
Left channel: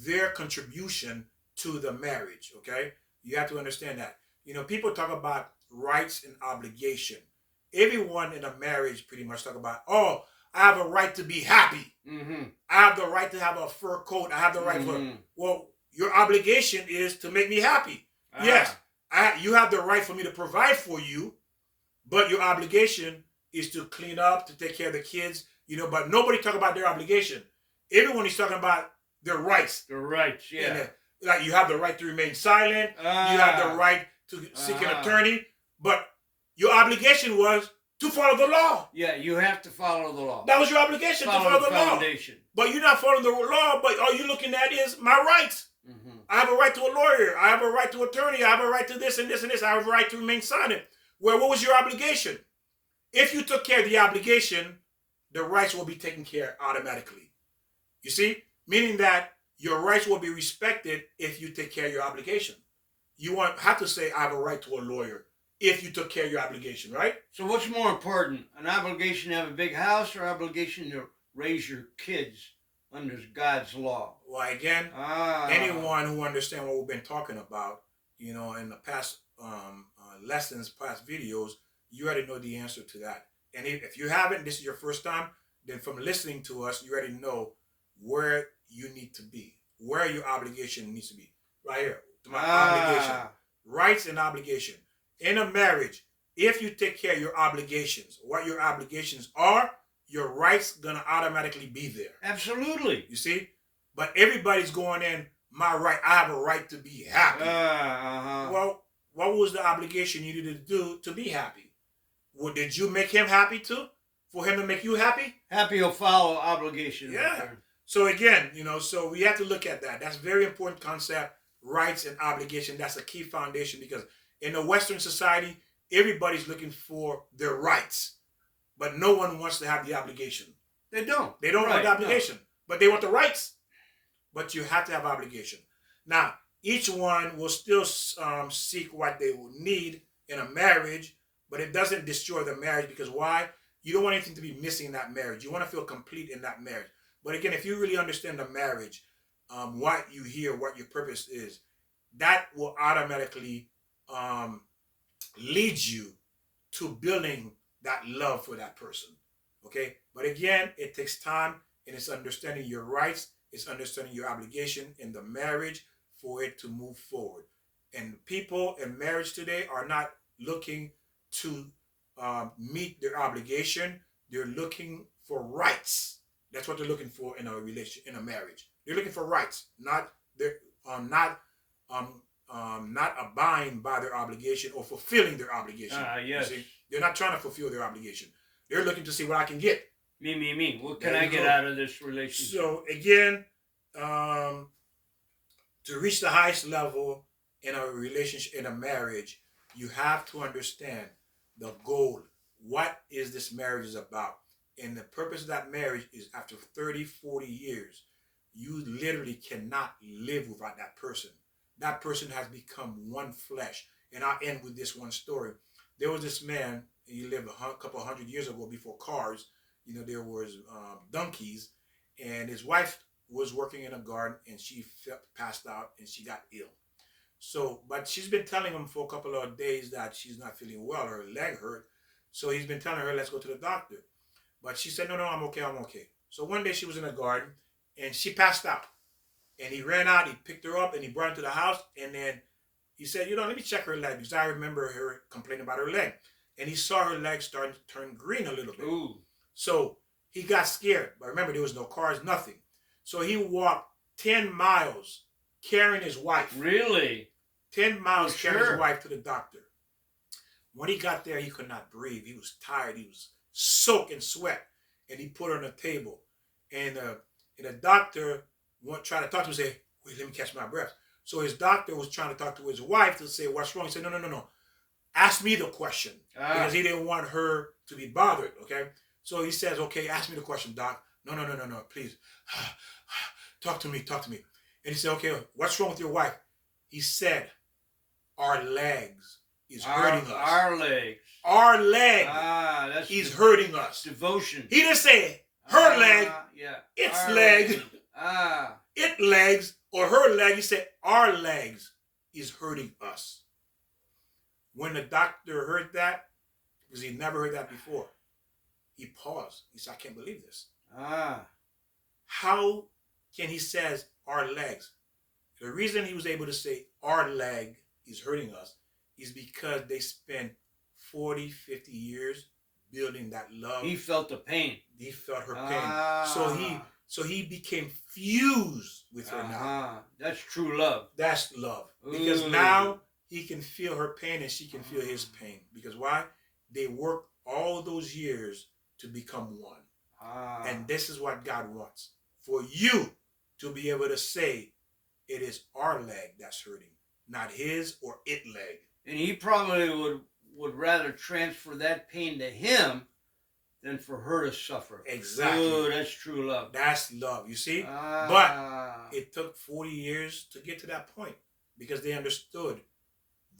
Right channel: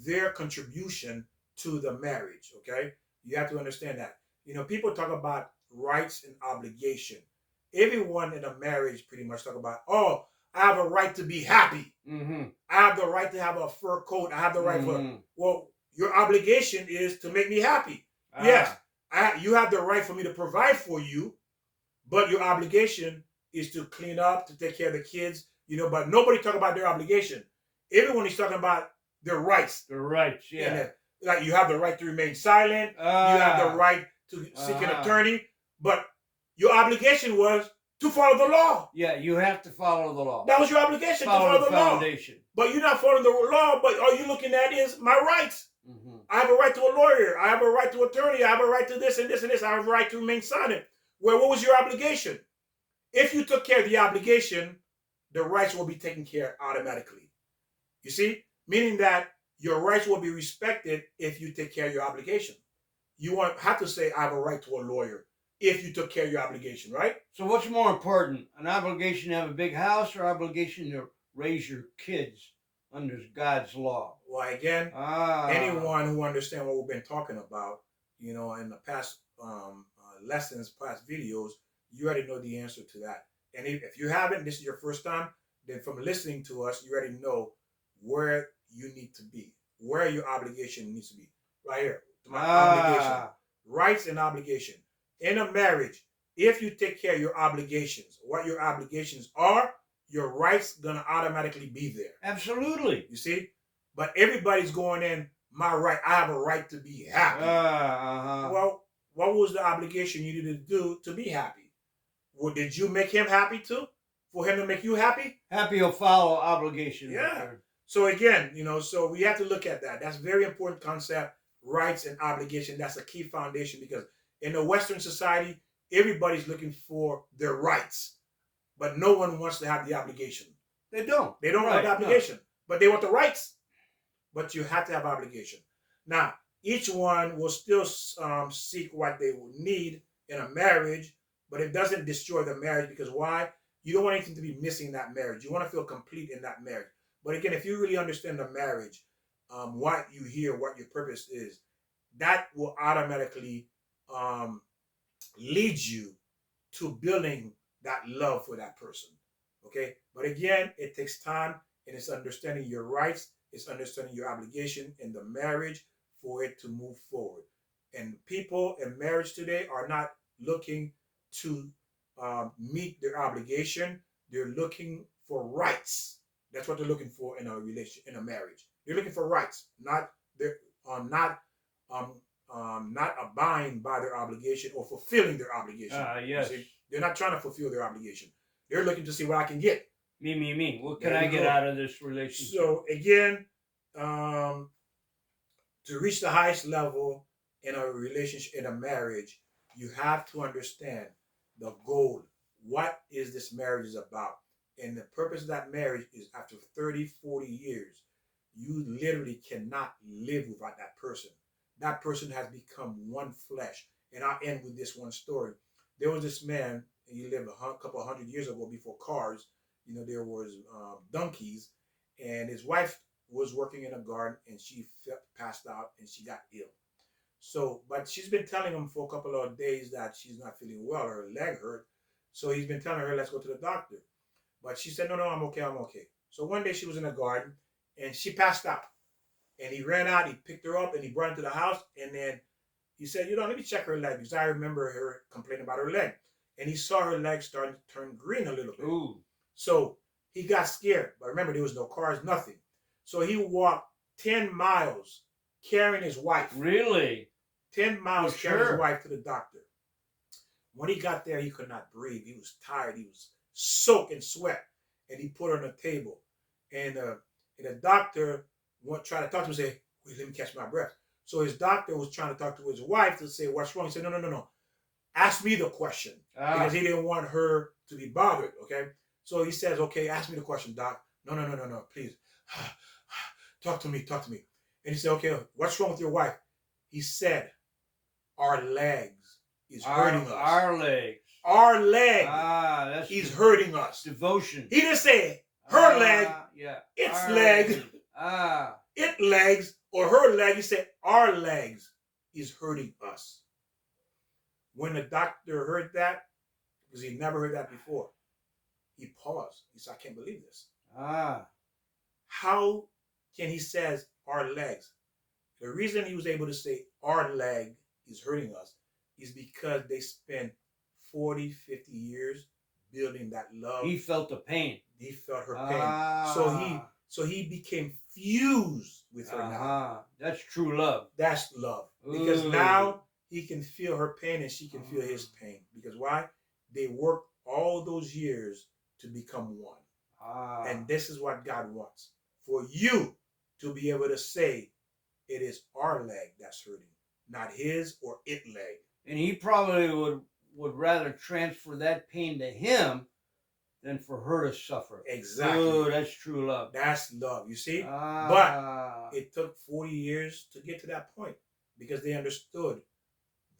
their contribution to the marriage, okay? You have to understand that. You know, people talk about rights and obligation. Everyone in a marriage pretty much talk about, oh, I have a right to be happy. Mm-hmm. I have the right to have a fur coat. I have the right for, well, your obligation is to make me happy. Yes, you have the right for me to provide for you, but your obligation is to clean up, to take care of the kids, you know, but nobody talk about their obligation. Everyone is talking about their rights. Their rights, yeah. Like you have the right to remain silent. You have the right to seek an attorney, but your obligation was to follow the law. Yeah, you have to follow the law. That was your obligation, to follow the foundation. Law. But you're not following the law, but all you're looking at is my rights. Mm-hmm. I have a right to a lawyer. I have a right to attorney. I have a right to this and this and this. I have a right to remain silent. Well, what was your obligation? If you took care of the obligation, the rights will be taken care of automatically. You see? Meaning that your rights will be respected if you take care of your obligation. You won't have to say, I have a right to a lawyer if you took care of your obligation, right? So what's more important, an obligation to have a big house or obligation to raise your kids under God's law? Well, again, anyone who understands what we've been talking about, you know, in the past lessons, past videos, you already know the answer to that. And if you haven't, this is your first time, then from listening to us, you already know where you need to be, where your obligation needs to be. Right here, my obligation, rights and obligation. In a marriage, if you take care of your obligations, what your obligations are, your rights gonna automatically be there. Absolutely. You see? But everybody's going in, my right, I have a right to be happy. Well, what was the obligation you needed to do to be happy? Well, did you make him happy too? For him to make you happy? Happy will follow obligation. Yeah. So again, you know, so we have to look at that. That's a very important concept, rights and obligation. That's a key foundation because in a Western society, everybody's looking for their rights, but no one wants to have the obligation. They don't. They don't want the obligation, but they want the rights. But you have to have obligation. Now, each one will still seek what they will need in a marriage, but it doesn't destroy the marriage because why? You don't want anything to be missing in that marriage. You want to feel complete in that marriage. But again, if you really understand the marriage, what you hear, what your purpose is, that will automatically lead you to building that love for that person. Okay? But again, it takes time and it's understanding your rights, it's understanding your obligation in the marriage for it to move forward. And people in marriage today are not looking to meet their obligation. They're looking for rights. That's what they're looking for in a relationship, in a marriage. They're looking for rights, not abiding by their obligation or fulfilling their obligation. Yes. See? They're not trying to fulfill their obligation. They're looking to see what I can get. Me. What can I get out of this relationship? So again, to reach the highest level in a relationship, in a marriage, you have to understand the goal. What is this marriage is about? And the purpose of that marriage is after 30, 40 years, you literally cannot live without that person. That person has become one flesh. And I'll end with this one story. There was this man, he lived a couple of 100 years ago before cars. There was donkeys, and his wife was working in a garden, and she passed out, and she got ill. So, but she's been telling him for a couple of days that she's not feeling well, her leg hurt. So he's been telling her, let's go to the doctor. But she said, no, no, I'm okay, I'm okay. So one day she was in the garden, and she passed out. And he ran out, he picked her up, and he brought her to the house, and then he said, let me check her leg, because I remember her complaining about her leg. And he saw her leg starting to turn green a little bit. Ooh. So he got scared. But remember, there was no cars, nothing. So he walked 10 miles carrying his wife. Really? 10 miles carrying Sure. his wife to the doctor. When he got there, he could not breathe. He was tired. He was soaked in sweat. And he put her on the table. And the doctor tried to talk to him and say, wait, let me catch my breath. So his doctor was trying to talk to his wife to say, what's wrong? He said, no, no, no, no. Ask me the question. Because he didn't want her to be bothered, okay? So he says, okay, ask me the question, doc. No, no, no, no, no, please. Talk to me, talk to me. And he said, okay, what's wrong with your wife? He said, our legs is hurting us. Our legs. Our leg That's is hurting us. devotion. He didn't say her leg, Yeah. its Our leg, Ah. it legs, or her leg. He said, our legs is hurting us. When the doctor heard that, because he'd never heard that before, he paused. He said, I can't believe this. How can he says our legs? The reason he was able to say our leg is hurting us is because they spent 40, 50 years building that love. He felt the pain. He felt her pain. So he became fused with her now. That's true love. That's love. Because now he can feel her pain and she can feel his pain. Because why? They worked all those years to become one. And this is what God wants. For you to be able to say, it is our leg that's hurting, not his or it leg. And he probably would rather transfer that pain to him than for her to suffer. Exactly. Oh, that's true love. That's love, you see? But it took 40 years to get to that point because they understood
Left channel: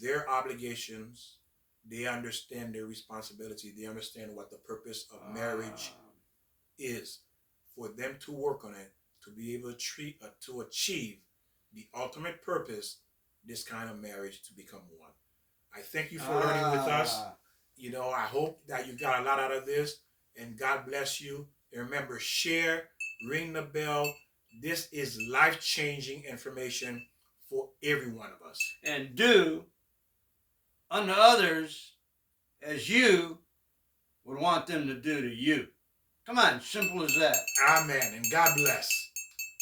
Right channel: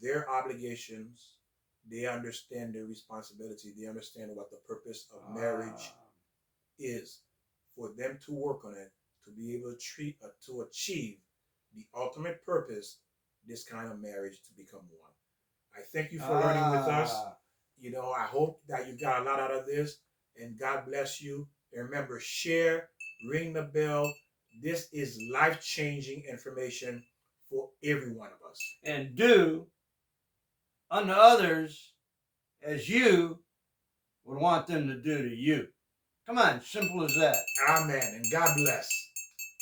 their obligations. They understand their responsibility. They understand what the purpose of marriage is. For them to work on it, to be able to achieve the ultimate purpose, this kind of marriage to become one. I thank you for learning with us. I hope that you got a lot out of this, and God bless you. And remember, share, ring the bell. This is life-changing information for every one of us. And do unto others as you would want them to do to you. Come on, simple as that. Amen. And God bless.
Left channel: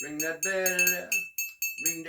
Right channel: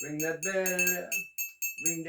Ring that bell. Ring that